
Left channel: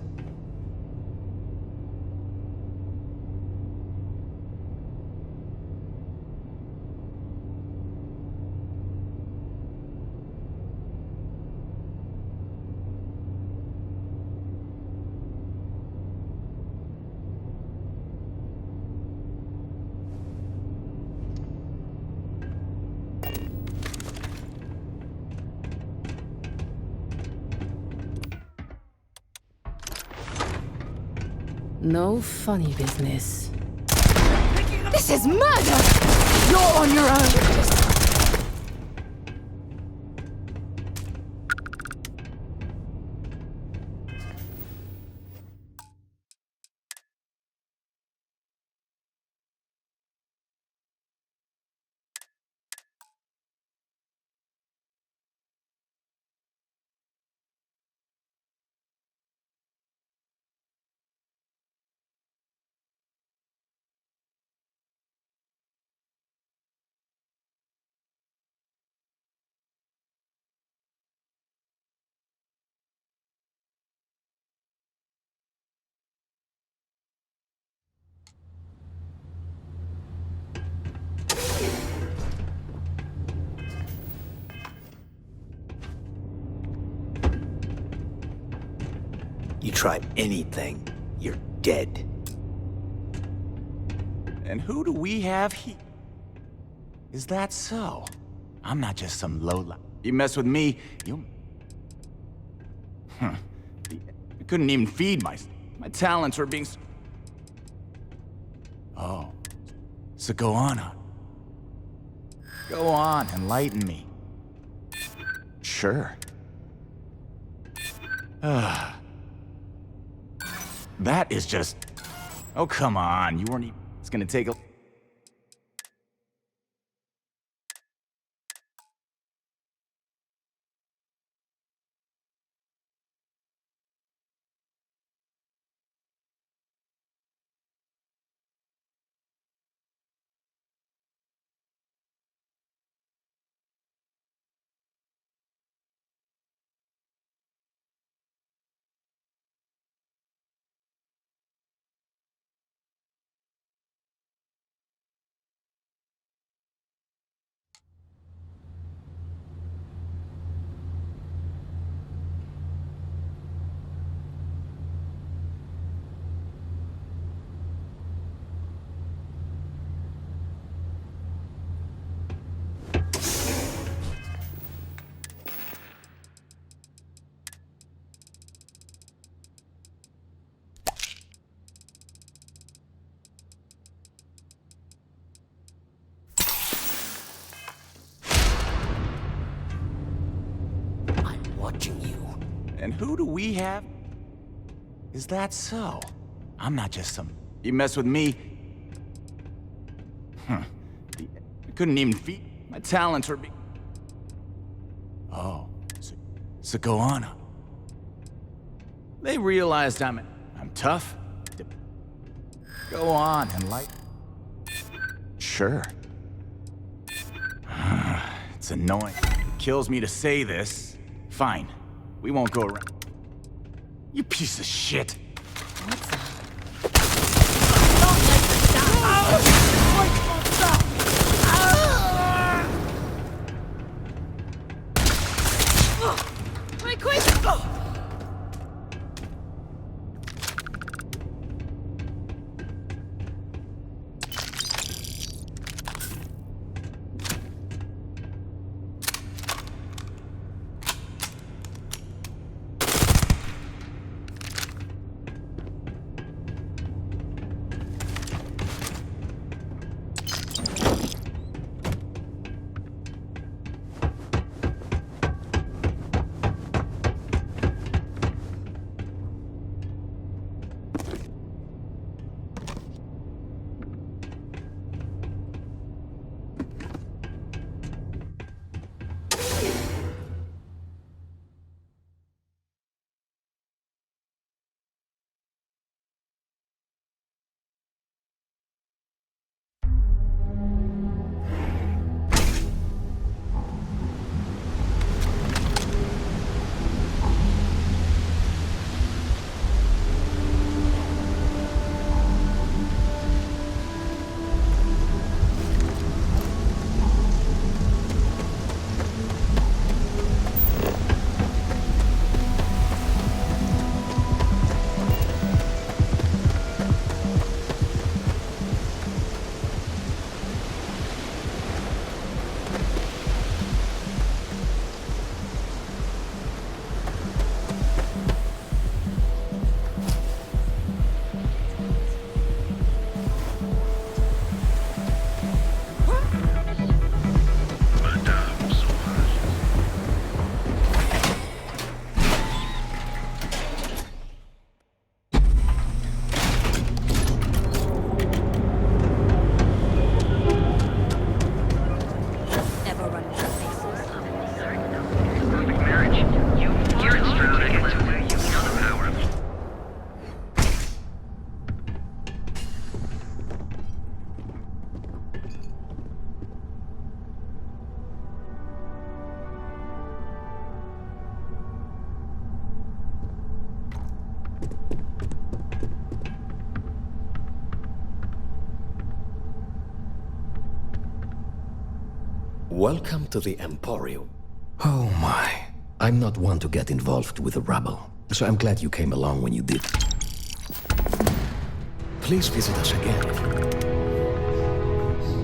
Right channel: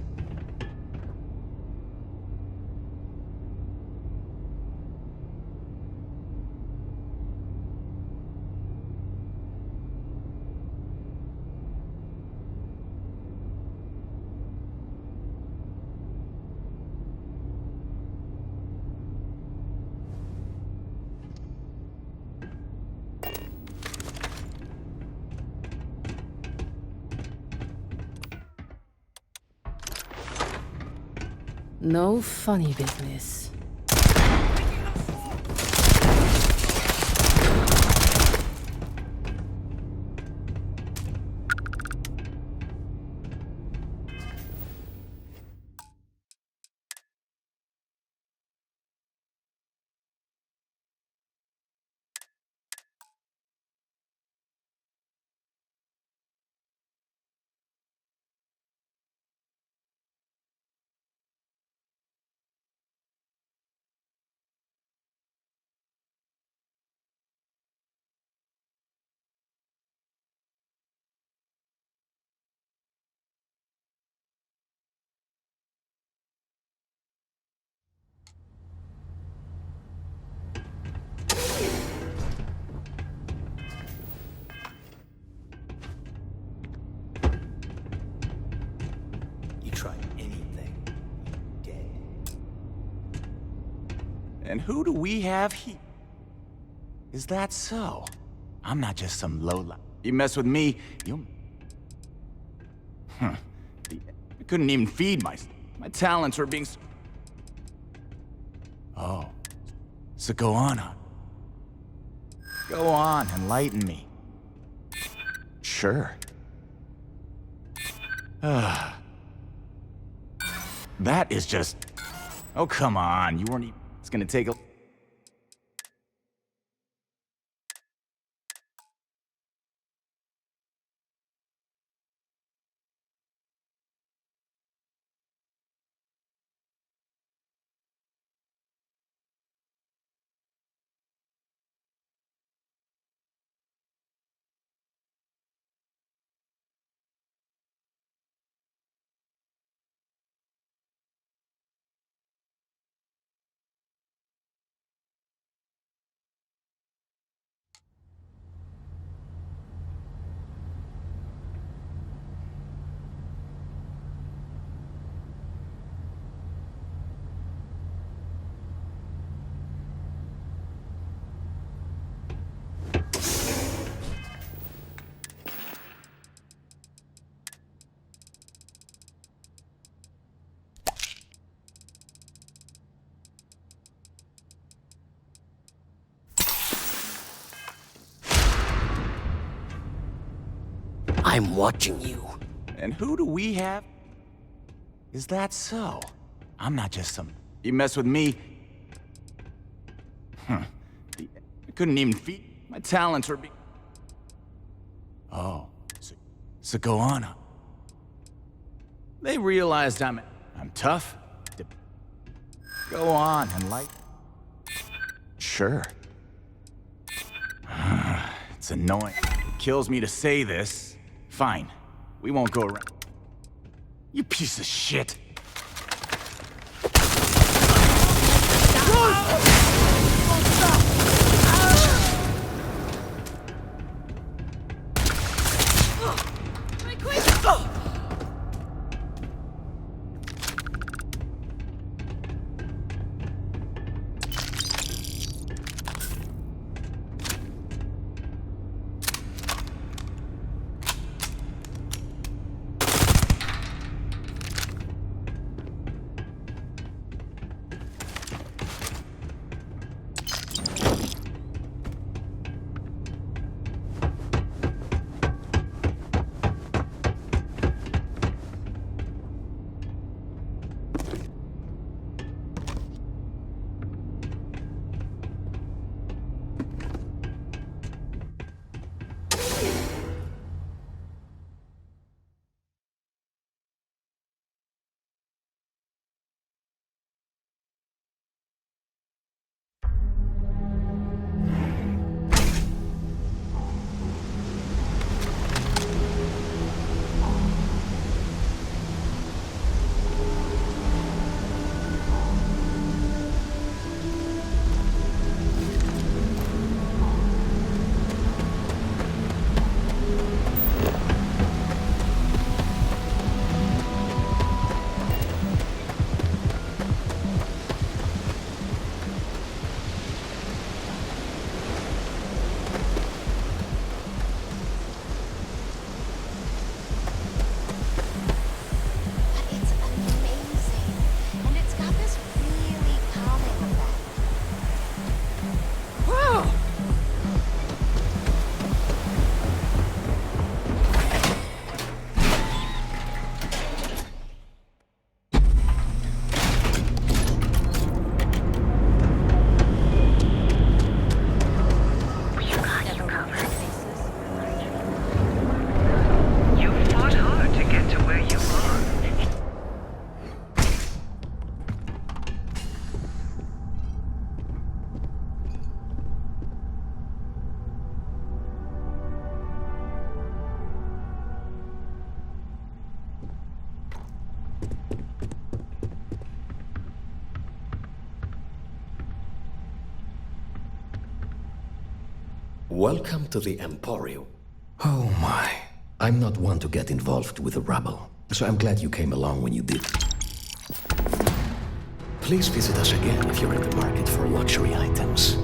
No funny business. This is murder! You're on your own. You try anything, you're dead. And who do we have here? Is that so? I'm not just some lowlife. You mess with me, you'll... I couldn't even feed myself. My talents were being... Oh. So go on. Go on, enlighten me. Sure. That is just... Oh, come on. You weren't even... It's gonna take a... I'm watching you. And who do we have? Is that so? I'm not just some... You mess with me... I couldn't even feed... My talents were being... Oh. So go on. They realized I'm tough. Go on, enlighten... Sure. It's annoying. It kills me to say this. Fine. We won't go around. You piece of shit. Right, quick! Welcome to the Emporium. Oh my. I'm not one to get involved with the rabble, so I'm glad you came along when you did. Please visit us again if you're in the market for luxury items.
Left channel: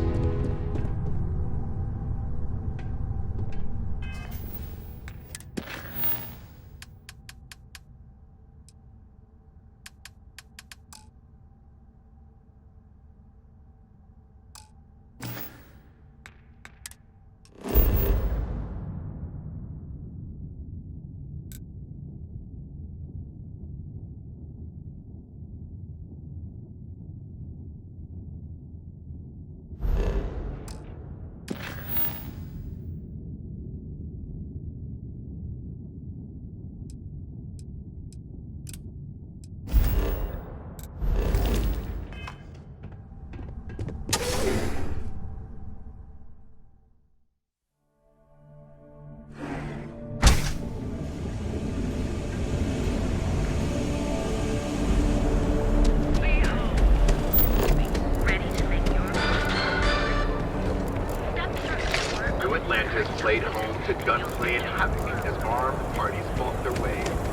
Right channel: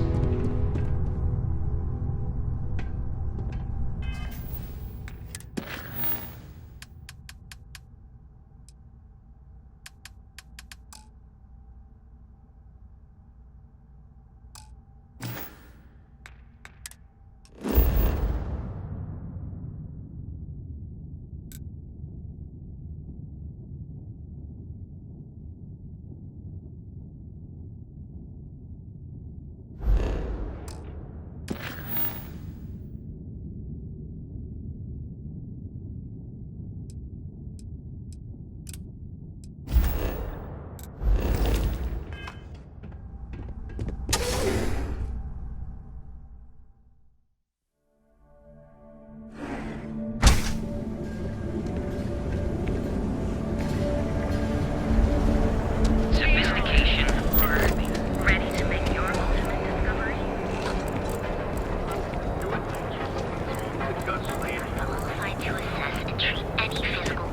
Laid home to gunplay and havoc.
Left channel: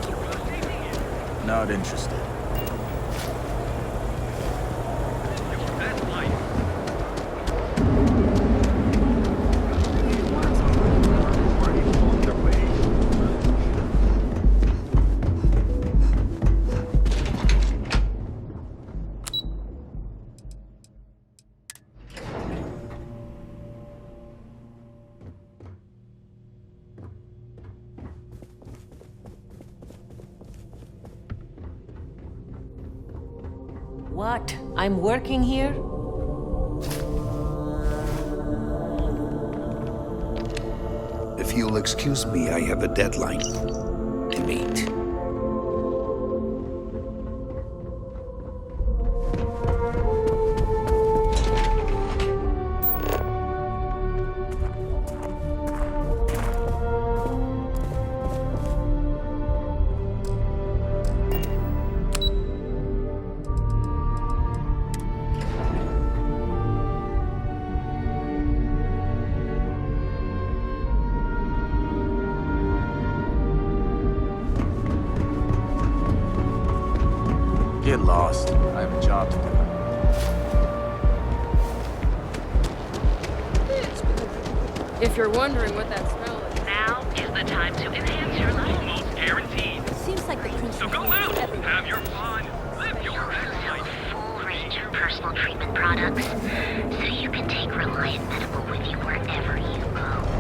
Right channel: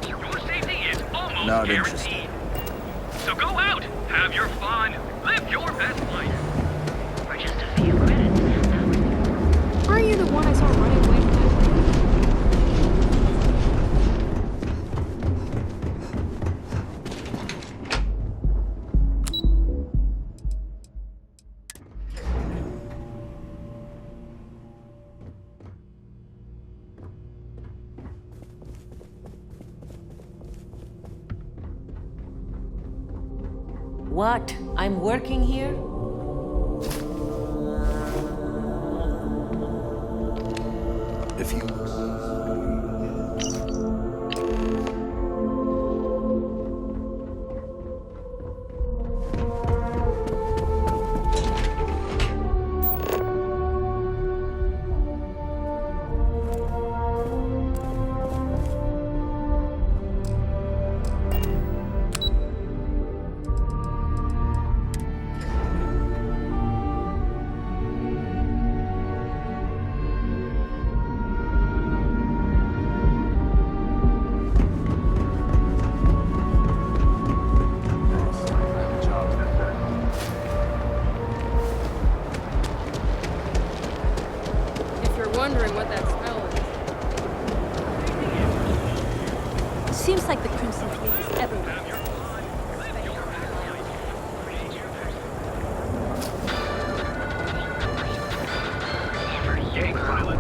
Your safety is almost Not interested. So go out, have your fun, live your best life. Are you the one I saw running away from that party? What? I'm working here? If you'll excuse me, I have a deadline to meet. Get lost. I have a job to do. If you're wondering what that smell is. Now is the time to enhance your life. Almost guaranteed. Seems like the Crimson Fleet is everywhere. Have your fun, live your best life. Full range of personal treatment products, so you can take Reliant Medical with you wherever you go.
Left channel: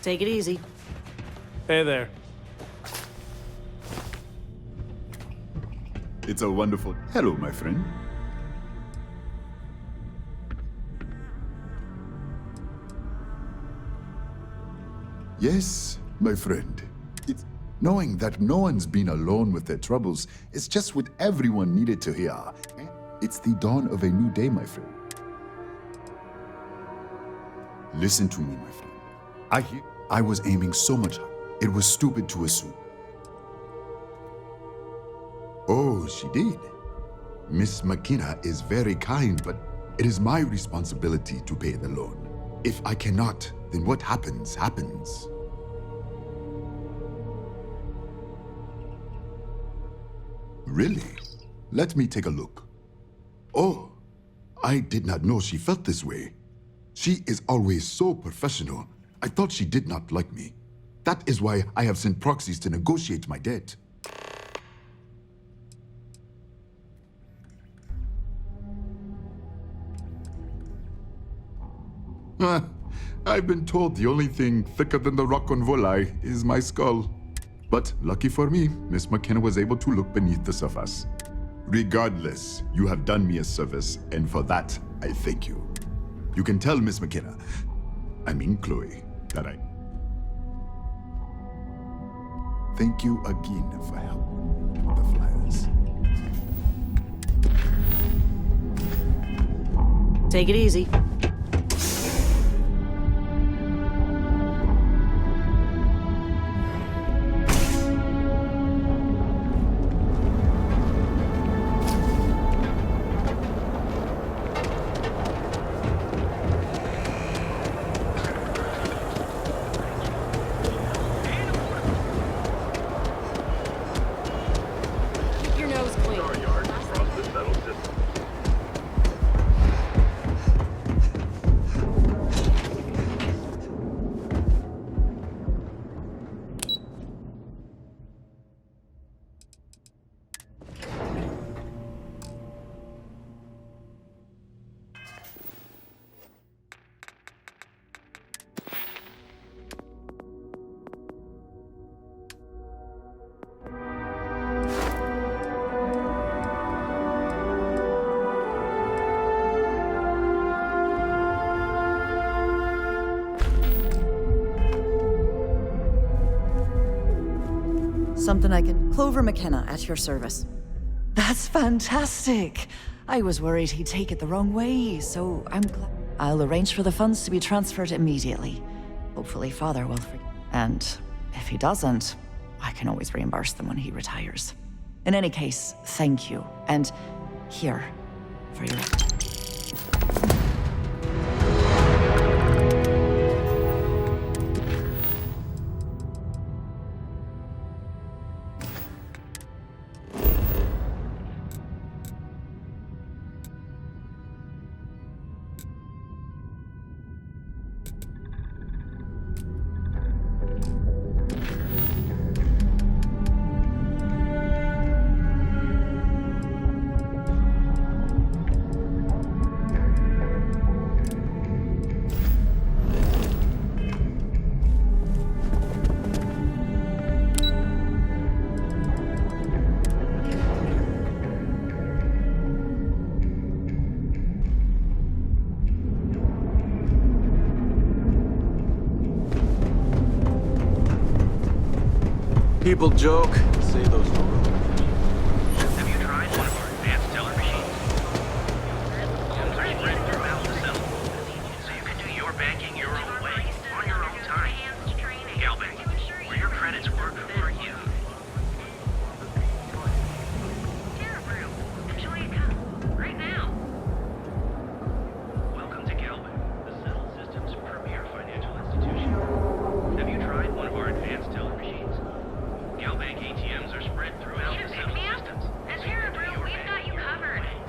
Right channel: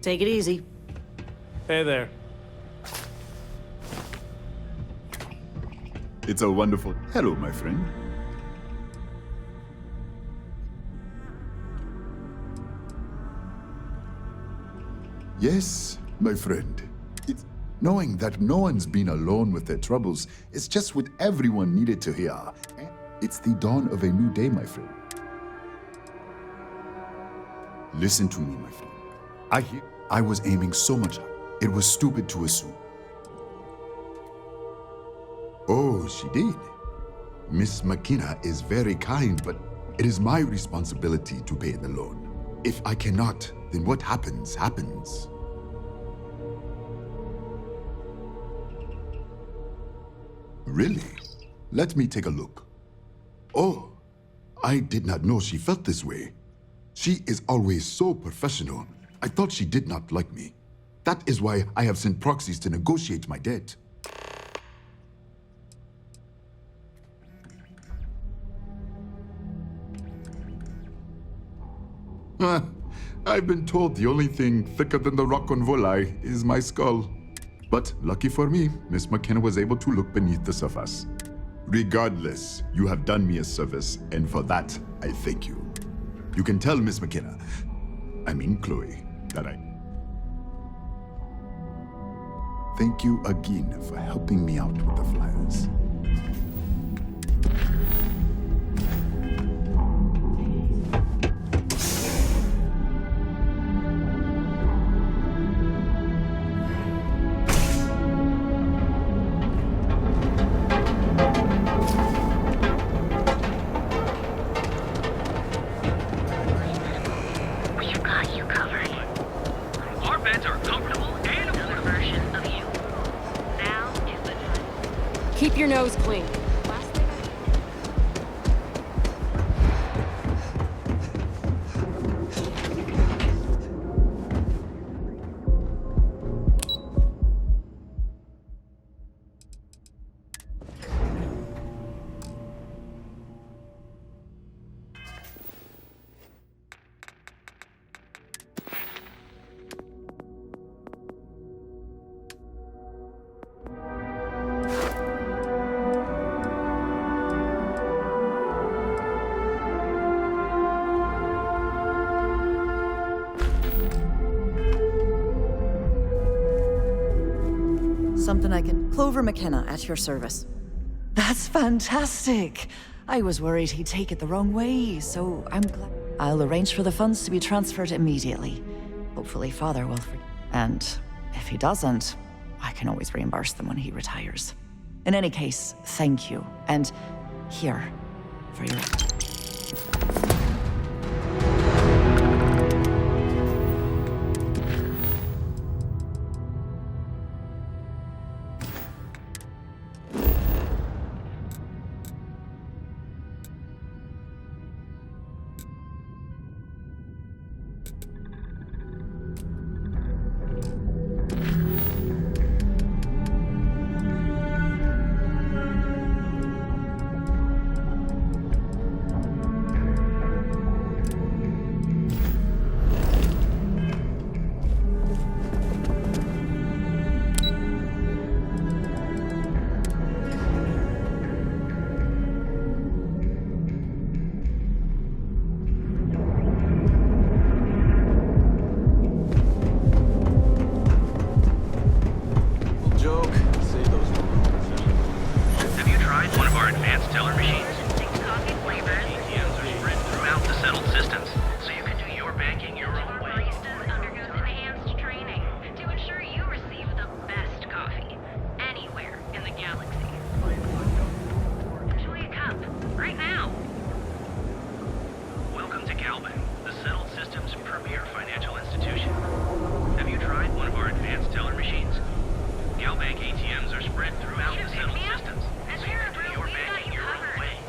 Take it easy. Hey there. It's a wonderful... Hello, my friend. Yes, my friend. It's knowing that no one's been alone with their troubles is just what everyone needed to hear. It's the dawn of a new day, my friend. Listen to me, my friend. I was aiming so much higher. It was stupid to assume. Oh, she did. Miss McKenna is very kind, but it is my responsibility to pay the loan. If I cannot, then what happens, happens. Really? Let me take a look. Oh, I did not know she felt this way. She is always so professional. I thought she did not like me. That is why I have sent proxies to negotiate my debt. I've been told the only thing thicker than the rock on Volai is my skull. But lucky for me, Miss McKenna was able to look beneath the surface. Regardless, you have done me a service, and for that, I thank you. You can tell Miss McKenna, I mean Chloe, that I... Thank you again for helping me out with the flyers. Take it easy. Keep your nose clean. Something I can... Clover McKenna, at your service. That's fantastic! I was worried he'd take it the wrong way, so I'm glad... I'll arrange for the funds to be transferred immediately. Hopefully Father will forgive. And if he doesn't, I can always reimburse them when he retires. In any case, thank you. And here, for your... People joke, say those were rumors. Have you tried one of our advanced teller machines? ATMs are spread throughout the settled systems, so you can do your banking your own way. On your own time. Galvin, where your credits work for you. Anywhere in the galaxy. Enjoy a cup. Right now. Welcome to Galvin, the settled systems' premier financial institution. Have you tried one of our advanced teller machines? Galbank ATMs are spread throughout the settled systems, so you can do your banking your own way.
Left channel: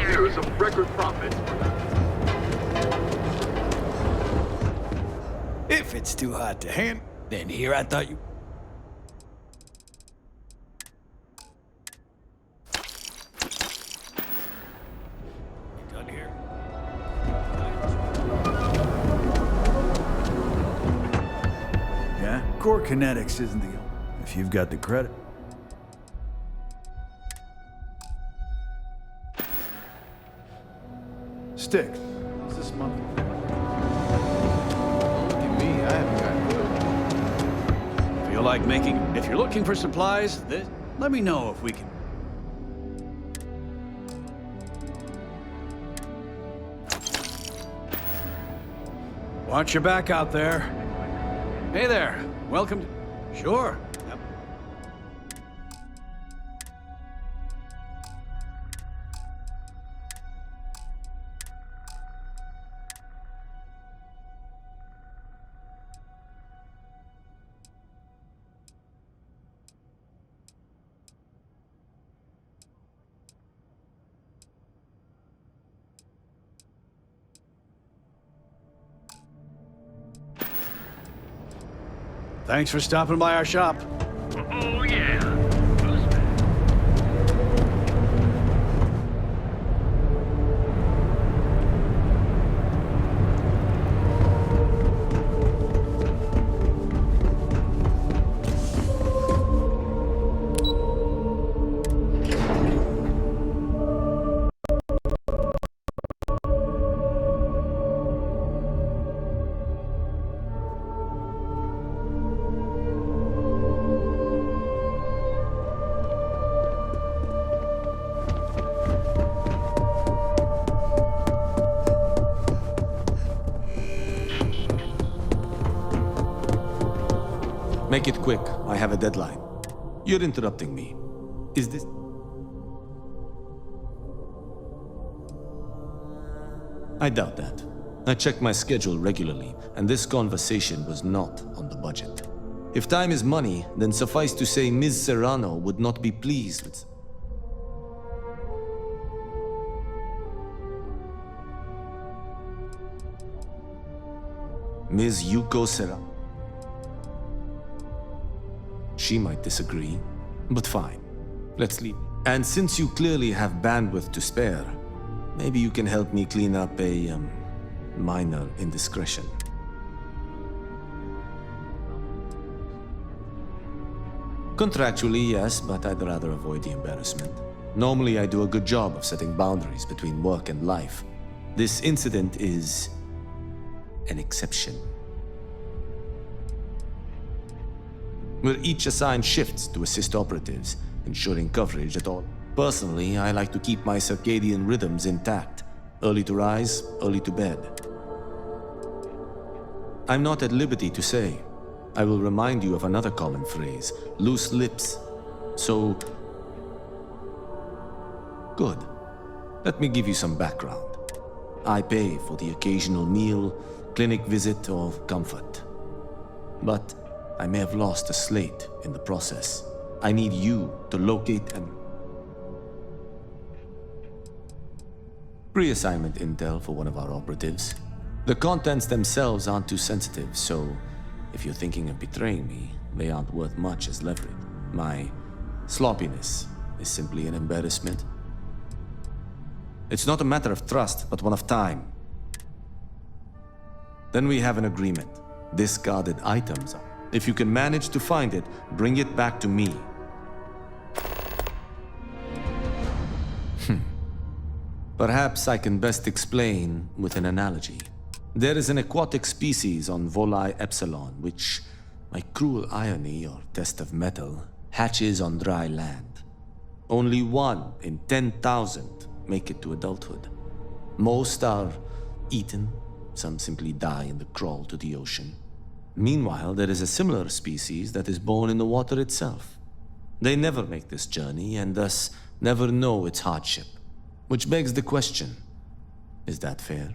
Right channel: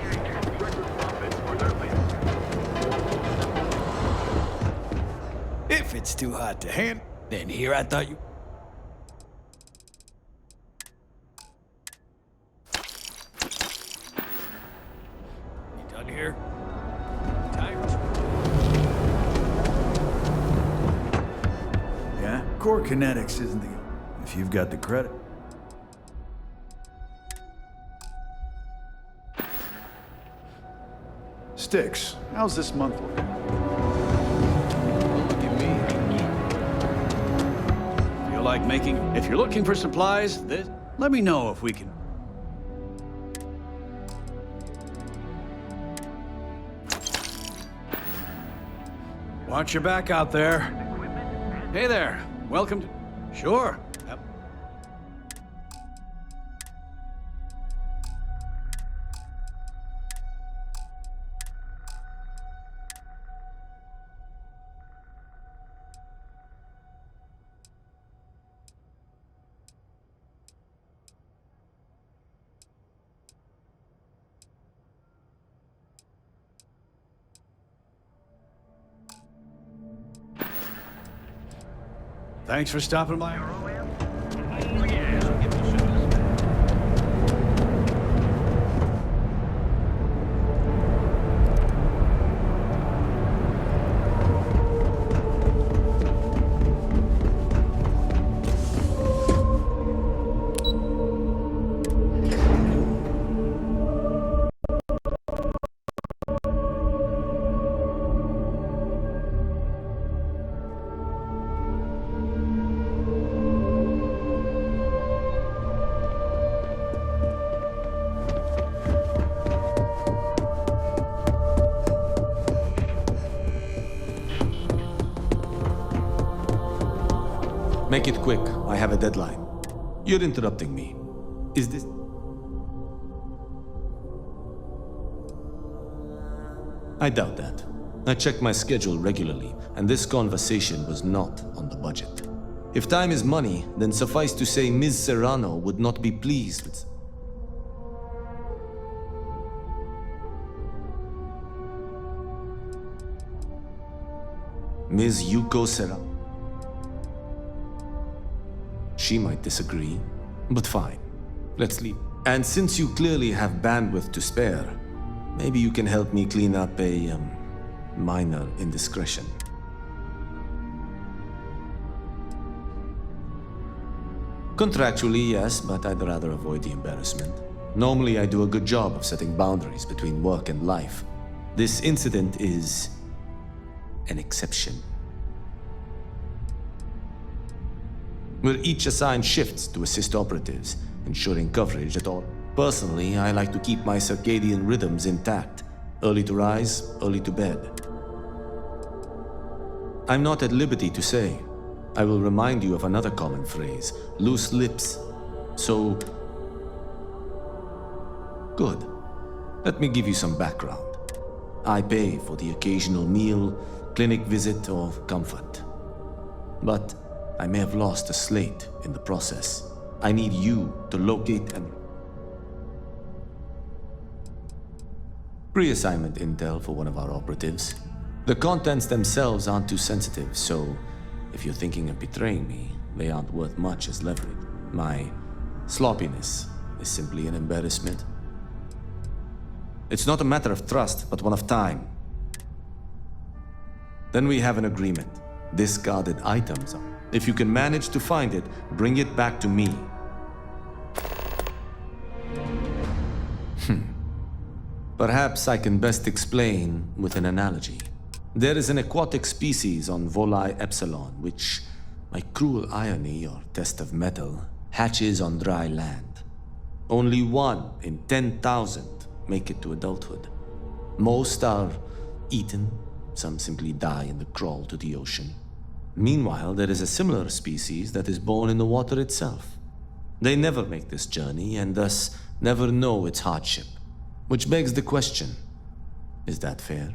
years of record profits for their If it's too hot to handle, then here I thought you... You done here? Yeah? Core kinetics isn't the... If you've got the credit. Sticks, how's this month looking? Don't look at me, I haven't got good. Feel like making... If you're looking for supplies, let me know if we can... Watch your back out there. Hey there, welcome to... Sure. Yep. Thanks for stopping by our shop. Oh, yeah. Make it quick. I have a deadline. You're interrupting me. Is this... I doubt that. I check my schedule regularly, and this conversation was not on the budget. If time is money, then suffice to say Ms. Serrano would not be pleased with... Ms. Yuko Serrano. She might disagree, but fine. Let's leave. And since you clearly have bandwidth to spare, maybe you can help me clean up a, minor indiscretion. Contractually, yes, but I'd rather avoid the embarrassment. Normally, I do a good job of setting boundaries between work and life. This incident is an exception. We're each assigned shifts to assist operatives, ensuring coverage at all. Personally, I like to keep my circadian rhythms intact. Early to rise, early to bed. I'm not at liberty to say. I will remind you of another common phrase, loose lips. So... Good. Let me give you some background. I pay for the occasional meal, clinic visit, or comfort. But I may have lost a slate in the process. I need you to locate and... Pre-assignment intel for one of our operatives. The contents themselves aren't too sensitive, so if you're thinking of betraying me, they aren't worth much as leverage. My sloppiness is simply an embarrassment. It's not a matter of trust, but one of time. Then we have an agreement. Discarded items. If you can manage to find it, bring it back to me. Perhaps I can best explain with an analogy. There is an aquatic species on Volai Epsilon, which, by cruel irony or test of metal, hatches on dry land. Only 1 in 10,000 make it to adulthood. Most are eaten, some simply die in the crawl to the ocean. Meanwhile, there is a similar species that is born in the water itself. They never make this journey and thus never know its hardship. Which begs the question, is that fair?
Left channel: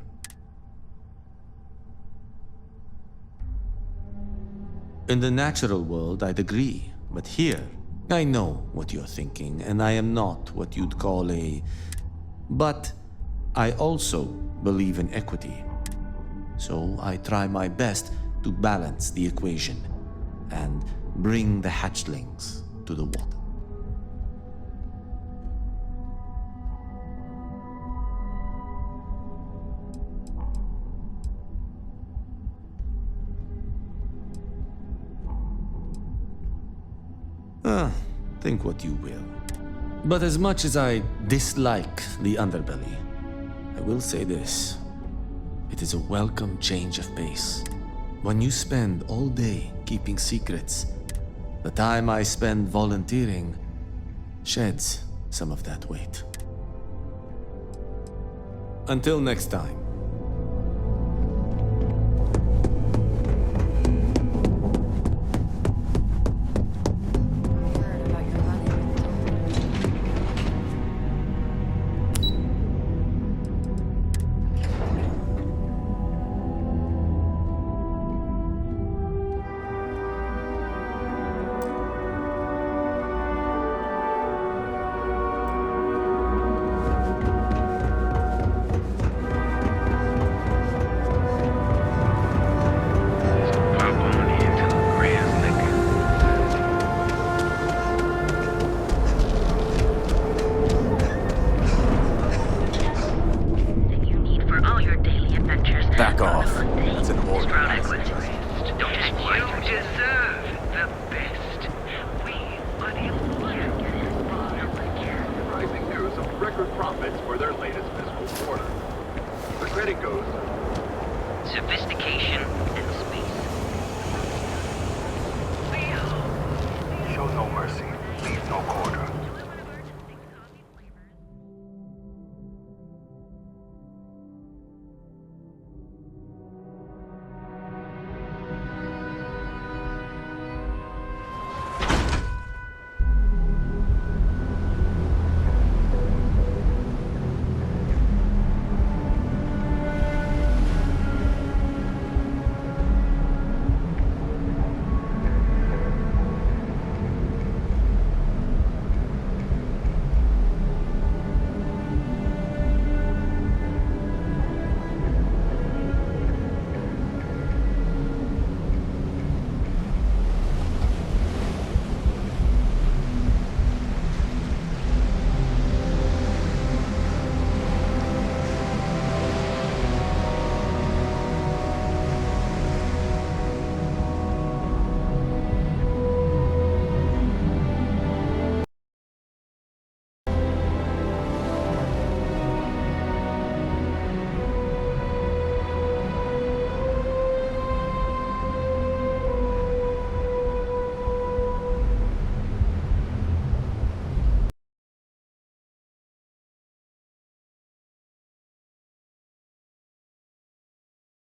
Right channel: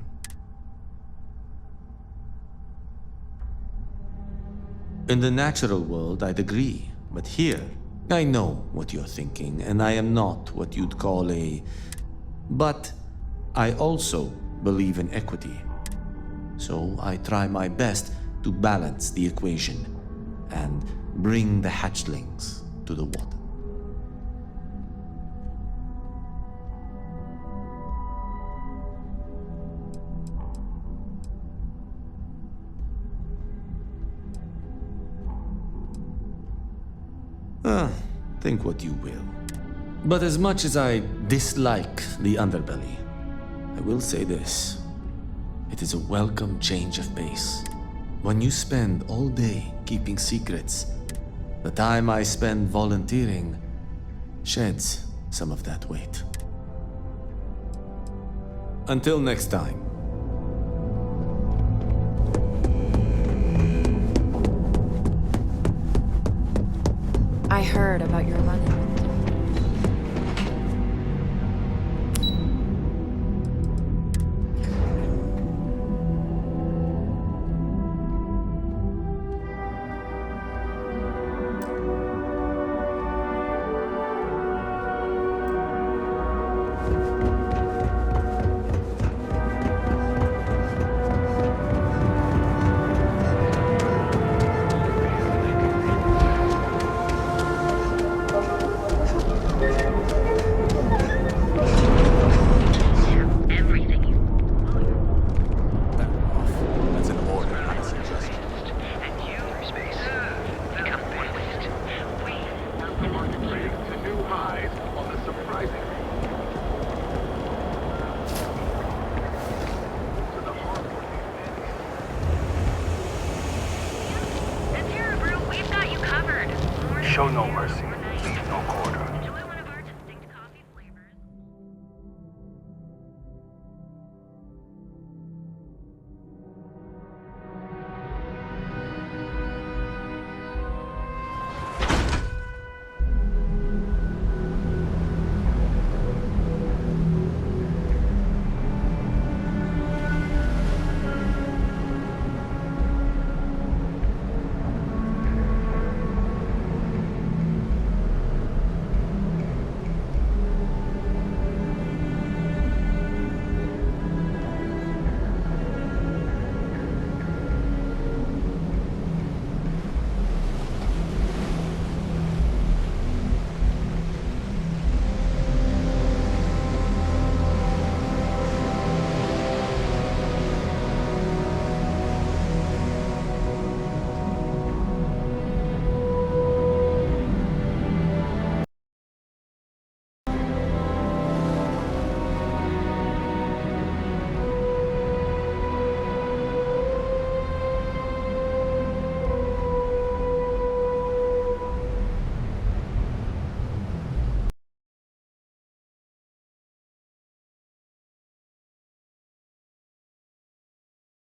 In the natural world, I'd agree, but here, I know what you're thinking, and I am not what you'd call a But I also believe in equity. So I try my best to balance the equation and bring the hatchlings to the water. Think what you will. But as much as I dislike the underbelly, I will say this. It is a welcome change of pace. When you spend all day keeping secrets, the time I spend volunteering sheds some of that weight. Until next time.